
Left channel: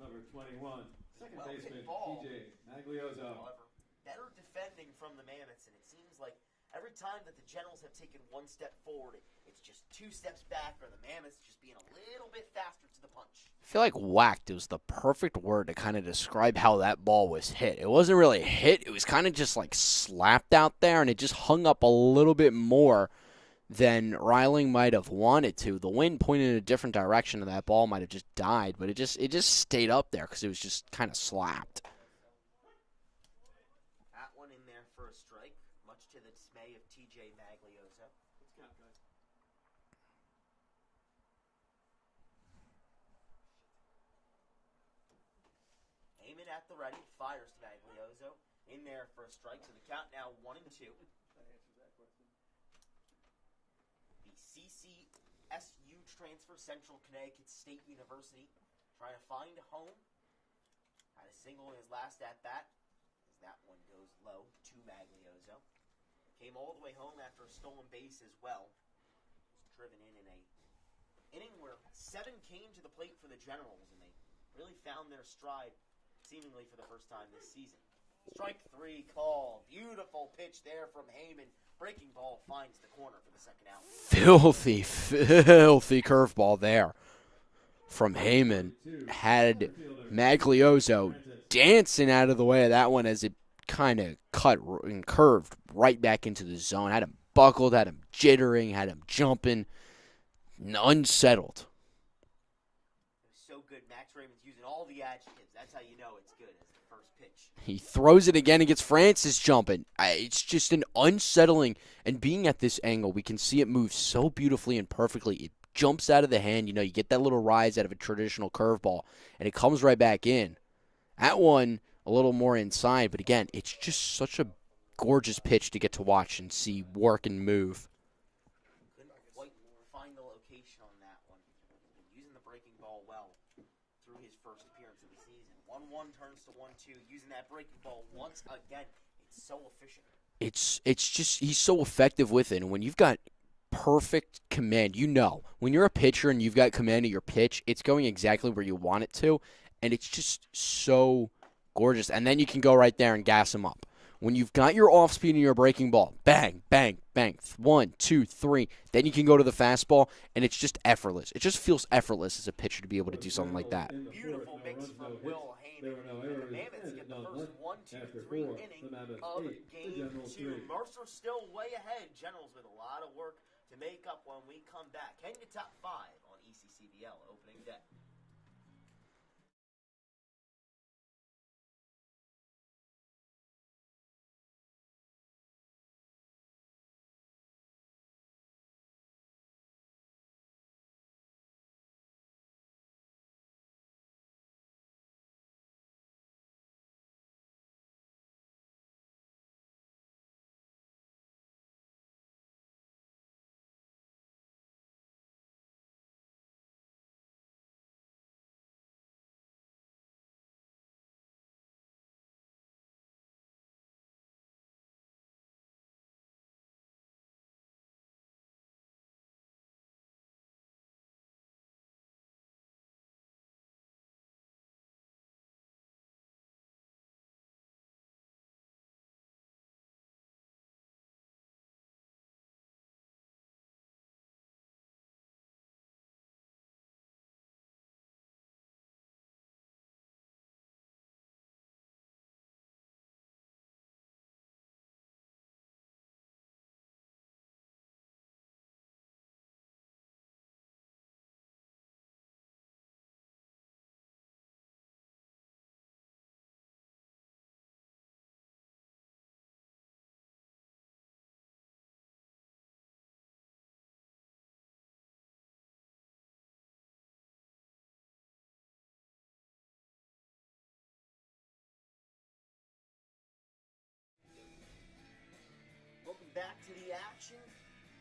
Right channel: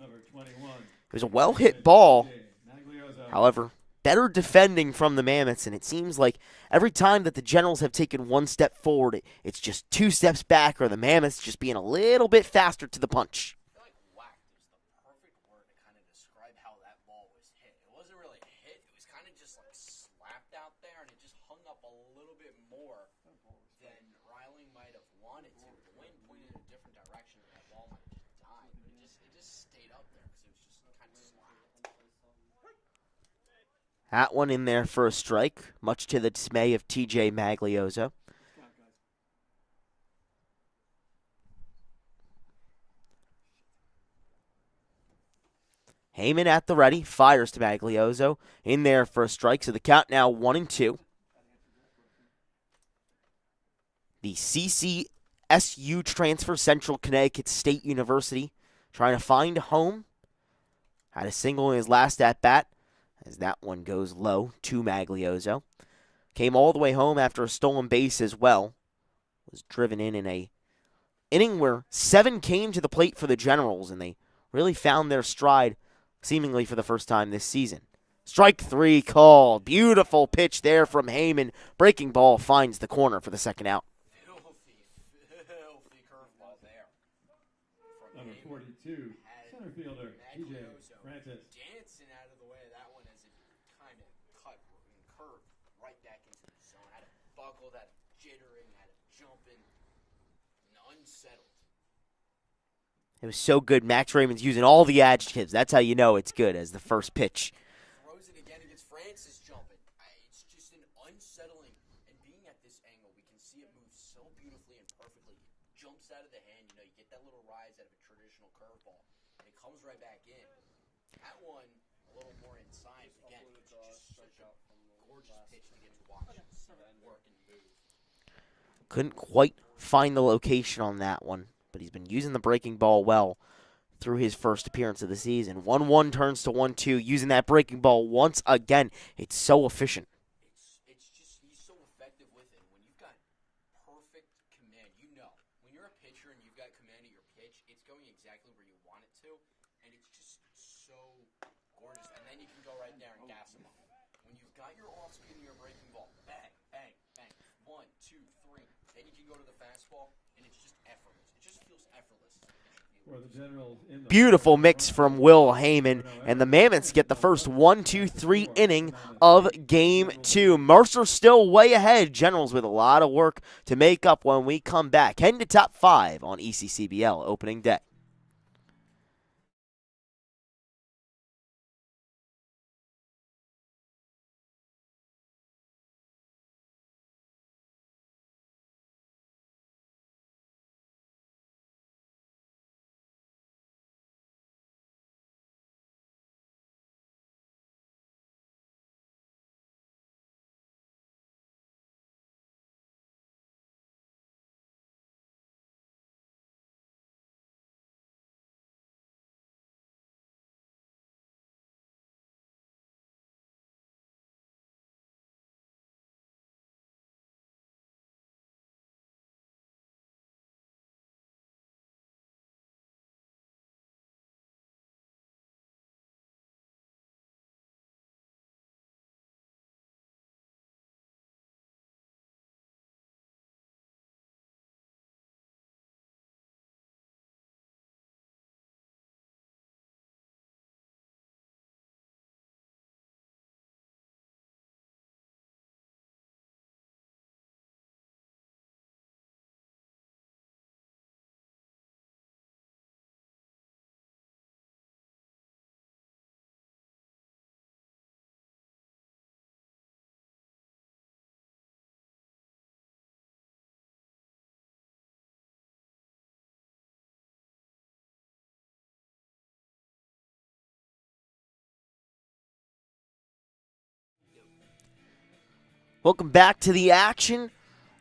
Number 21. It was a well-hit ball. Maglioso. However, better defending from the Mammoths, and it seems like every time that the Generals have taken one step forward, it's just 2 steps back, or the Mammoths just being a little bit faster to the punch. I feel like whacked was the perfect word to kind of describe how that ball was hit. It wasn't really hit. It was kind of just like slapped out there, and it just hung up a little bit more than Reiling might have wanted to. The wind pointed in a different direction, and that ball might have just died, but it just stayed up there because it was just kind of slapped. That one in there for a strike, much to the dismay of TJ Maglioso. Heyman at the ready, fires to Maglioso, in there for a strike, so the count now 1-2. The CCSU transfer, Central Connecticut State University, trying to find a home. Had a single in his last at-bat, as that one goes low to Maglioso. Came all the way home after a stolen base as well. Was driven in a inning where 7 came to the plate for the Generals, and they really found their stride seemingly for the first time this season. Strike 3 called. Beautiful pitch there from Heyman. Breaking ball finds the corner for the second out. Filthy curveball there from Heyman. Had Maglioso dancing out of the way of that one as it kind of cut and curved right back into the zone. Had him buckled, had him jittering, had him jumping, unsettled. It was so good. Max Raymond's using all the adjectives. That's how you know it's good, as the first pitch. He throws it again and gets Francis jumping. It's just an unsettling, and being at this angle, we can see it move so beautifully and perfectly. It jumps out of the hand. You know, you get that little rise out of a traditional curveball, and it comes right back in. That one, a little more inside, but again, it's just such a gorgeous pitch to get to watch and see work and move. Couldn't quite find the location on that one, but he's been using the breaking ball well through his first appearance of the season. 1-1 turns to 1-2, using that breaking ball once again. It's so efficient. It's just, he's so effective with it, and when you've got perfect command, you know, when you're a pitcher and you've got command of your pitch, it's going exactly where you want it to, and it's just so gorgeous. And then you can go right there and gas him up. When you've got your off speed and your breaking ball, bang, bang, bang, 1, 2, 3, then you can go to the fastball, and it's just effortless. It just feels effortless as a pitcher to be able to do something like that. Beautiful mix from Will Heyman, and the Mammoths get the first 1-2-3 inning of Game 2. Mercer still way ahead. Generals with a lot of work to make up when we come back. Heading to top 5 on ECCBL opening day. Welcome back to the action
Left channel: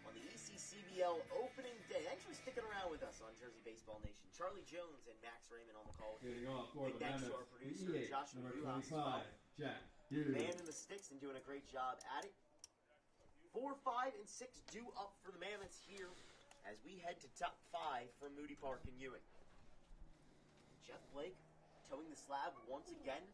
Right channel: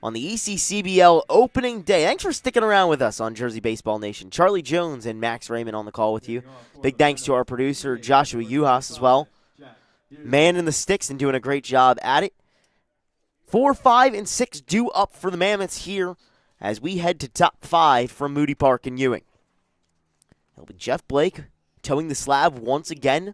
on the ECCBL opening day. Thanks for sticking around with us on Jersey Baseball Nation. Charlie Jones and Max Raymond on the call with you. Big thanks to our producer, Joshua Yuhas, as well. Man in the sticks and doing a great job at it. 4, 5, and 6 due up for the Mammoths here as we head to top 5 from Moody Park and Ewing. It'll be Jeff Blake towing the slab once again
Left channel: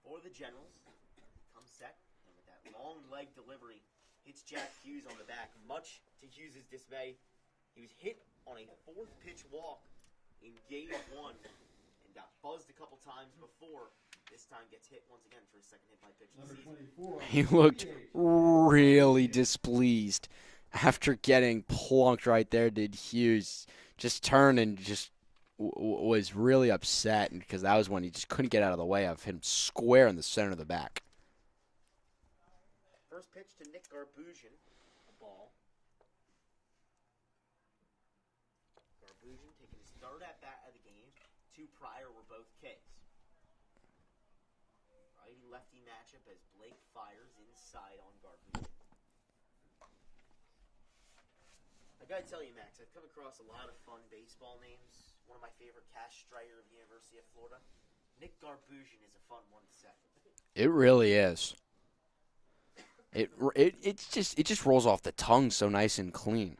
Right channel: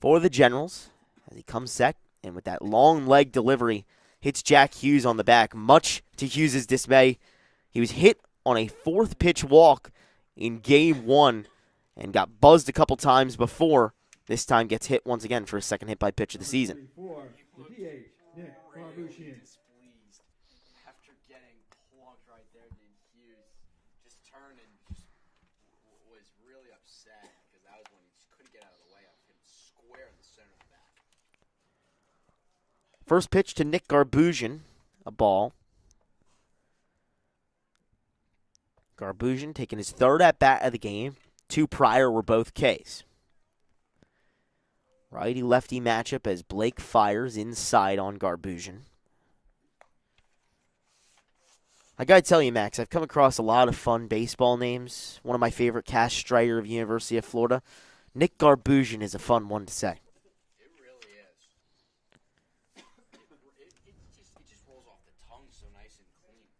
for the Generals as he comes set, and with that long leg delivery, hits Jack Hughes on the back. Much to Hughes' dismay, he was hit on a 4th pitch walk in game 1 and got buzzed a couple times before. This time gets hit once again for his 2nd hit by pitch of the season. He looked really displeased after getting plunked right there, did Hughes. Just turned and just was really upset because that was when he just couldn't get out of the way of him square in the center of the back. First pitch to Nick Garbusian, a ball. Garbusian taking his 3rd at-bat of the game. 2 prior were both Ks. Righty-lefty matchup as Blake fires inside on Garbusian. I gotta tell you, Max, I've come across a lot of fun baseball names. One of my favorite, Cash Strider of University of Florida. Nick Garbusian is a fun one to say. It really is. It just rolls off the tongue so nice and clean.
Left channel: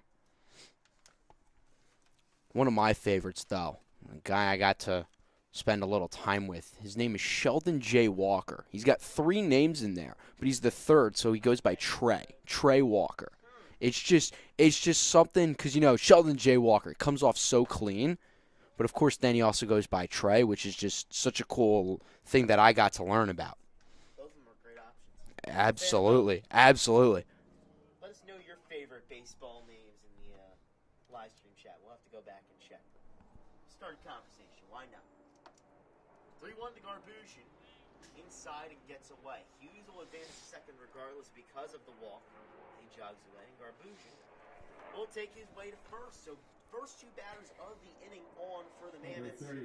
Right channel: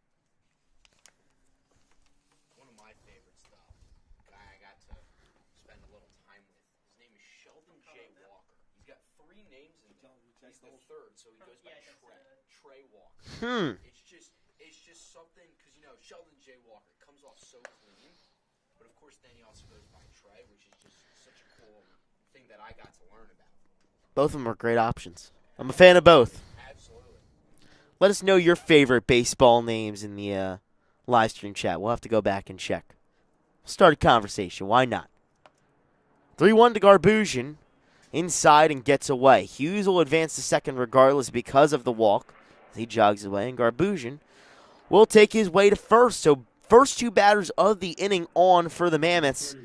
One of my favorites, though, a guy I got to spend a little time with. His name is Sheldon J. Walker. He's got 3 names in there, but he's the 3rd, so he goes by Trey Walker. It's just something because Sheldon J. Walker, it comes off so clean, but of course then he also goes by Trey, which is just such a cool thing that I got to learn about. Both of them are great options. Absolutely. I'm a fan of both. Absolutely. Let us know your favorite baseball names in the live stream chat. We'll have to go back and check. Start a conversation. Why not? 3-1 to Garbusian. Inside and gets away. Hughes will advance to second regardless because of the walk. He jogs away, and Garbusian will take his way to first. So first 2 batters of the inning on for the Mammoths.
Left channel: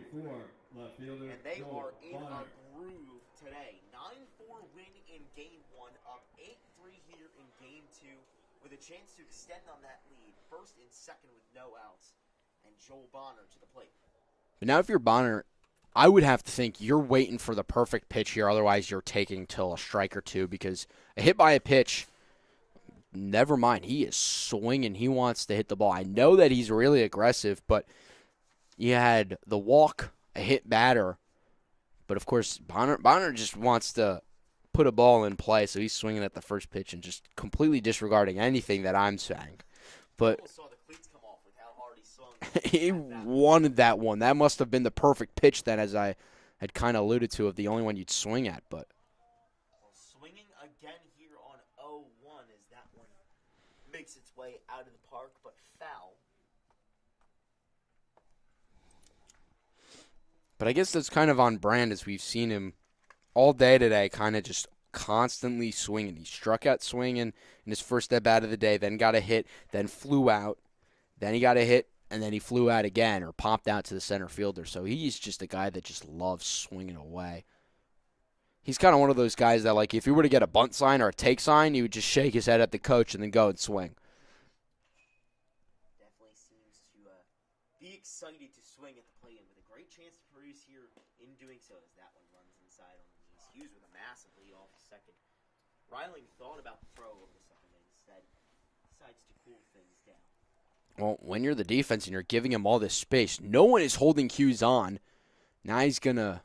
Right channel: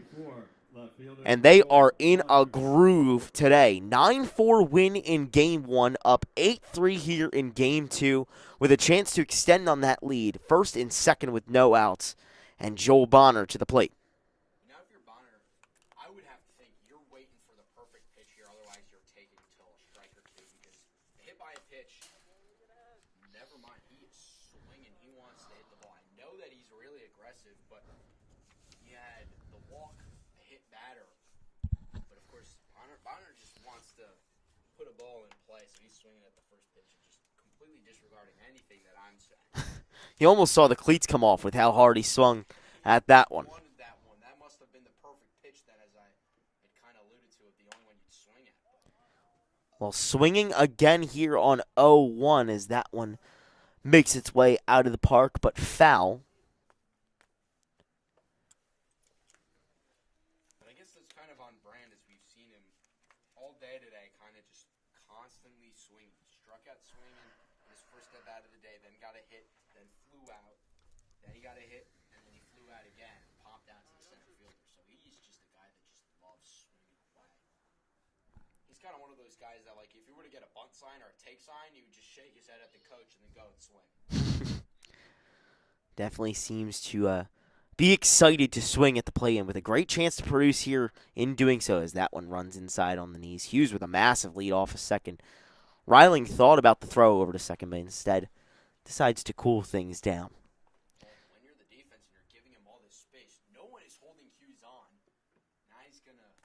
And they are in a groove today. 9-4 win in Game 1, up 8-3 here in Game 2, with a chance to extend on that lead. First and second with no outs, and Joel Bonner to the plate. But now if you're Bonner, I would have to think you're waiting for the perfect pitch here. Otherwise, you're taking till a strike or 2 because a hit by a pitch, never mind. He is swinging. He wants to hit the ball. I know that he's really aggressive, but you had the walk, a hit batter. But, of course, Bonner just wants to put a ball in play, so he's swinging at the first pitch and just completely disregarding anything that I'm saying. He almost saw the cleats come off with how hard he swung at that one. Wanted that one. That must have been the perfect pitch then, as I had kind of alluded to, of the only one you'd swing at. But well, swinging again here on 0-1 as that one makes its way out of the park, but foul. But I guess that's kind of on brand as we've seen him all day today, kind of just constantly swinging. He struck out swinging in his first at-bat of the day, then got a hit, then flew out, then he got a hit, and then he flew out again or popped out to the center fielder. So he's just a guy that just loves swinging away. He's kind of one of those guys that, like, if he were to get a bunt sign or a take sign, he would just shake his head at the coach and then go and swing. Definitely seems to be excited to swing at the plate and with a great chance to produce here in doing so as that one runs inside on the knees. Hughes with a massive lead off a second. Reiling thought about the throw over to second, but instead decides to cool things down. Well, when you're the defense and you're giving him all this space, no one is holding Hughes on. Now he's going to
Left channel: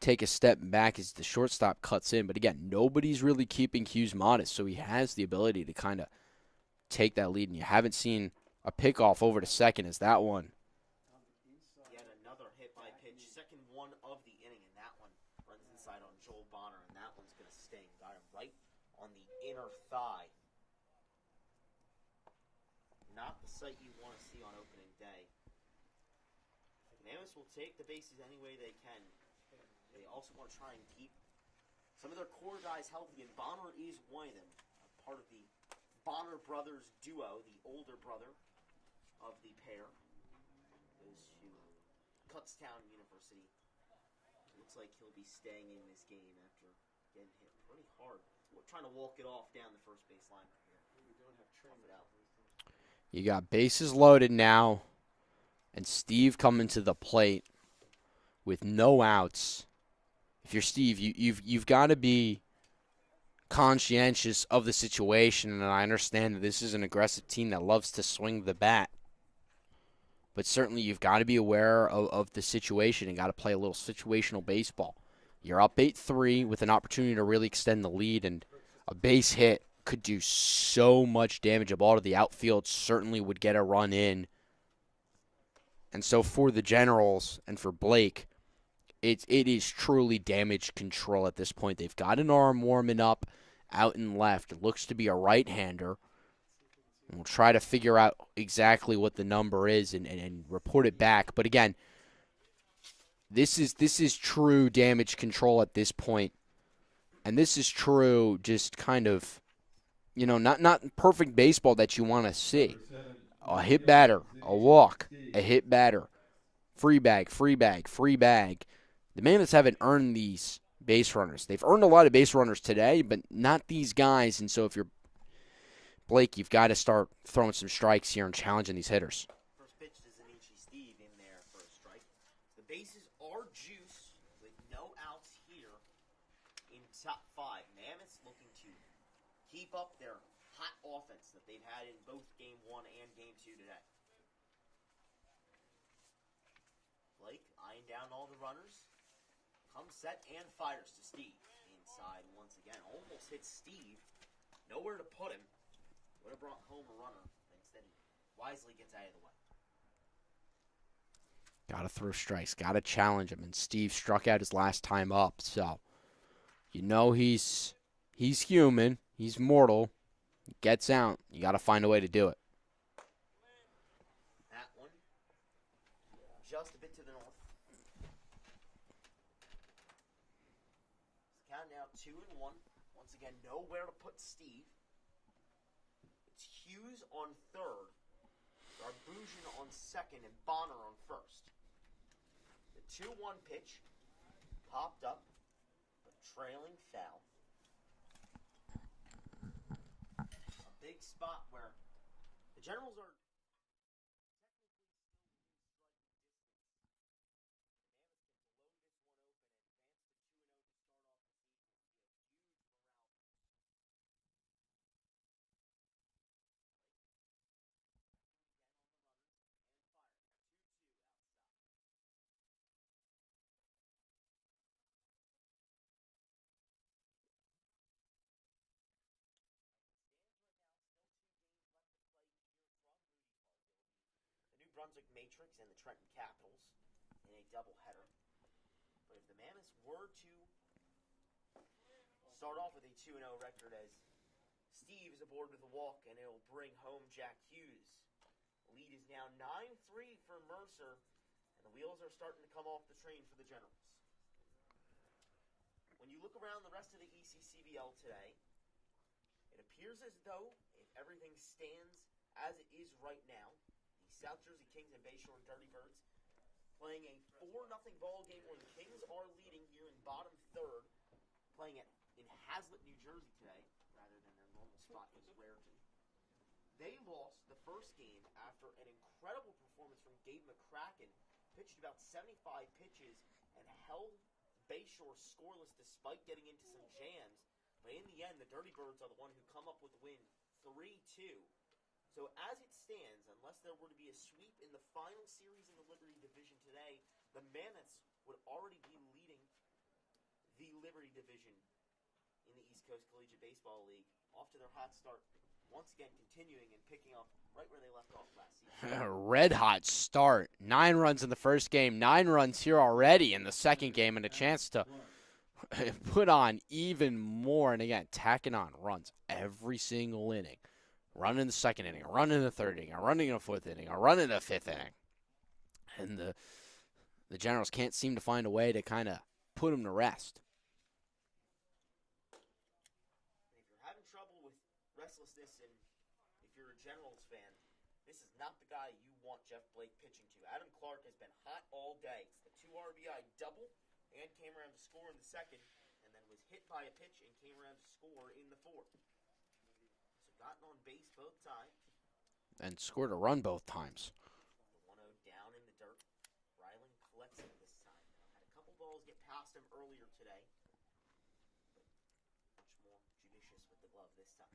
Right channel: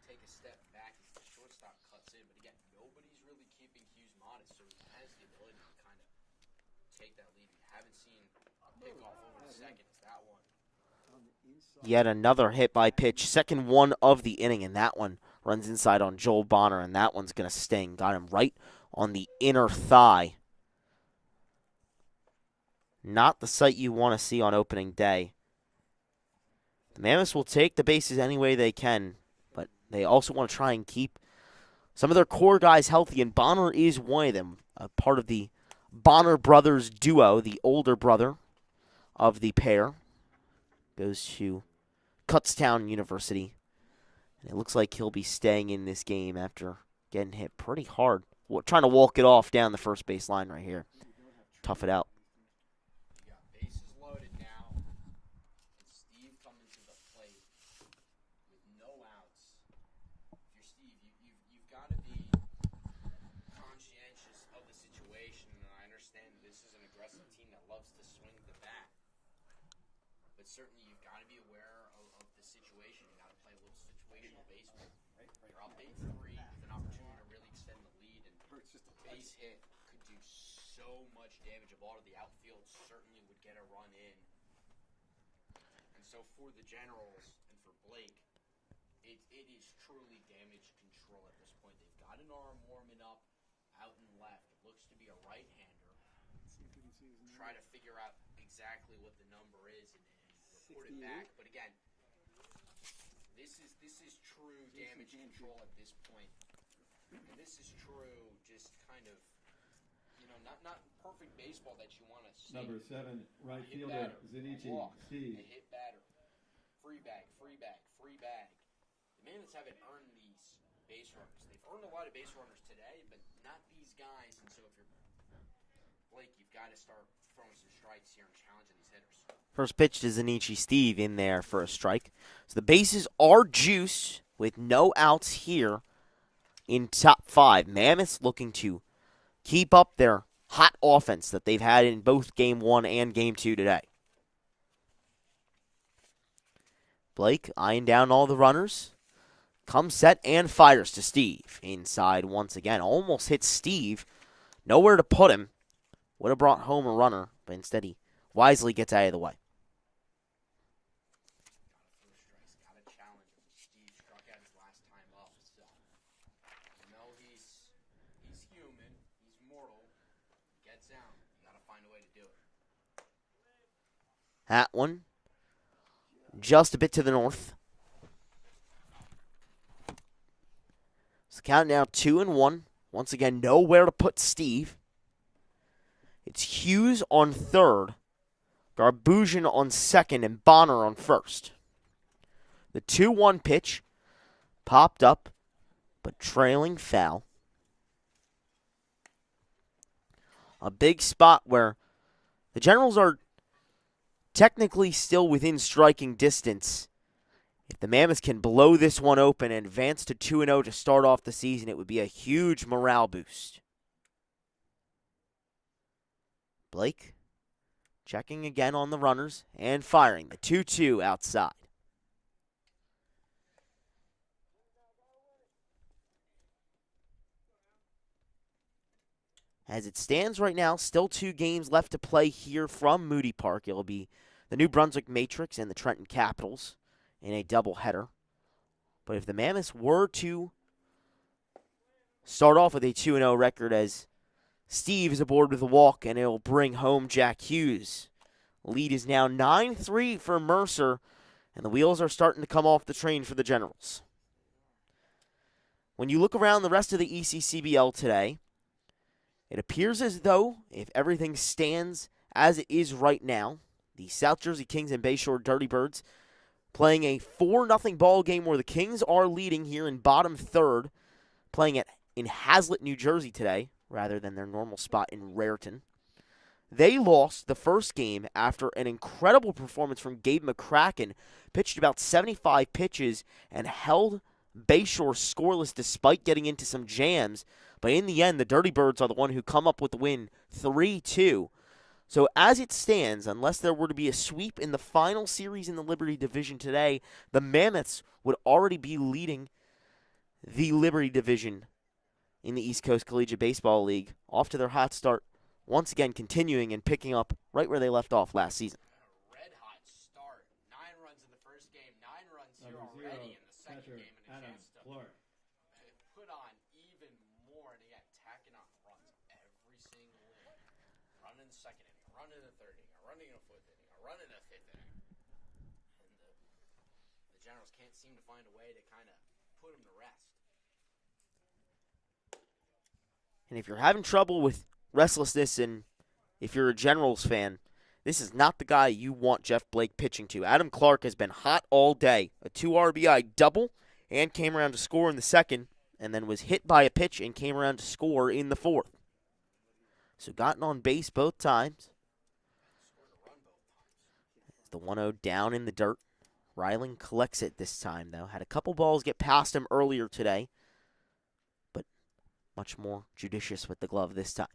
take a step back as the shortstop cuts in. But again, nobody's really keeping Hughes modest, so he has the ability to kind of take that lead. And you haven't seen a pickoff over to second as that one. Yet another hit by pitch. Second one of the inning, and that one runs inside on Joel Bonner, and that one's going to sting. Got him right on the inner thigh. Not the sight you want to see on opening day. The Mammoths will take the bases any way they can, but they also want to try and keep some of their core guys healthy, and Bonner is one of them, a part of the Bonner brothers duo, the older brother of the pair. Goes to Kutztown University. And it looks like he'll be staying in this game after getting hit pretty hard. Trying to walk it off down the first base line right here. Tough it out. You got bases loaded now, and Steve coming to the plate with no outs. If you're Steve, you've got to be conscientious of the situation, and I understand that this is an aggressive team that loves to swing the bat. But certainly you've got to be aware of the situation and got to play a little situational baseball. You're up 8-3 with an opportunity to really extend the lead, and a base hit could do so much damage. A ball to the outfield certainly would get a run in. And so for the Generals and for Blake, it is truly damage control at this point. They've got an arm warming up out in left. It looks to be a right-hander. And we'll try to figure out exactly what the number is and report it back. But again, this is true damage control at this point. And this is true just kind of, not perfect baseball that you want to see. A hit batter, a walk, a hit batter, free bag, free bag, free bag. The Mammoths haven't earned these base runners. They've earned a lot of base runners today, but not these guys. And so if you're Blake, you've got to start throwing some strikes here and challenging these hitters. First pitch to Zanichi Steve in there for a strike. So the bases are juice with no outs here in top 5. Mammoths looking to keep up their hot offense that they've had in both Game 1 and Game 2 today. Blake eyeing down all the runners. Comes set and fires to Steve. Inside once again. Almost hits Steve. Nowhere to put him. Would have brought home a runner, but instead he wisely gets out of the way. Got to throw strikes. Got to challenge him. And Steve struck out his last time up. So, he's human. He's mortal. He gets out. You got to find a way to do it. That one just a bit to the north. So count now 2-1. Once again, nowhere to put Steve. It's Hughes on third, Garbusian on second, and Bonner on first. The 2-1 pitch popped up, but trailing foul. A big spot where the Generals are technically still within striking distance. If the Mammoths can blow this one open and advance to 2-0 to start off the season, it would be a huge morale boost. Blake checking again on the runners and firing the 2-2 outside. As it stands right now, still 2 games left to play here from Moody Park. It'll be the New Brunswick Matrix and the Trenton Capitals in a doubleheader. But if the Mammoths were to start off with a 2-0 record, as Steve is aboard with a walk, and it'll bring home Jack Hughes. Lead is now 9-3 for Mercer, and the wheels are starting to come off the train for the Generals. When you look around the rest of the ECCBL today, it appears as though, if everything stands as it is right now, the South Jersey Kings and Bayshore Dirty Birds playing a 4-0 ball game where the Kings are leading here in bottom third, playing in Hazlet, New Jersey today, rather than their normal spot in Raritan. They lost the first game after an incredible performance from Gabe McCracken, pitched about 75 pitches and held Bayshore scoreless despite getting into some jams. But in the end, the Dirty Birds are the one who come up with the win 3-2. So as it stands, unless there were to be a sweep in the final series in the Liberty Division today, the Mammoths would already be leading the Liberty Division in the East Coast Collegiate Baseball League, off to their hot start, once again continuing and picking up right where they left off last season. Red hot start. 9 runs in the first game, 9 runs here already in the second game, and a chance to put on even more. And again, tacking on runs every single inning. Run in the second inning, a run in the third inning, a run in the fourth inning, a run in the fifth inning. And the Generals can't seem to find a way to kind of put them to rest. And if you're having trouble with restlessness, and if you're a Generals fan, this is not the guy you want Jeff Blake pitching to. Adam Clark has been hot all day. A 2 RBI double, and came around to score in the second, and then was hit by a pitch and came around to score in the fourth. So gotten on base both times. And scored a run both times. The 1-0 down in the dirt. Ryling collects it this time, though. Had a couple balls get past him earlier today, but much more judicious with the glove this time.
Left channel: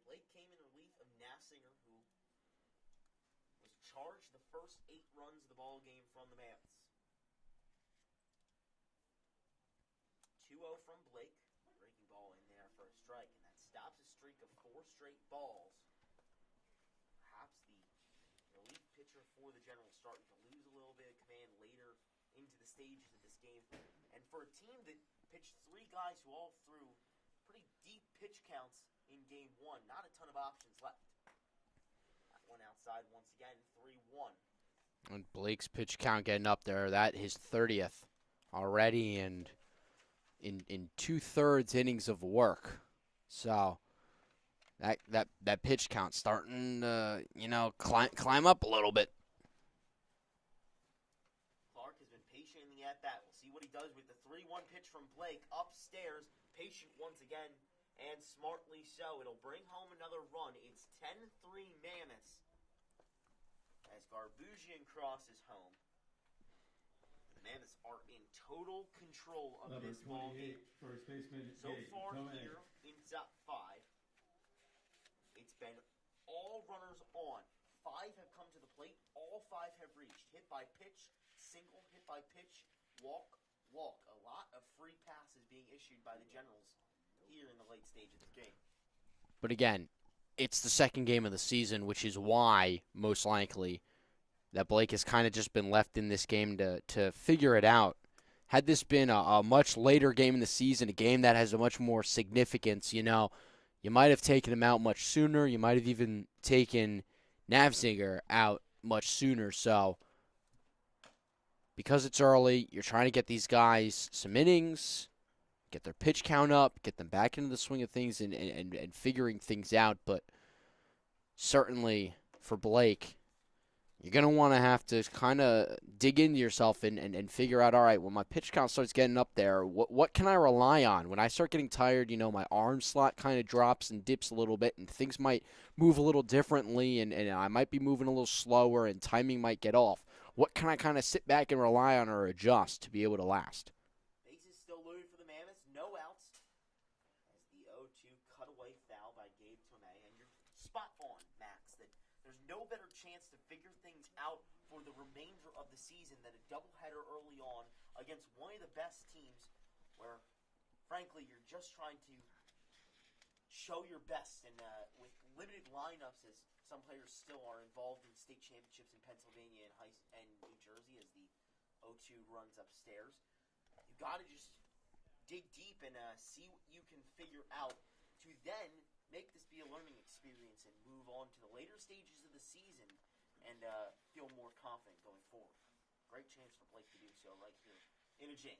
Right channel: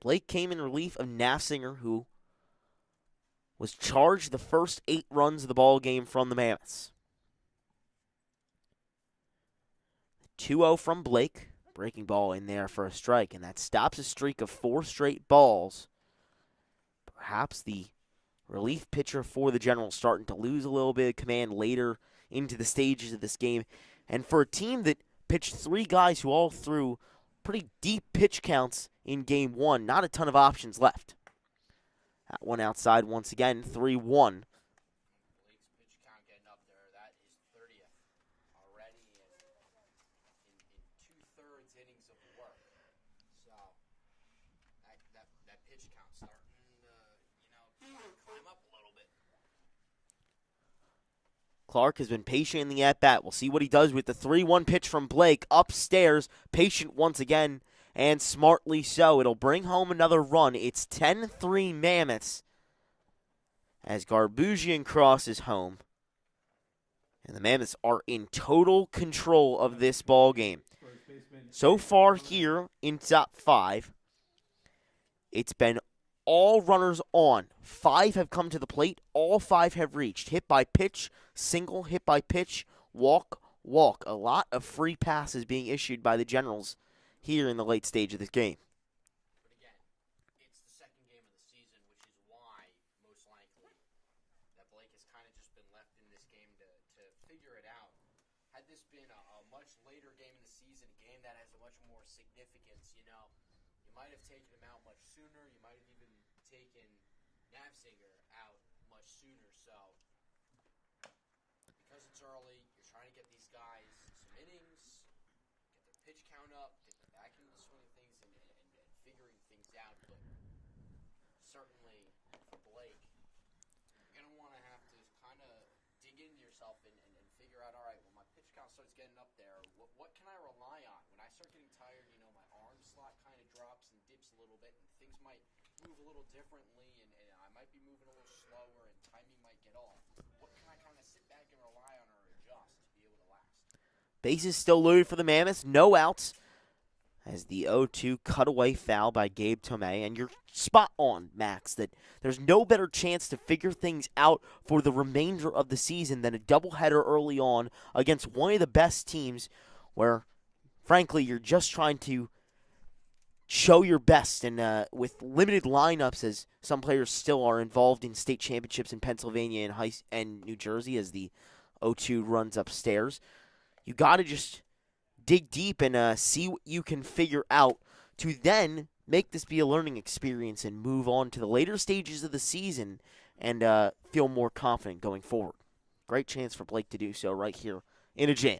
Blake came in relief of Nafsinger, who was charged the first 8 runs of the ball game from the Mammoths. 2-0 from Blake. Breaking ball in there for a strike, and that stops a streak of 4 straight balls. Perhaps the relief pitcher for the Generals starting to lose a little bit of command later into the stages of this game. And for a team that pitched 3 guys who all threw pretty deep pitch counts in Game 1, not a ton of options left. That one outside once again, 3-1. And Blake's pitch count getting up there. That his 30th already, and in 2/3 innings of work. So that pitch count starting to climb up a little bit. Clark has been patient in the at-bat. We'll see what he does with the 3-1 pitch from Blake. Upstairs, patient once again, and smartly so. It'll bring home another run. It's 10-3 Mammoths as Garbusian crosses home. And the Mammoths are in total control of this ball game. So far here in top 5, it's been all runners on. 5 have come to the plate. All 5 have reached. Hit by pitch, single, hit by pitch, walk, walk. A lot of free passes being issued by the Generals here in the late stage of this game. But again, it's the second game of the season, which is why, most likely, that Blake has kind of just been left in this game to figure it out. Had this been a much later game in the season, a game that has a much more significance, you might have taken him out much sooner. You might have even taken Nafsinger out much sooner. So, because it's early, you're trying to get these guys some innings, get their pitch count up, get them back into the swing of things and figuring things out. But certainly for Blake, you're going to want to have to kind of dig into yourself and figure out, all right, when my pitch count starts getting up there, what can I rely on? When I start getting tired, my arm slot kind of drops and dips a little bit, and things might move a little differently, and I might be moving a little slower, and timing might get off. What can I kind of sit back and rely on or adjust to be able to last? Bases still loaded for the Mammoths. No outs as the 0-2 cutaway foul by Gabe Tomei. And you're spot on, Max, that there's no better chance to figure things out for the remainder of the season than a doubleheader early on against one of the best teams where, frankly, you're just trying to show your best. And with limited lineups, as some players still are involved in state championships in Pennsylvania and New Jersey as the 0-2 runs upstairs, you got to just dig deep and see what you can figure out to then make this be a learning experience and move on to the later stages of the season and feel more confident going forward. Great chance for Blake to do so right here in a jam.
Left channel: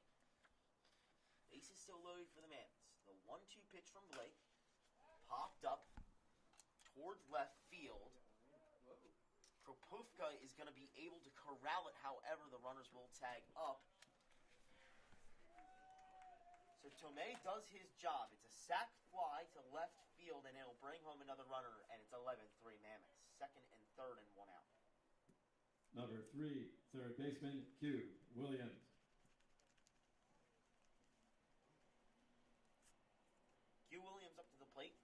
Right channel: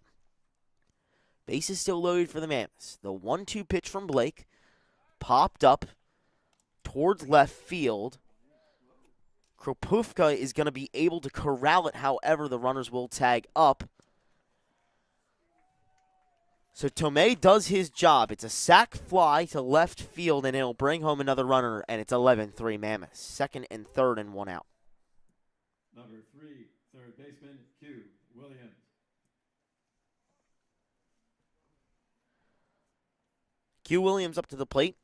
Base is still loaded for the Mammoths. The 1-2 pitch from Blake popped up towards left field. Kropufka is going to be able to corral it, however, the runners will tag up. So Tomei does his job. It's a sac fly to left field, and it'll bring home another runner, and it's 11-3 Mammoths. Second and third and 1 out. Number 3, third baseman, Q. Williams. Q Williams up to the plate.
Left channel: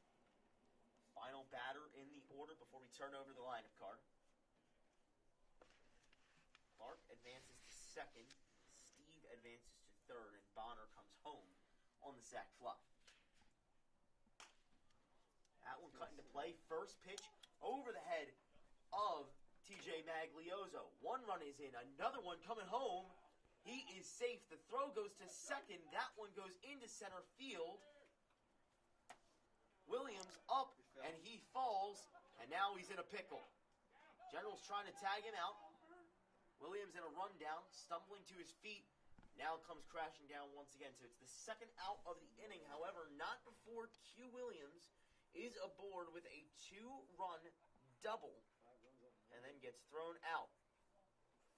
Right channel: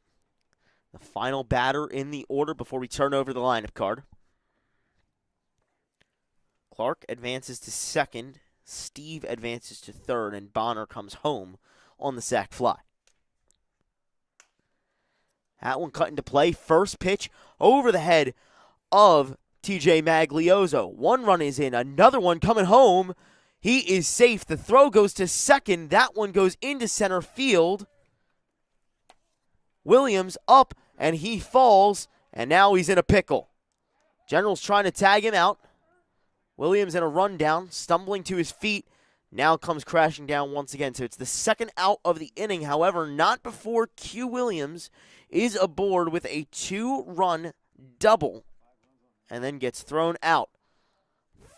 The final batter in the order before we turn over the lineup card. Clark advances to second. Steve advances to third, and Bonner comes home on the sac fly. That one cut into play. First pitch over the head of TJ Maglioso. One run is in. Another one coming home. He is safe. The throw goes to second. That one goes into center field. Williams up, and he falls, and now he's in a pickle. Generals trying to tag him out. Williams in a rundown, stumbling to his feet, now comes crashing down once again. So it's the second out of the inning. However, not before Q Williams is aboard with a 2-run double and then gets thrown out.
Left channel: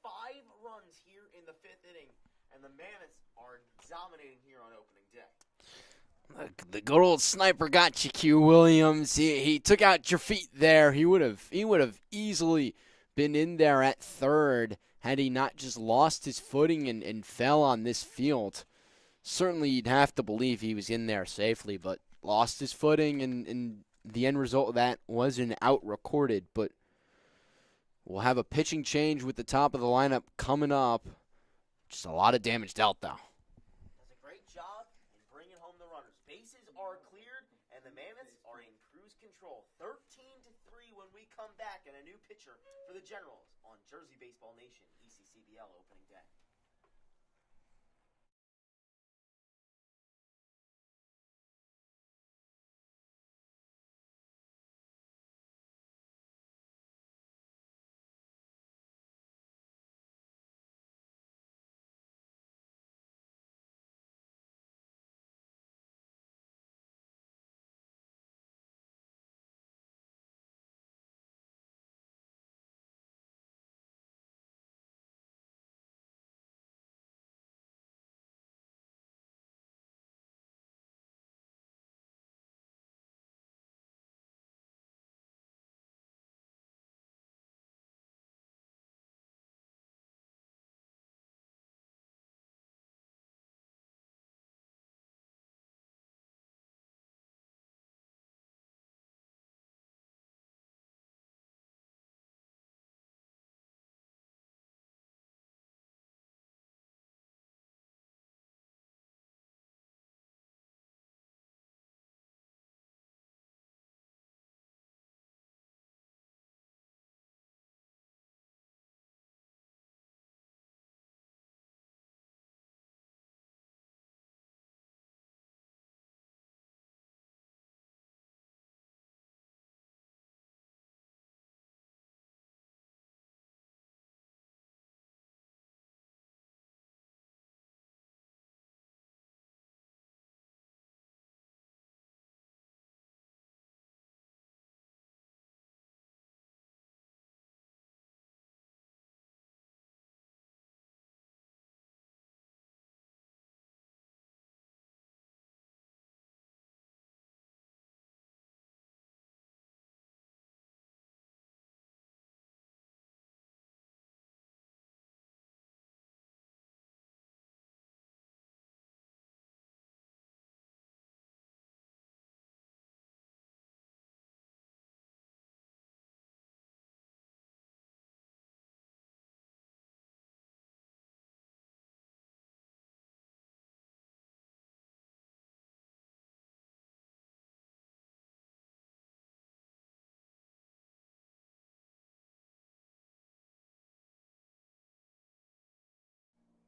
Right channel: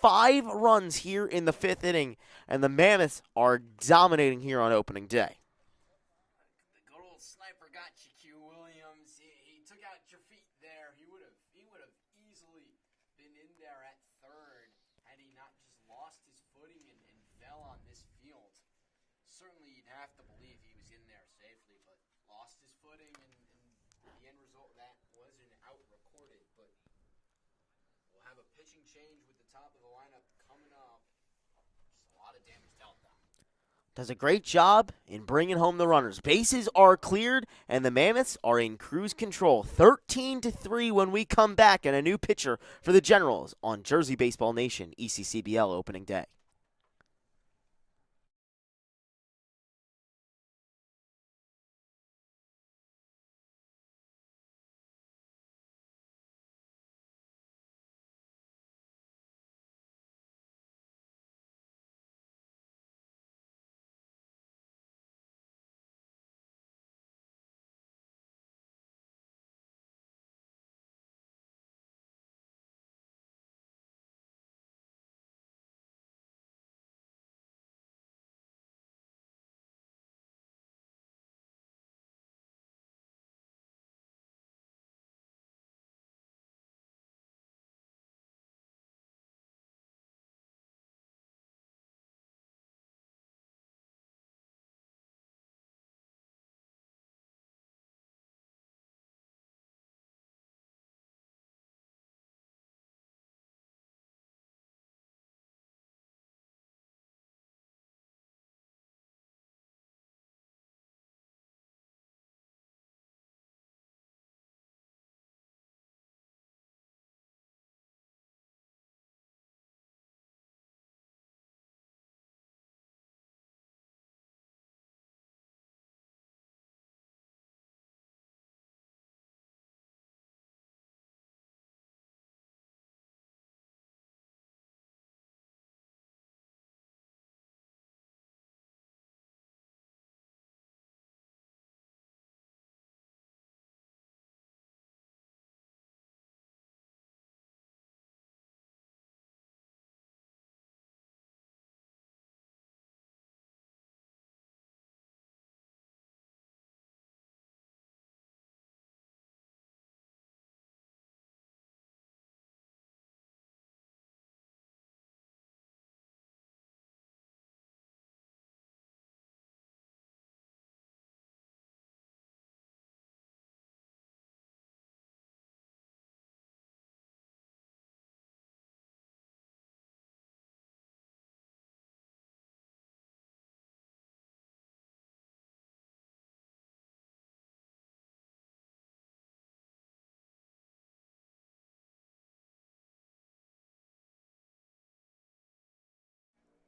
5 runs here in the 5th inning, and the Mammoths are dominating here on opening day. The good old sniper got you, Q Williams. He took out your feet there. He would have easily been in there at third had he not just lost his footing and fell on this field, certainly you'd have to believe he was in there safely, but lost his footing, and the end result of that was an out recorded. But we'll have a pitching change with the top of the lineup coming up. Just a lot of damage dealt, though. Does a great job in bringing home the runners. Bases are cleared, and the Mammoths are in cruise control. 13-3 when we come back, and a new pitcher for the Generals on Jersey Baseball Nation, ECCBL opening day.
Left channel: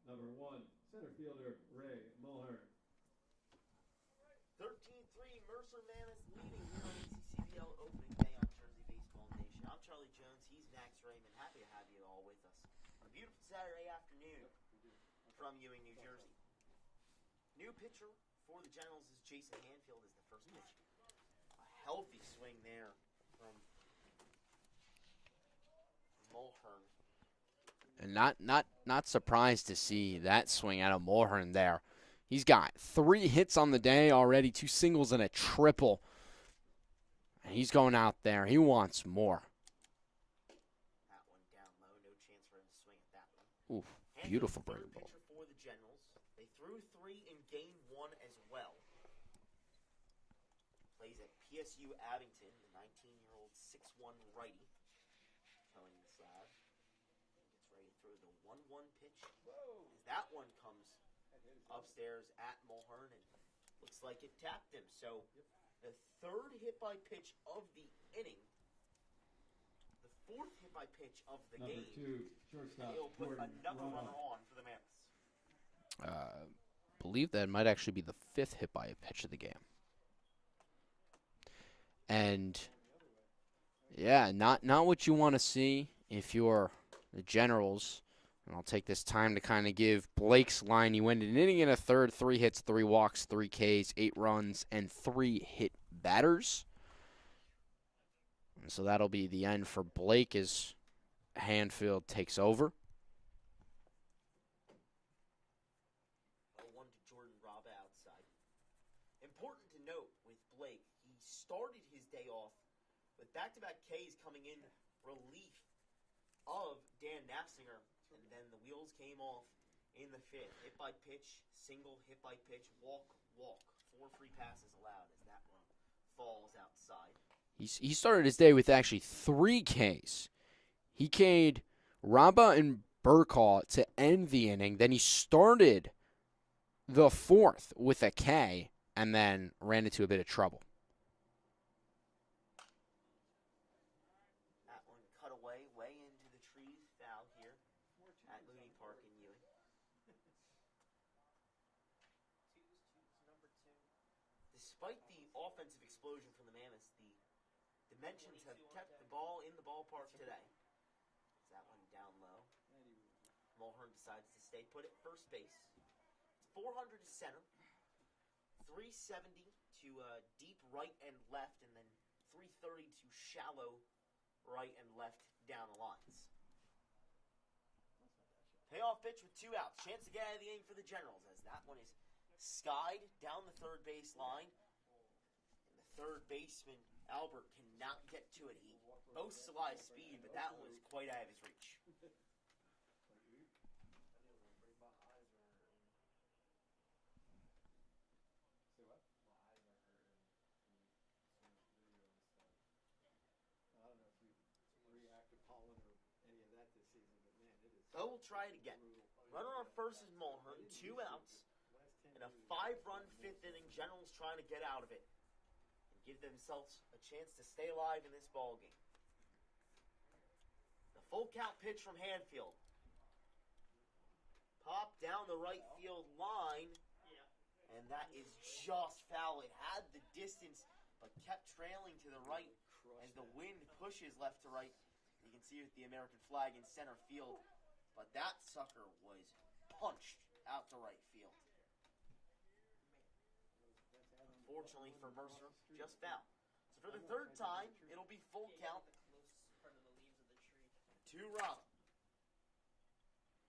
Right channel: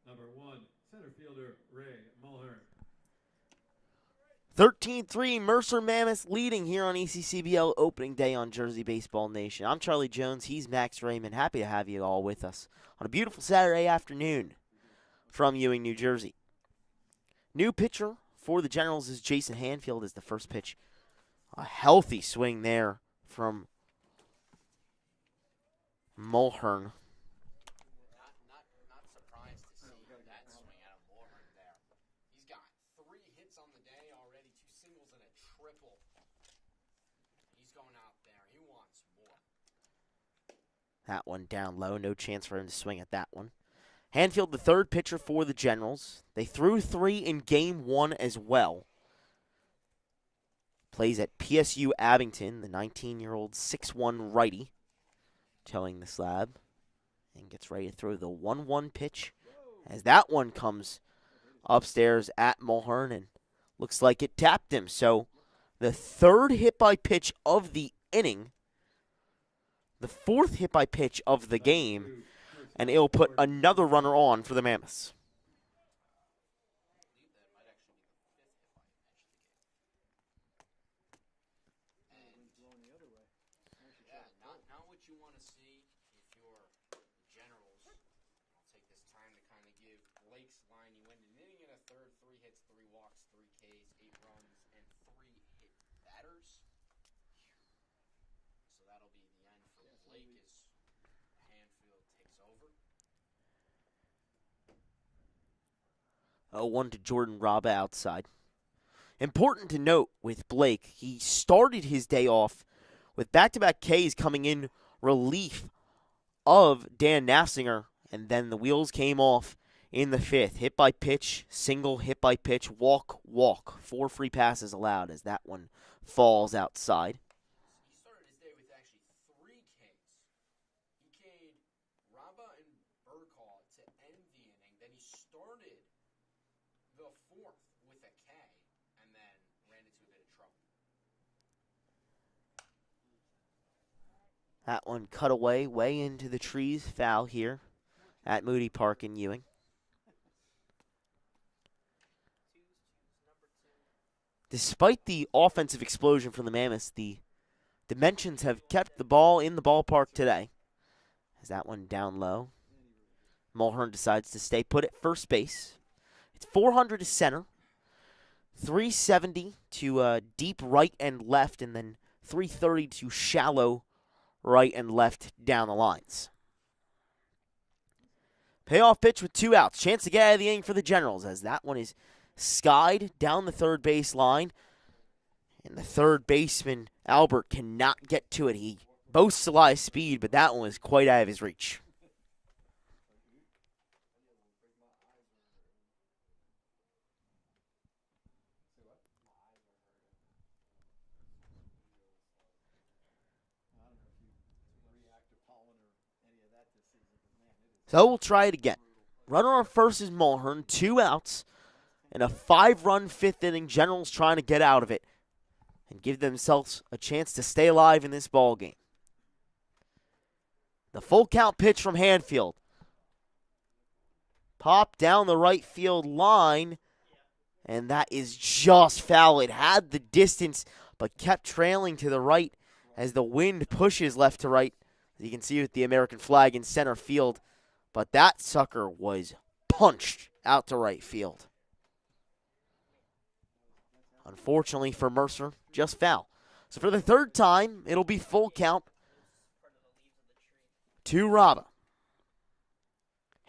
Number 1, center fielder Ray Mulhern. 13-3, Mercer Mammoths leading here on ECCBL opening day on Jersey Baseball Nation. I'm Charlie Jones. He's Max Raymond. Happy to have you all with us on a beautiful Saturday afternoon from Ewing, New Jersey. New pitcher for the Generals is Jason Hanfield as the first pitch. A healthy swing there from Mulhern. And not surprised to see that swing out of Mulhern there. He's got 3 hits on the day already, 2 singles and a triple. And he's going out there. He wants more. That one down low. No chance for him to swing at that one. Ooh, Hanfield, beautiful. the third pitcher for the Generals. They threw 3 in Game 1 as well. Plays at PSU Abington, the 19-year-old 6'1 righty. Towing the slab. And gets ready to throw the 1-1 pitch. As that one comes upstairs at Mulhern and looks like it tapped him. So the third hit by pitch of the inning, the 4th hit by pitch of the game, and it'll put another runner on for the Mammoths. Believe that might actually be the 5th hit by a pitch of the game. And yeah, not what you want to see if you're the Generals. And I'll take this time to kind of give Blake's line. He went an inning and a third, 3 hits, 3 walks, 3 Ks, 8 runs, and 3 hit batters. And so that'll be the end for Blake as Hanfield takes over. 0-1 to Jordan Raba outside. Important to note with Blake, he started his day off with back-to-back Ks coming in relief of Dan Nassinger. and then the wheels came off in the 5th. Hit by pitch, single, hit by pitch, walk, walk. 4 free passes allowed as that one falls outside. He started his day with actually 3 Ks. He K'd Raba and Burkhaw to end the inning. Then he started the 4th with a K and then ran into a bit of trouble. That one cut away, way into the trees. Foul here at Moody Park in Ewing. Despite the offensive explosion from the Mammoths, the dimensions have kept the ball in the ballpark today. As that one down low. Mulhern decides to stay put at first base. It's 400 to center, 370 to deep right and left, and then 330 to shallow right and left down the lines. Payoff pitch with 2 outs. Chance to get out of the inning for the Generals as that one is skied down the third base line. And the third baseman, Albert, cannot get to it. He boasts a lot of speed, but that one was quite out of his reach. So we'll try it again. Runner on first is Mulhern, 2 outs, and a 5-run 5th inning. Generals trying to get out of it and give themselves a chance to stay alive in this ball game. The full count pitch from Hanfield. Pop down the right field line, and that is just foul. It had the distance, but kept trailing to the right as the wind pushes left to right. As you can see with the American flag in center field. But that sucker was punched out to right field. Unfortunately for Mercer, just foul. So for the 3rd time, it'll be full count to Raba.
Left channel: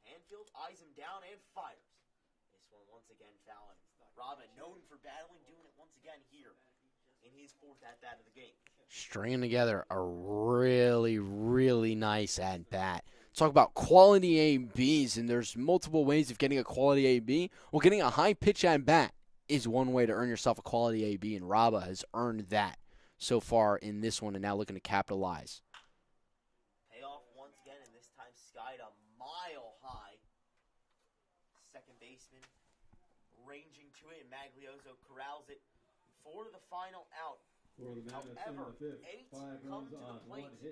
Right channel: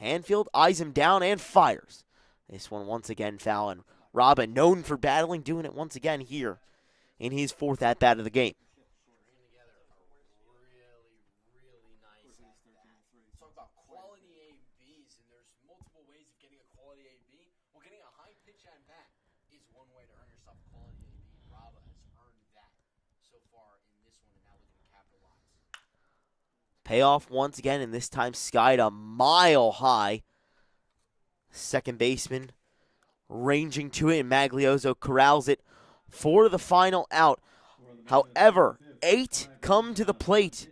Hanfield eyes him down and fires. This one once again foul, and Raba, known for battling, doing it once again here in his 4th at-bat of the game. Stringing together a really, really nice at-bat. Talk about quality ABs, and there's multiple ways of getting a quality AB. Well, getting a high pitch at-bat is one way to earn yourself a quality AB, and Raba has earned that so far in this one and now looking to capitalize. Payoff once again, and this time skied a mile high. Second baseman ranging to it, and Maglioso corrals it for the final out. However, 9 come to the plate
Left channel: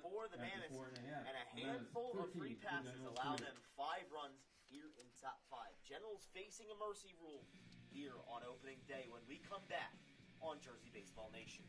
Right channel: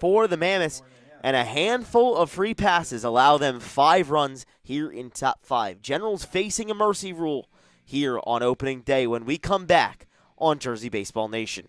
for the Mammoths, and a handful of free passes allow them 5 runs here in top 5. Generals facing a mercy rule here on opening day when we come back on Jersey Baseball Nation.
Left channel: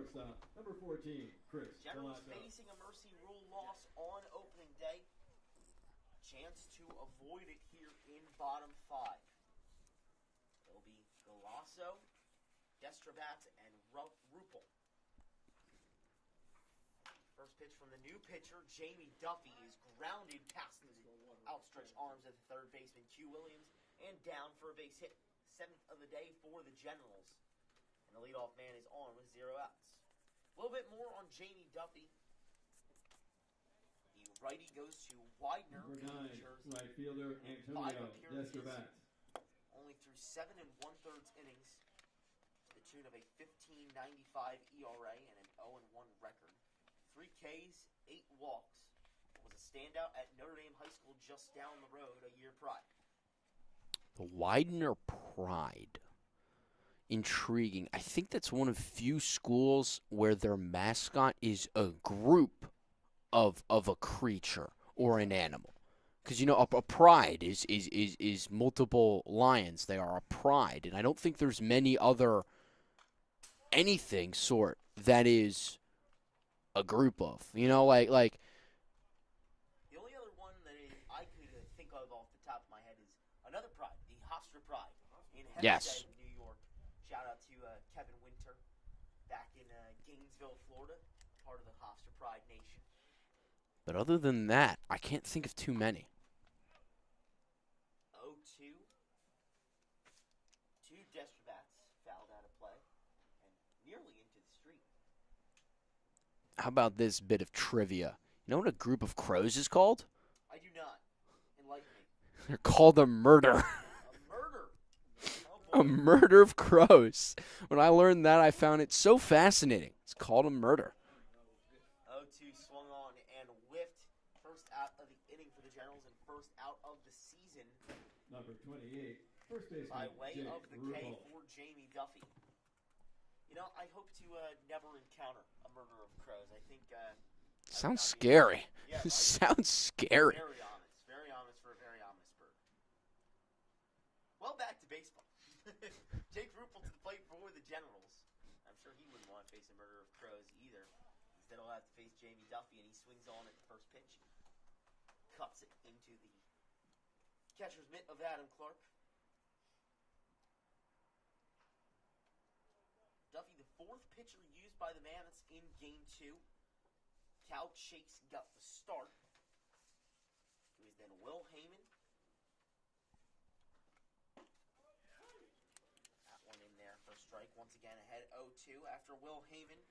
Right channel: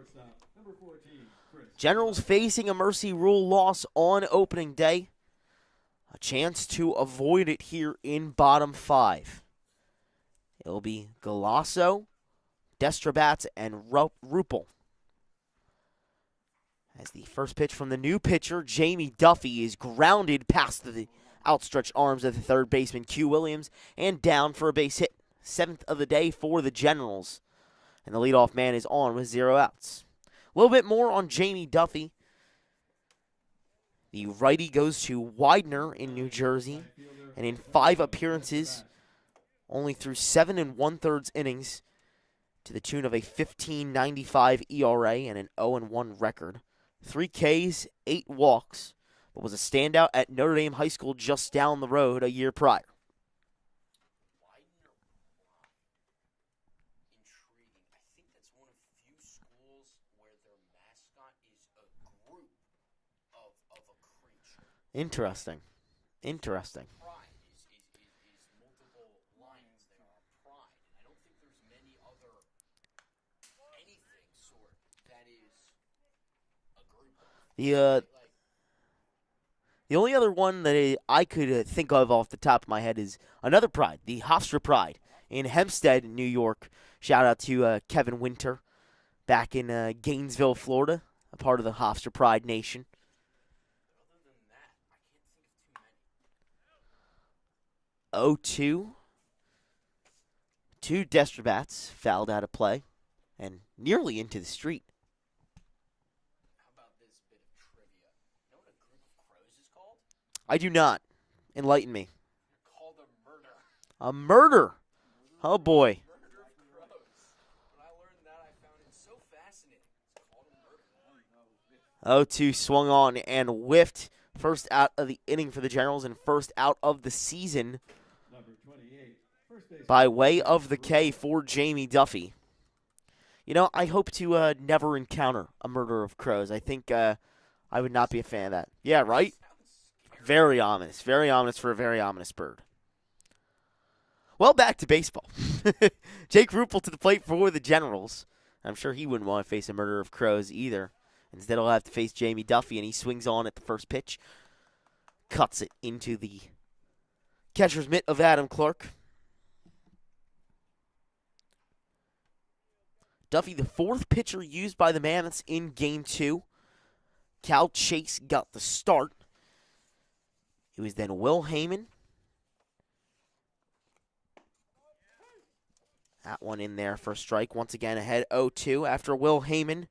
Shortstop, number 14, Chris. Generals facing a Mercy Rule loss on opening day. A chance to avoid it here in bottom 5. It'll be Galasso, Destrabats, and Rupel. As the first pitch from the new pitcher, Jamie Duffy, is grounded past the outstretched arms of the third baseman, Q Williams, and down for a base hit. 7th of the day for the Generals. And the leadoff man is on with 0 outs. A little bit more on Jamie Duffy. The righty goes to Widener in New Jersey, and in 5 appearances, only through 7 1/3 innings, to the tune of a 15.95 ERA and an 0-1 record. 3 Ks, 8 walks, but was a standout at Notre Dame High School just down the road a year prior. The Widener Pride. Intriguing. I think that's one of few schools where their mascot is a group of a creature or an animal. Because, you know, a pride is multiple lions. They are a pride. And I don't think there's many other anything sort that is a group of. You know, like the only other one that I could think of off the top of my head is another pride, the Hofstra Pride in Hempstead, New York. Shout out to Kevin Winter back in Gainesville, Florida, a part of the Hofstra Pride Nation. But other than that, I can't think of too many. 0-2. 2 Destrabats fouled out of play and nearly into the street. How about this bit of trivia? You know what a group of crows is called? I do not. Enlighten me. They're called a murder. A murder. Oh, boy. A murder of crows. When I learned that, I found it so fascinating. It's called a murder. 0-2 swung on and whiffed. First out of the inning for the Generals and first out of the season Number 28, first baseman, by way of the K for Jamie Duffy. You know, I hope to never encounter a murder of crows. I think I would not be a fan of that. Yeah, right? Sounds scary. Very ominous. Very ominous for a very ominous bird. Well, back to baseball. Jake Rupel to the plate for the Generals. I'm sure he wouldn't want to face a murder of crows either. Instead, he'll have to face Jamie Duffy, and he swings on at the first pitch. Cuts it into the catcher's mitt of Adam Clark. Duffy, the 4th pitcher used by the Mammoths in Game 2. Cal Chase got the start. It was then Will Heyman. That one in there for a strike. Once again ahead 0-2. After Will Heyman,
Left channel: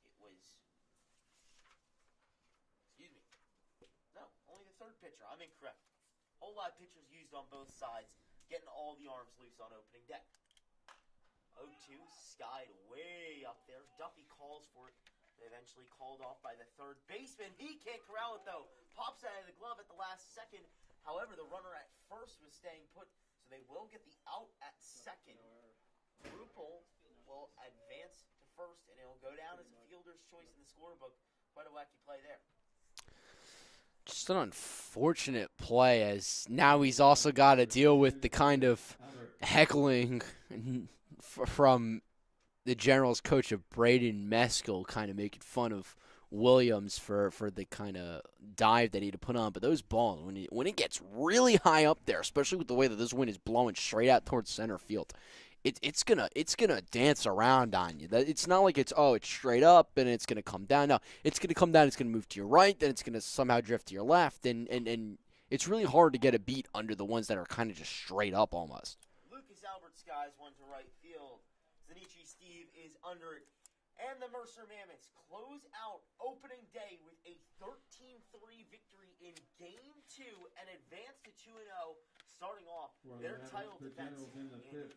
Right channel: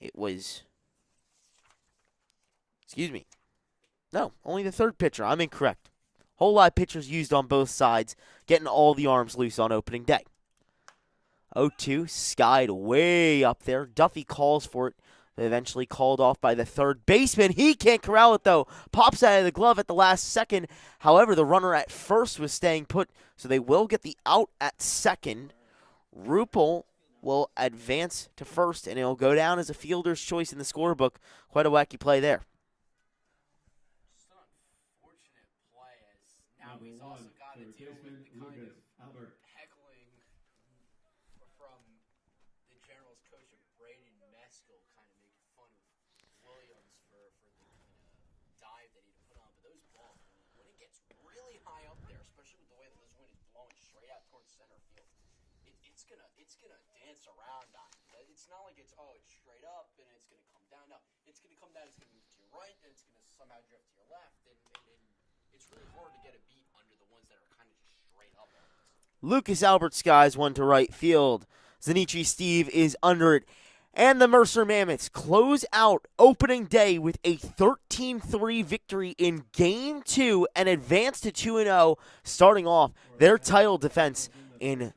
it was, no, only the 3rd pitcher. I'm incorrect. Whole lot of pitchers used on both sides, getting all the arms loose on opening day. 0-2, skied way up there. Duffy calls for it, but eventually called off by the 3rd baseman. He can't corral it, though. Pops out of the glove at the last second. However, the runner at first was staying put, so they will get the out at second. Rupel will advance to first, and it'll go down as a fielder's choice in the scorebook. Quite a wacky play there. Just an unfortunate play, as now he's also got to deal with the kind of heckling from the Generals coach of Braden Meskel, kind of making fun of Williams for the kind of dive that he had to put on. But those balls, when it gets really high up there, especially with the way that this wind is blowing straight out towards center field, it's gonna dance around on you. It's not like it's straight up and it's gonna come down. No, it's gonna come down. It's gonna move to your right, then it's gonna somehow drift to your left, and it's really hard to get a beat under the ones that are kind of just straight up almost. Lucas Albert skies one to right field. Zanichi Steve is under it. And the Mercer Mammoths close out opening day with a 13-3 victory in Game 2 and advance to 2-0, starting off their title defense in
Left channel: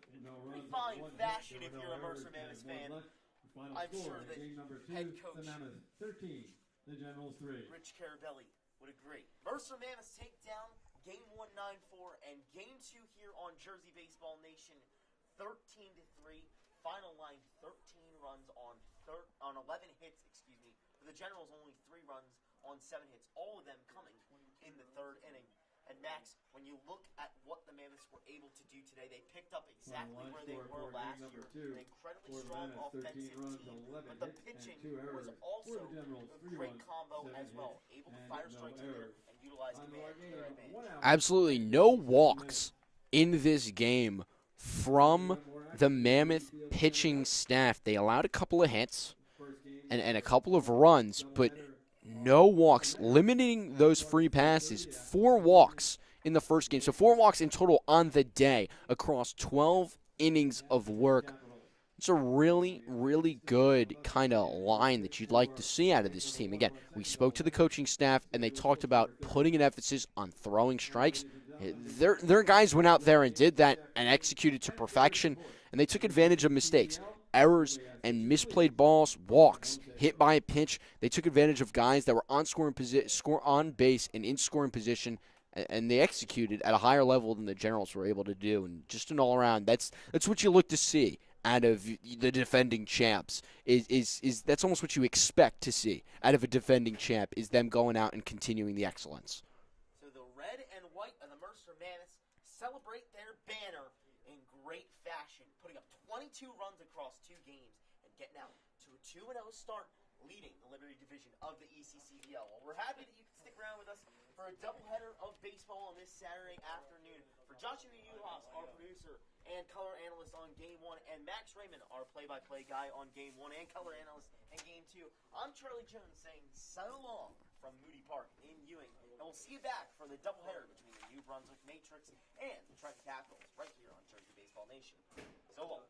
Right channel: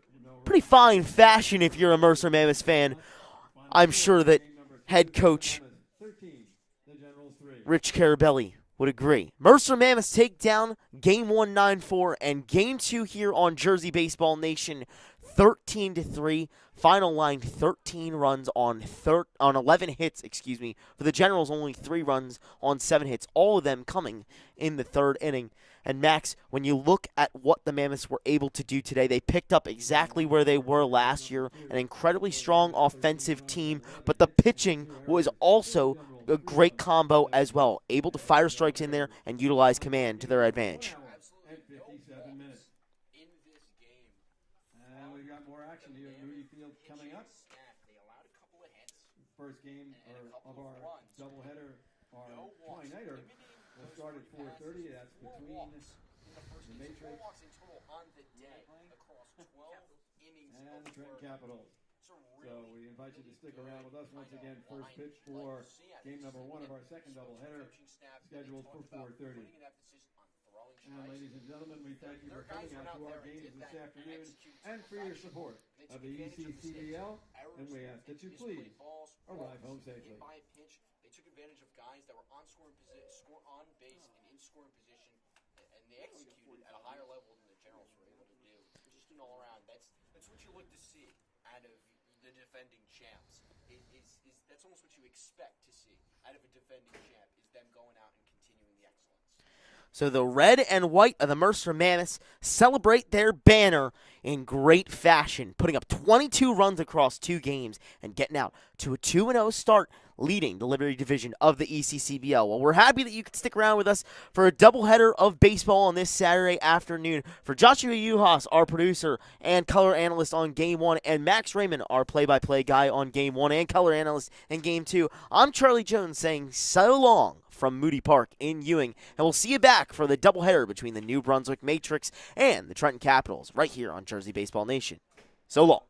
pretty fine fashion if you're a Mercer Mammoths fan. I'm sure that head coach Rich Carabelli would agree. Mercer Mammoths take down Game 1 9-4 and Game 2 here on Jersey Baseball Nation 13-3. Final line 13 runs on 11 hits, For the Generals, only 3 runs on 7 hits, all of them coming in the 3rd inning. And Max, when you look at what the Mammoths were able to do today, they picked up exactly where they were last year, an incredibly strong offensive team, but the pitching was also a great combo as well, able to fire strikes in there and utilize command to their advantage. Absolutely no walks in this game from the Mammoth pitching staff. They allowed a couple of hits and a couple of runs, but no walks, limiting those free passes. 4 walks in the first game. So 4 walks in total on the day across 12 innings of work. It's a really, really good kind of line that you'd like to see out of this team. Again, we spoke to the coaching staff, and they talked about putting an emphasis on throwing strikes. Their guys went out there and did that and executed to perfection, and they took advantage of mistakes, errors, and misplayed balls, walks, hit by a pitch. They took advantage of guys that were on base and in scoring position, and they executed at a higher level than the Generals were able to do. And just an all-around, that's what you look to see out of the defending champs. Is that's almost what you expect to see out of a defending champ, is them going out and continuing the excellence. So the red and white of the Mercer Mammoths celebrate their banner in great fashion, putting up 22 runs across 2 games and getting out to a 2-0 start, leading the Liberty Division of the ECCBL. Well, we're happy that you could stick around with us for a doubleheader of baseball on this Saturday afternoon. For Joshua Yuhas, our producer and color analyst on Game 1, and Max Raymond, our play-by-play guy on Game 1 and color analyst in Game 2, I'm Charlie Jones saying so long from Moody Park in Ewing, and we'll see you back for the doubleheader between the New Brunswick Matrix and the Trenton Capitals right here on Jersey Baseball Nation. So long.